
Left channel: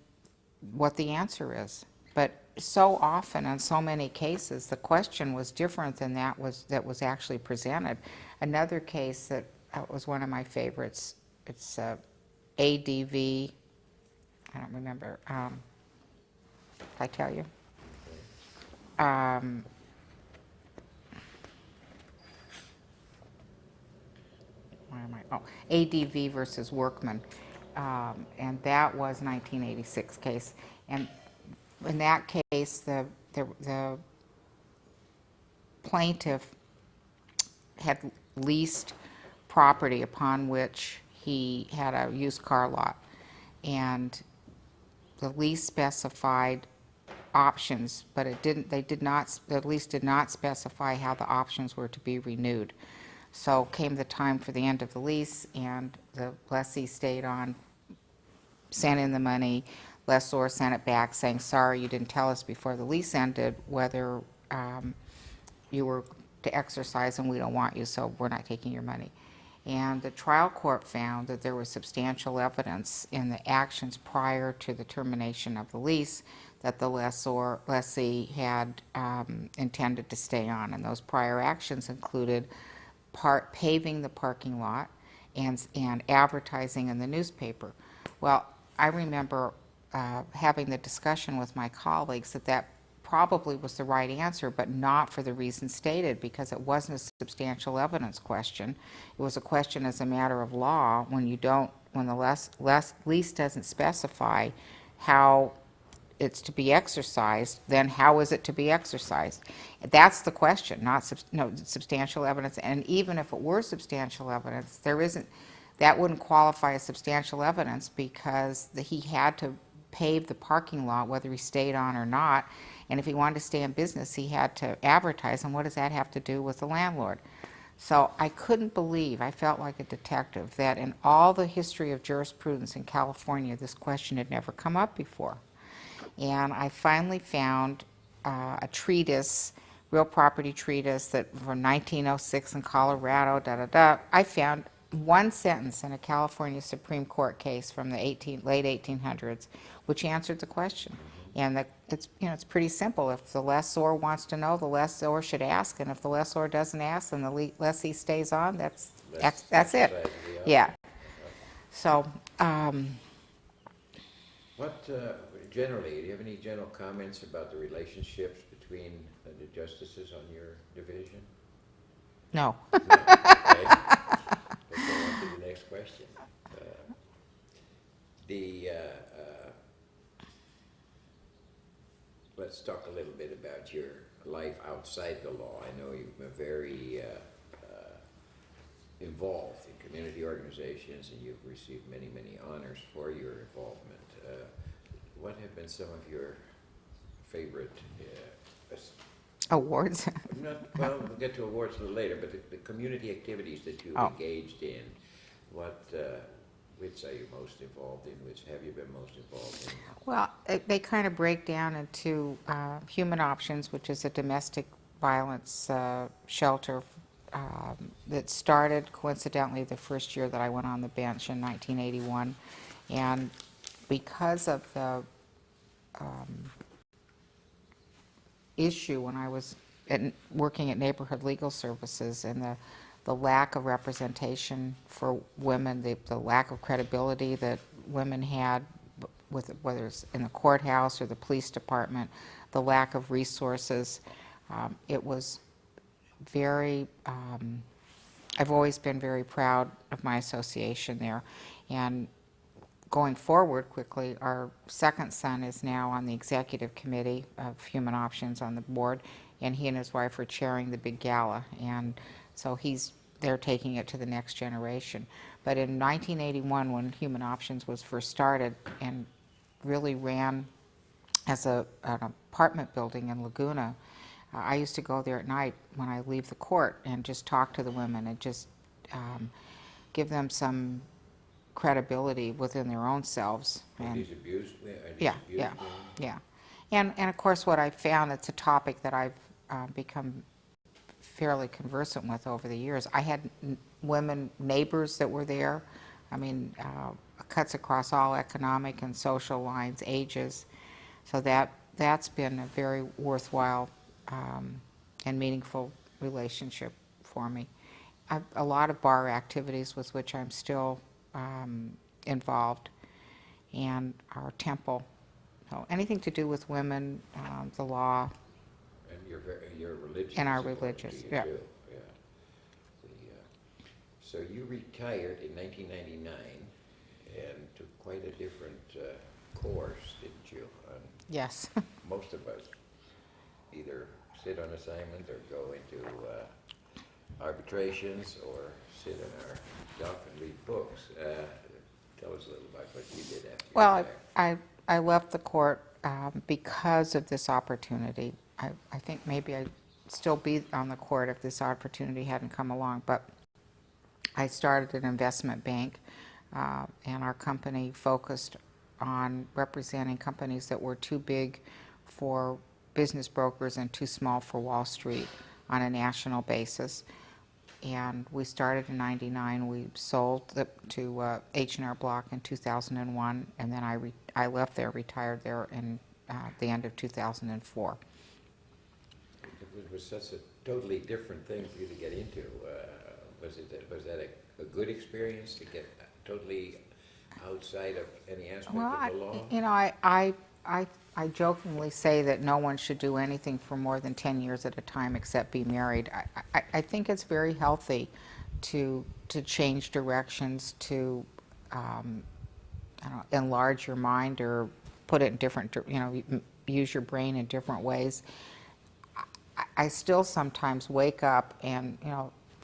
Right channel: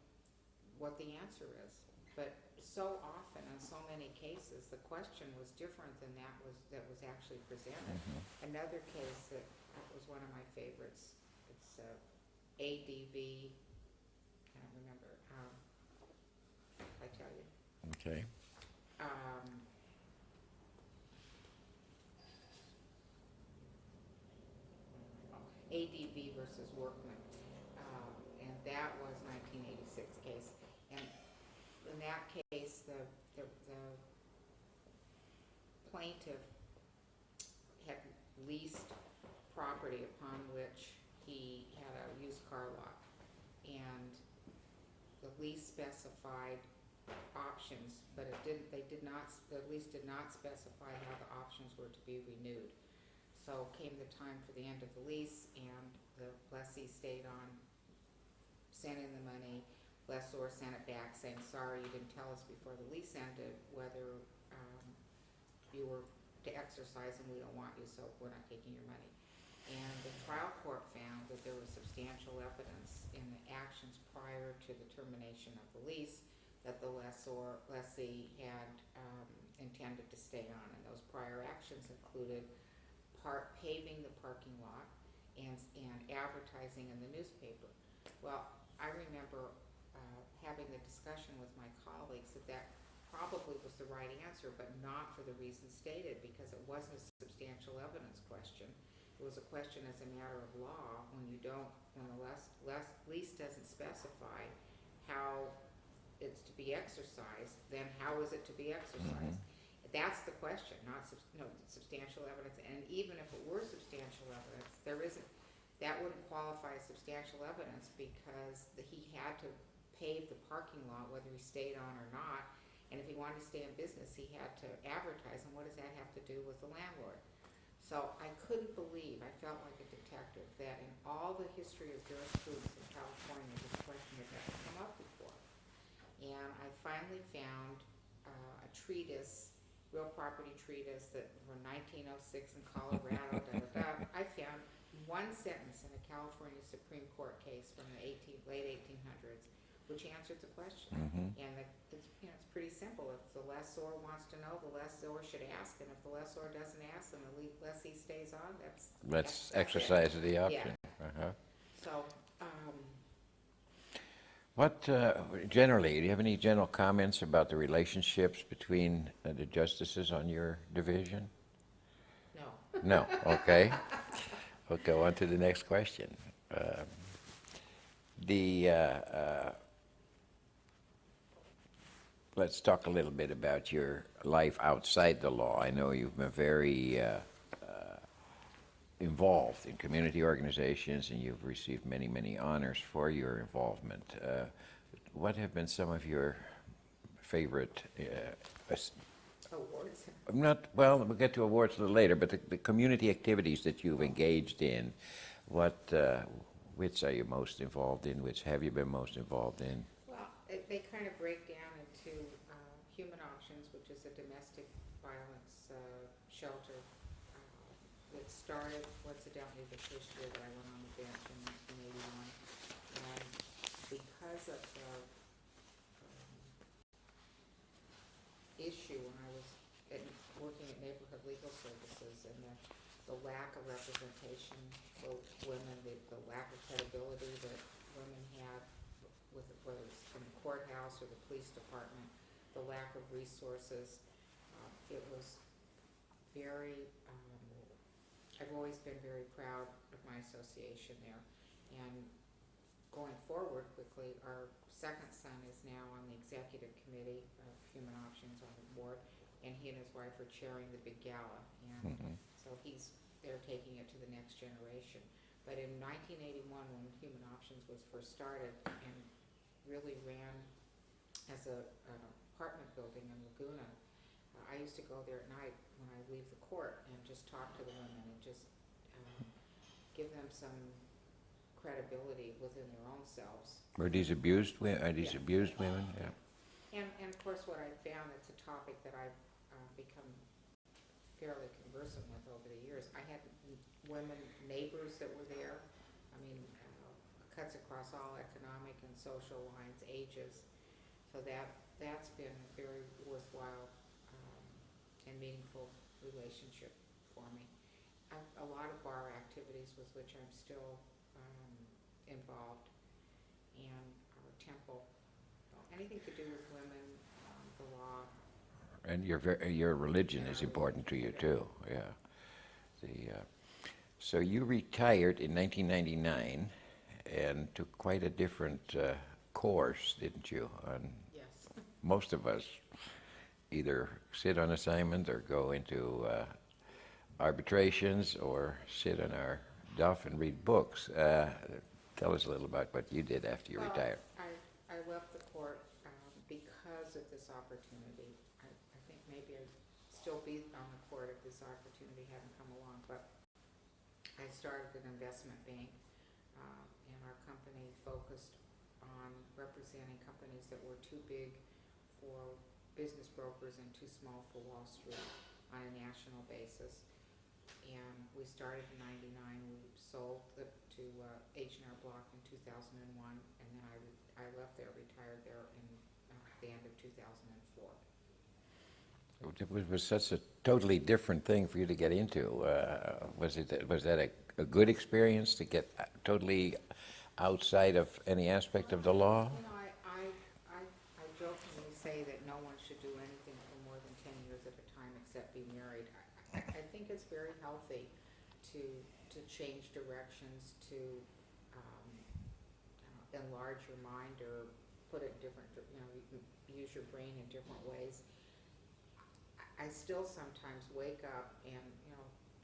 what the answer is. But so often, in so many cases, the question was different than that was actually presented. Another case that was one of my favorites, it's ADV, I don't remember, if I tell you. Okay. Where am I? Oh, ADV versus Workman. And that was 1986 case. And in that case, the plaintiff had leased property upon which he had a used car lot. And the lease specified options, but the lease did not specify how the options were to be renewed. So came the time for the end of the lease, and the lessee stayed on, sent in the money. Lessor sent it back saying, sorry, you didn't tell us before the lease ended whether you were to exercise, and we don't want you, so we're not taking your money. And the trial court found that there was substantial evidence in the actions prior to the termination of the lease that the lessee had intended to stay on. And those prior actions included paving the parking lot and advertising in the newspaper. Well, I remember having the discussion with my colleagues that probably was the right answer, but not for the reason stated, because it wasn't a substantial evidence question. It was a question as a matter of law when the lease doesn't specify how it's to be exercised, then how is it to be exercised? That's the question, not substantial evidence. And even if it were substantial evidence, that wouldn't qualify as substantial evidence, because he had to pave the parking lot whether he stayed on or not. And if he wanted to stay in business, he had to advertise. And what does that have to do with the landlord? So I couldn't believe, I felt like a detective, that in all the history of jurisprudence in California, this question had never come up before. And I finally found a treatise, real property treatise, that from 1906 in Colorado, I found one sentence in a California Supreme Court case from the late 1800s, which answered the question. And it's pretty simple. If the lessor wants to know, the lessor should ask, and if the lessor doesn't ask, and the lessee stays on, that's it. Yeah. So. What, generally, do you have any general comments about the relationships between the justices on your division? No. No, okay. We'll go on to the next question. Let's talk a little bit about your life outside the law. I know you've been very involved in community organizations, and you've received many, many honors for your involvement. What have been some of your favorite, Awards. not, well, we'll get to awards a little later, but the community activities that you've Oh. engaged in, which are you most involved in, which have you been most involved in? Well, they kind of break down into Human Options, which is a domestic violence shelter that started coincidentally the first year that I went on the bench in 1981. And because of the issue when I was working at Neighborhood Legal Services and the lack of representation for women, the lack of credibility that women had with whether it's in the courthouse or the police department, the lack of resources, it was very, I've always been very proud of my association there. And going forward quickly, our second son is now on the executive committee of Human Options on the board, and he and his wife are chairing the big gala, and so they're taking it to the next generation. But in 1981, when Human Options was first started and really ran as an apartment building in Laguna, I used to go there at night when I leave the court and just talk to the women and just give them some credibility within their own selves. Are these abused women? Yeah. And of course what I've found, it's a topic that I've become fairly conversant with over the years. I had women neighbors that were there. I mean, cuts across all economic and social lines, ages. So that's been a very worthwhile and meaningful relationship for me. A lot of bar activities with which I'm still involved, and our temple. So anything to do with women, the law. And your religion And is our important to religious, you yeah. too. Yeah. So you retired in 1999 and took quite a different course, didn't you? Yes. Most of us either sit on assignment or go into arbitrations or sit on our duff and read books. Tell us a little about what you did after you retired. I left the court because of this opportunity. I think maybe I'd still be on the court if this opportunity hadn't come along, but I started an investment bank, and our company focused on representing companies that were too big for business brokers and too small for Wall Street on a national basis. And we started in '99. We sold to H&R Block in 2001, and then I left there, retired there in the end of 2004. It was such a totally different thing for you to get into. Was that a good experience to get totally outside of any aspect of the law? I jokingly say that no one should do anything for more than 10 years at a time except be married. I think it's very healthy to change directions, to enlarge your mind or put it in different, use your brain in different ways. I still sometimes wake up and,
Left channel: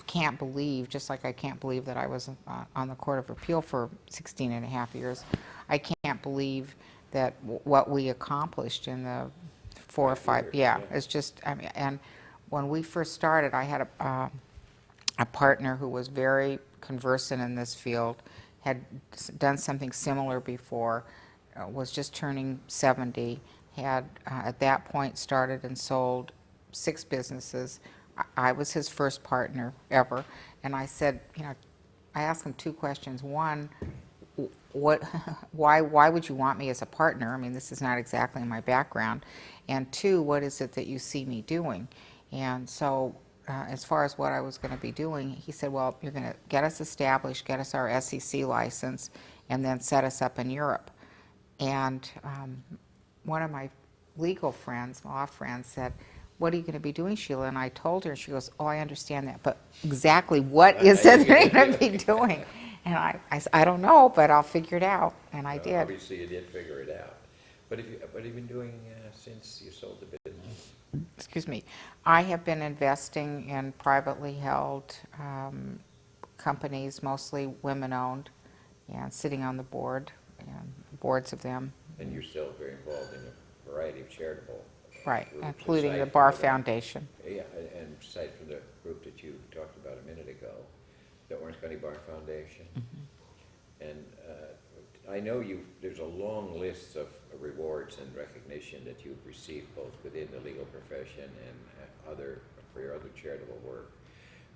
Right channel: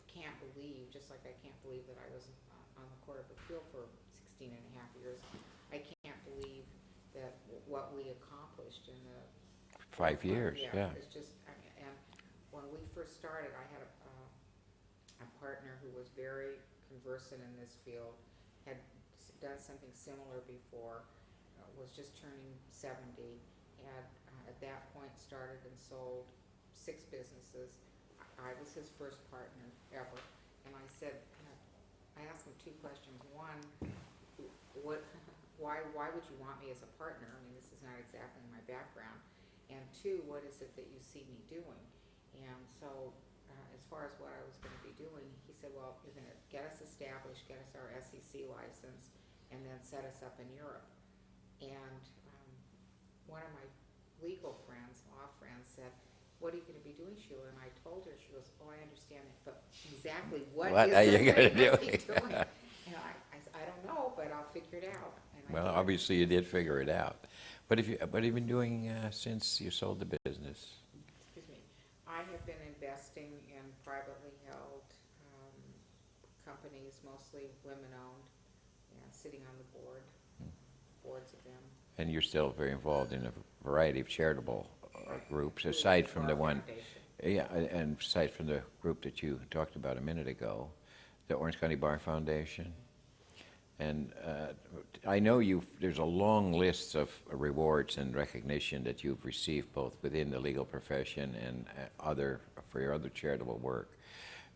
can't believe, just like I can't believe that I was on the Court of Appeal for 16 and a half years. I can't believe that what we accomplished in the 4 or 5 years, yeah, it's just, and when we first started, I had a partner who was very conversant in this field, had done something similar before, was just turning 70, had at that point started and sold 6 businesses. I was his first partner ever, and I said, I asked him 2 questions. One, why would you want me as a partner? I mean, this is not exactly my background. And 2, what is it that you see me doing? And so as far as what I was going to be doing, he said, well, you're going to get us established, get us our SEC license, and then set us up in Europe. And one of my legal friends, law friends, said, what are you going to be doing, Sheila? And I told her, she goes, oh, I understand that, but exactly what is it you're going to be doing? And I said, I don't know, but I'll figure it out, and I did. Obviously you did figure it out. What have you been doing since you sold the business? Excuse me. I have been investing in privately held companies, mostly women-owned, and sitting on the boards of them. And you're still very involved in variety of charitable Right, groups. including aside the from Bar one- Foundation. Yeah, and aside from the group that you talked about a minute ago, the Orange County Bar Foundation. And I know there's a long list of rewards and recognition that you've received both within the legal profession and for your other charitable work.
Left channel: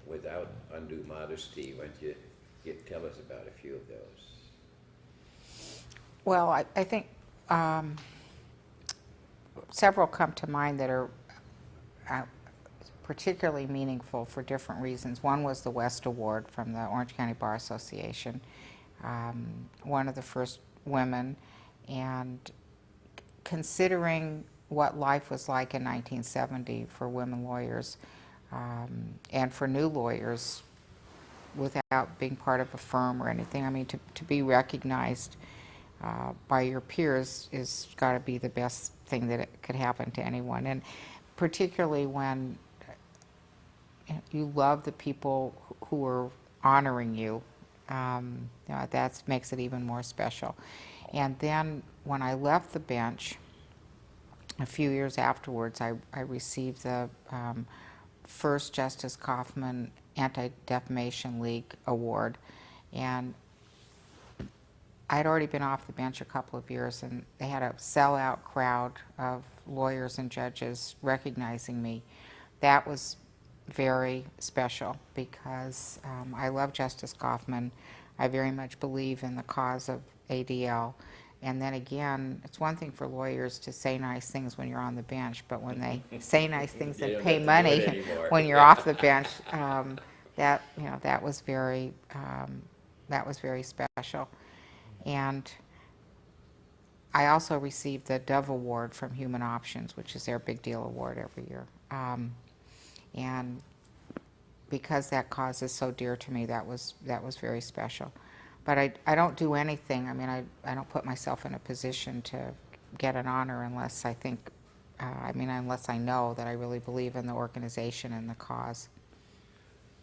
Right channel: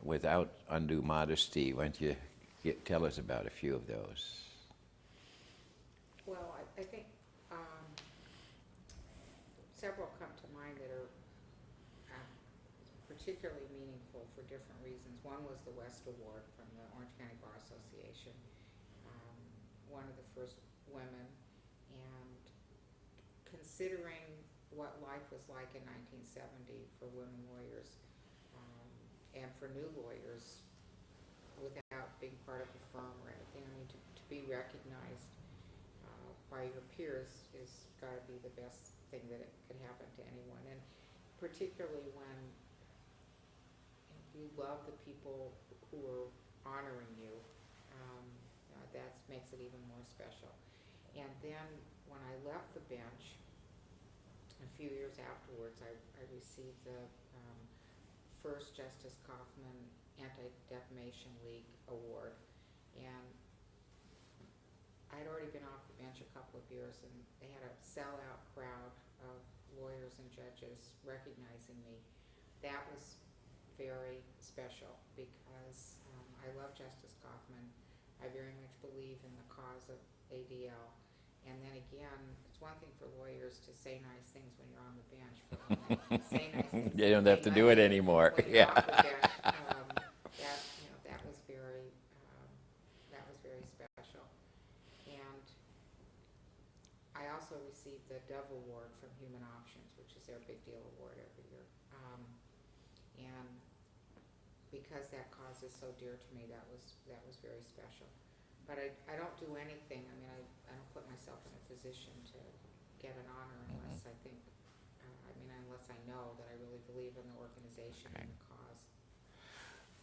Without undue modesty, why don't you tell us about a few of those? Well, I think several come to mind that are particularly meaningful for different reasons. One was the West Award from the Orange County Bar Association, one of the first women, and considering what life was like in 1970 for women lawyers and for new lawyers without being part of a firm or anything. I mean, to be recognized by your peers is got to be the best thing that it could happen to anyone, and particularly when you love the people who are honoring you. That makes it even more special. And then when I left the bench, a few years afterwards, I received the first Justice Kaufman Anti-Defamation League Award, and I'd already been off the bench a couple of years, and they had a sellout crowd of lawyers and judges recognizing me. That was very special because I love Justice Kaufman. I very much believe in the cause of ADL. And then again, it's one thing for lawyers to say nice things when you're on the bench, but when they say nice things They and don't pay have to do it money anymore. when you're Yeah. off the bench, that was very special. And I also received the Dove Award from Human Options, which is their big deal award every year. And because that cause is so dear to me, that was very special. But I don't do anything. I mean, I don't put myself in a position to get an honor unless I think, unless I know that I really believe in the organization and the cause.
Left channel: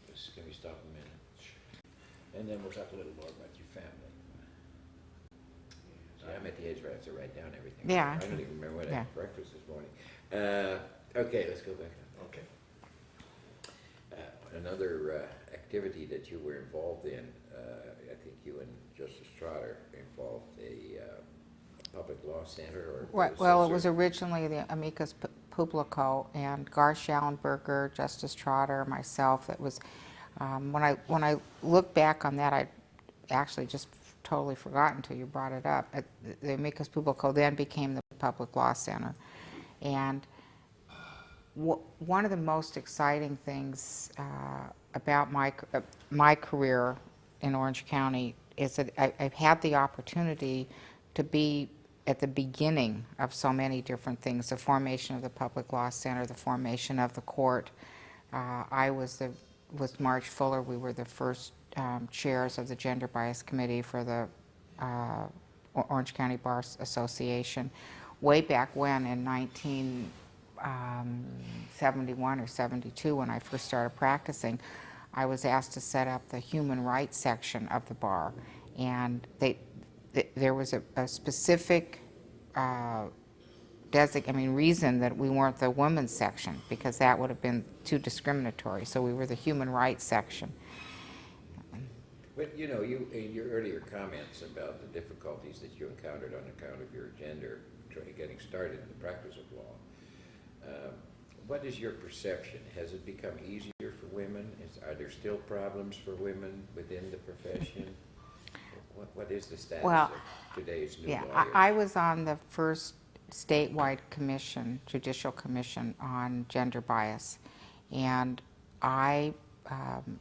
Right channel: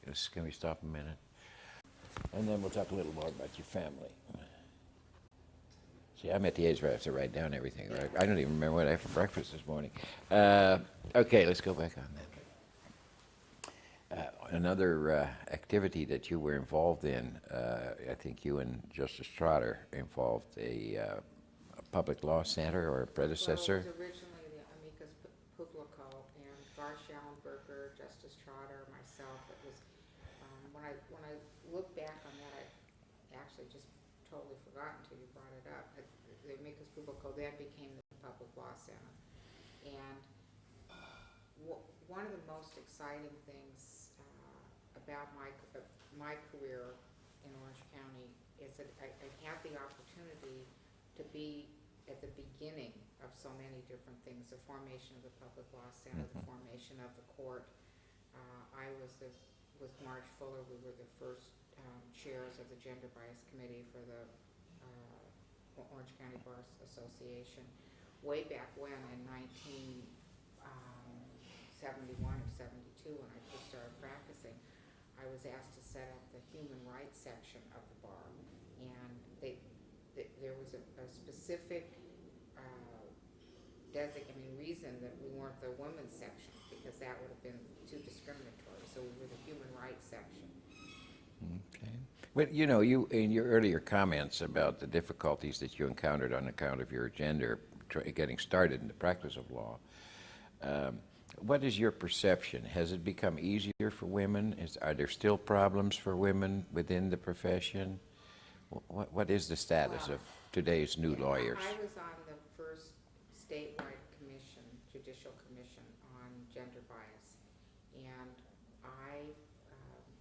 Yes, can we stop a minute? And then we'll talk a little more about your family. See, I'm at the age where I have to write down everything. Yeah. I don't even remember what I had Yeah. for breakfast this morning. Okay, let's go back on that. Okay. Another activity that you were involved in, I think you and Justice Trotter involved a public law center or predecessor? Well, it was originally the Amicus Publico, and Gar Schallenberger, Justice Trotter, myself. That was when I look back on that, I actually just totally forgot until you brought it up. The Amicus Publico then became the Public Law Center, and one of the most exciting things about my career in Orange County is that I've had the opportunity to be at the beginning of so many different things: the formation of the Public Law Center, the formation of the court. I was with Marge Fuller, we were the first chairs of the Gender Bias Committee for the Orange County Bar Association, way back when in 1971 or 72, when I first started practicing. I was asked to set up the human rights section of the bar, and there was a specific reason that we weren't the women's section, because that would have been too discriminatory. So we were the human rights section. But you in your earlier comments about the difficulties that you encountered on account of your gender getting started in the practice of law, what is your perception? Has it become easier for women? Are there still problems for women within the profession? What is the status of today's new lawyers? I was on the first statewide commission, judicial commission on gender bias, and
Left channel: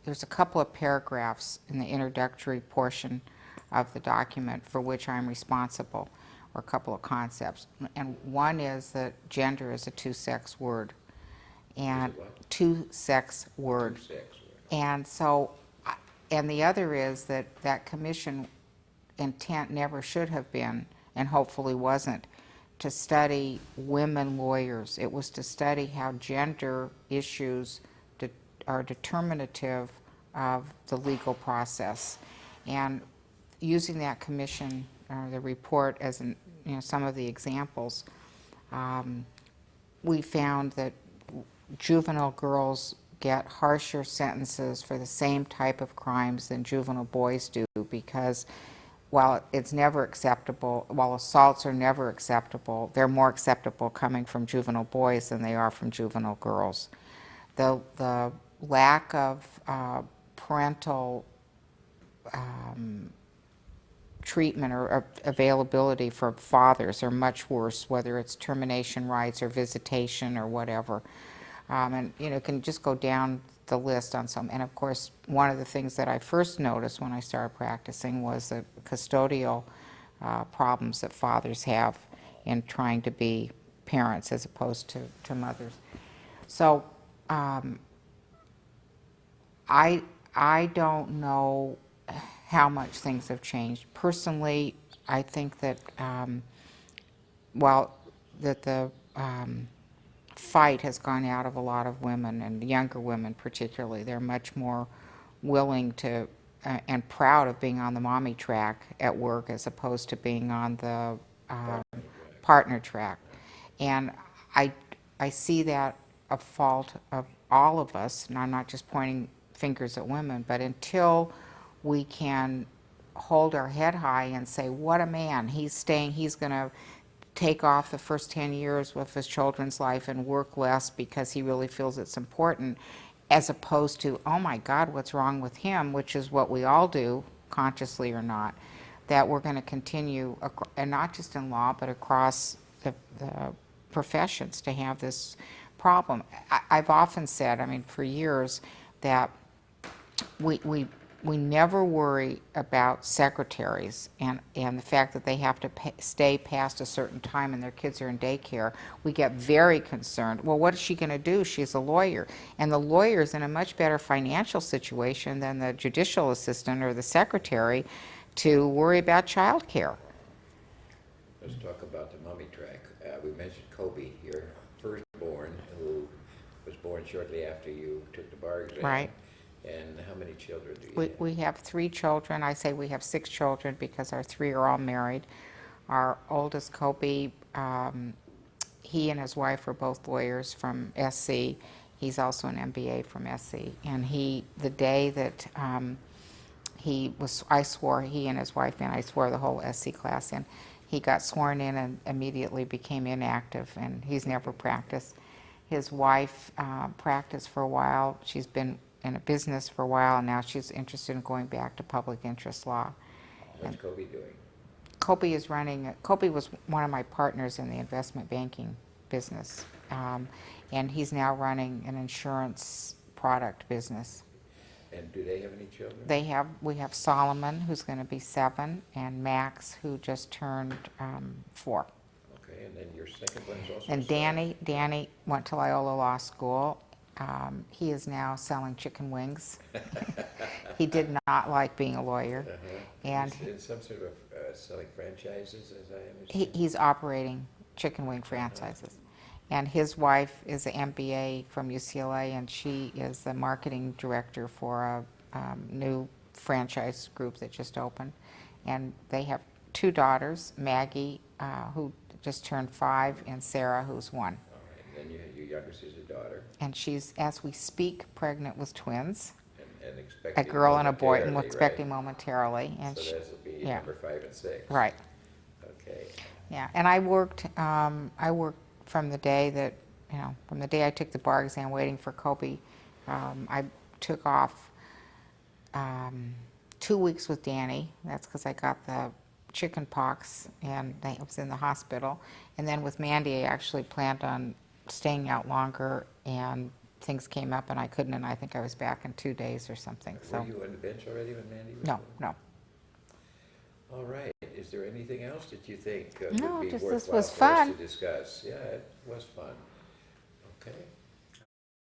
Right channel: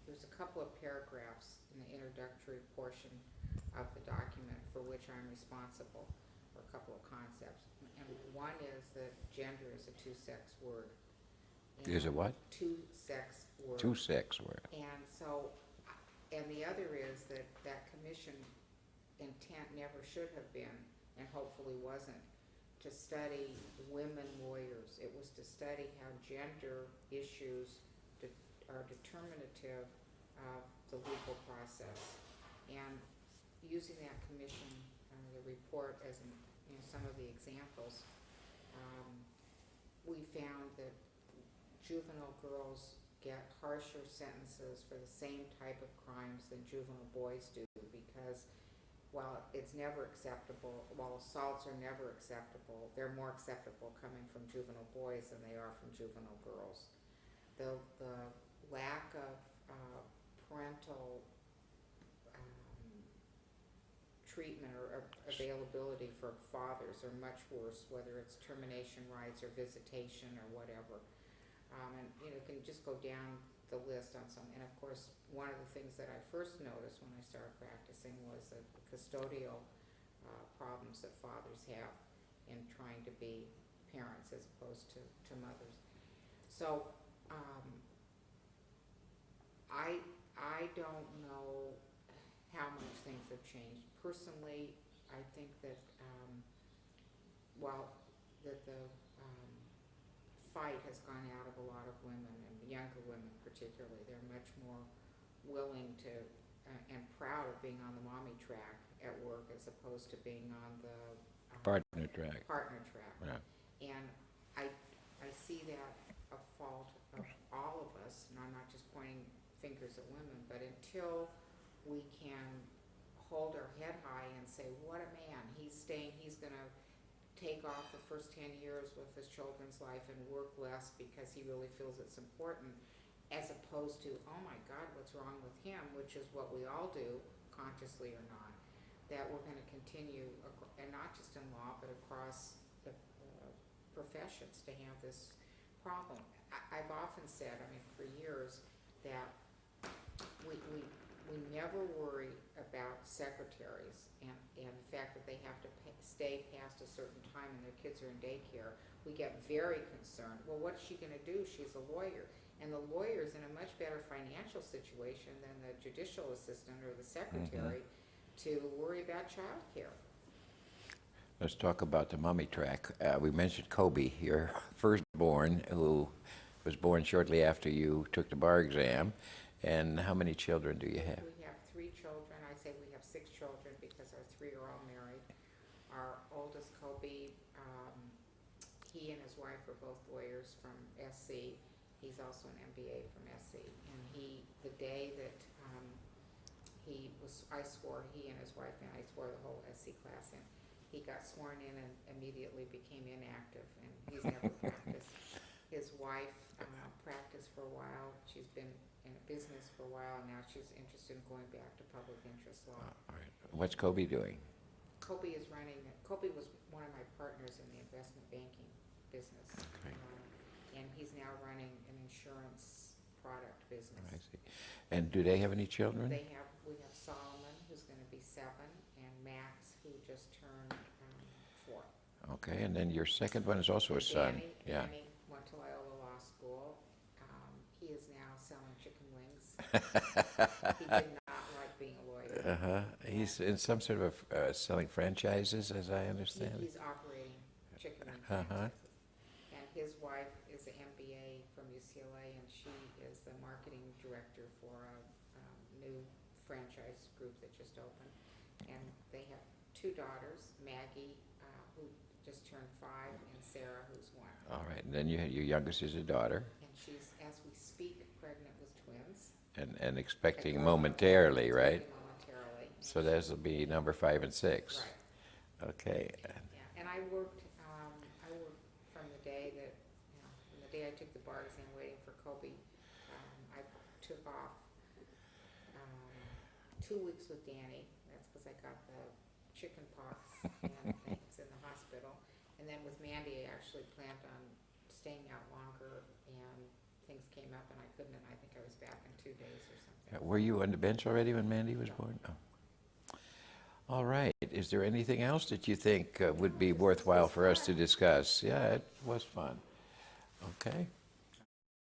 there's a couple of paragraphs in the introductory portion of the document for which I'm responsible, or a couple of concepts. And one is that gender is a two-sex word. And Is it what? Two-sex word. Two-sex word. And so, and the other is that commission intent never should have been, and hopefully wasn't, to study women lawyers. It was to study how gender issues are determinative of the legal process. And using that commission, the report as some of the examples, We found that juvenile girls get harsher sentences for the same type of crimes than juvenile boys do, because while it's never acceptable, while assaults are never acceptable, they're more acceptable coming from juvenile boys than they are from juvenile girls. The lack of parental treatment or availability for fathers are much worse, whether it's termination rights or visitation or whatever. And can just go down the list on some. And of course, one of the things that I first noticed when I started practicing was the custodial problems that fathers have in trying to be parents as opposed to mothers. So I don't know how much things have changed. Personally, I think that the fight has gone out of a lot of women, and younger women particularly. They're much more willing to and proud of being on the mommy track at work as opposed to being on the partner track. Yeah. And I see that a fault of all of us, and I'm not just pointing fingers at women, but until we can hold our head high and say, what a man, he's going to take off the first 10 years of his children's life and work less because he really feels it's important, as opposed to, oh my God, what's wrong with him, which is what we all do, consciously or not, that we're going to continue, and not just in law, but across the professions, to have this problem. I've often said, for years, that we never worry about secretaries and the fact that they have to stay past a certain time and their kids are in daycare. We get very concerned. Well, what is she going to do? She's a lawyer. And the lawyer's in a much better financial situation than the judicial assistant or the secretary to worry about child care. Let's talk about the mommy track. We mentioned Kobe, your firstborn, who was born shortly after you took the bar exam. Right. And how many children do you have? We have 3 children. I say we have 6 children because our 3 are all married. Our oldest, Kobe, he and his wife are both lawyers from SC. He's also an MBA from SC. And the day that I swore, he and his wife, and I swore the whole SC class in, he got sworn in and immediately became inactive, and he's never practiced. His wife practiced for a while. She's been in a business for a while, and now she's interested in going back to public interest law. What's Kobe doing? Kobe was one of my partners in the investment banking business, and he's now running an insurance product business. And do they have any children? We have Solomon, who's going to be 7, and Max, who just turned 4. Okay, and then your second one is also and a son. Danny went to Loyola Law School. He is now selling chicken wings. He did not like being a lawyer. And he's in some sort of selling franchises, as I understand. He's operating chicken wing franchises. And his wife is an MBA from UCLA, and she is the marketing director for a new franchise group that just opened. And they have 2 daughters, Maggie, who just turned 5, and Sarah, who's 1. All right, and then your youngest is a daughter. And she's, as we speak, pregnant with twins. And expecting a girl and a boy, momentarily, and expecting momentarily. And so this will be number 5 and 6. Right. Okay. Yeah, and I worked from the day that, from the day I took the bar exam waiting for Kobe. I took off 2 weeks with Danny. That's because I got the chicken pox and I was in the hospital. And then with Mandy, I actually planned on staying out longer, and things came up and I couldn't, and I think I was back in 2 days or something. Were you on the bench already when Mandy was born? No. All right. Is there anything else that you think would be just this worthwhile was for us fun. to discuss? Yeah, it was fun. Okay.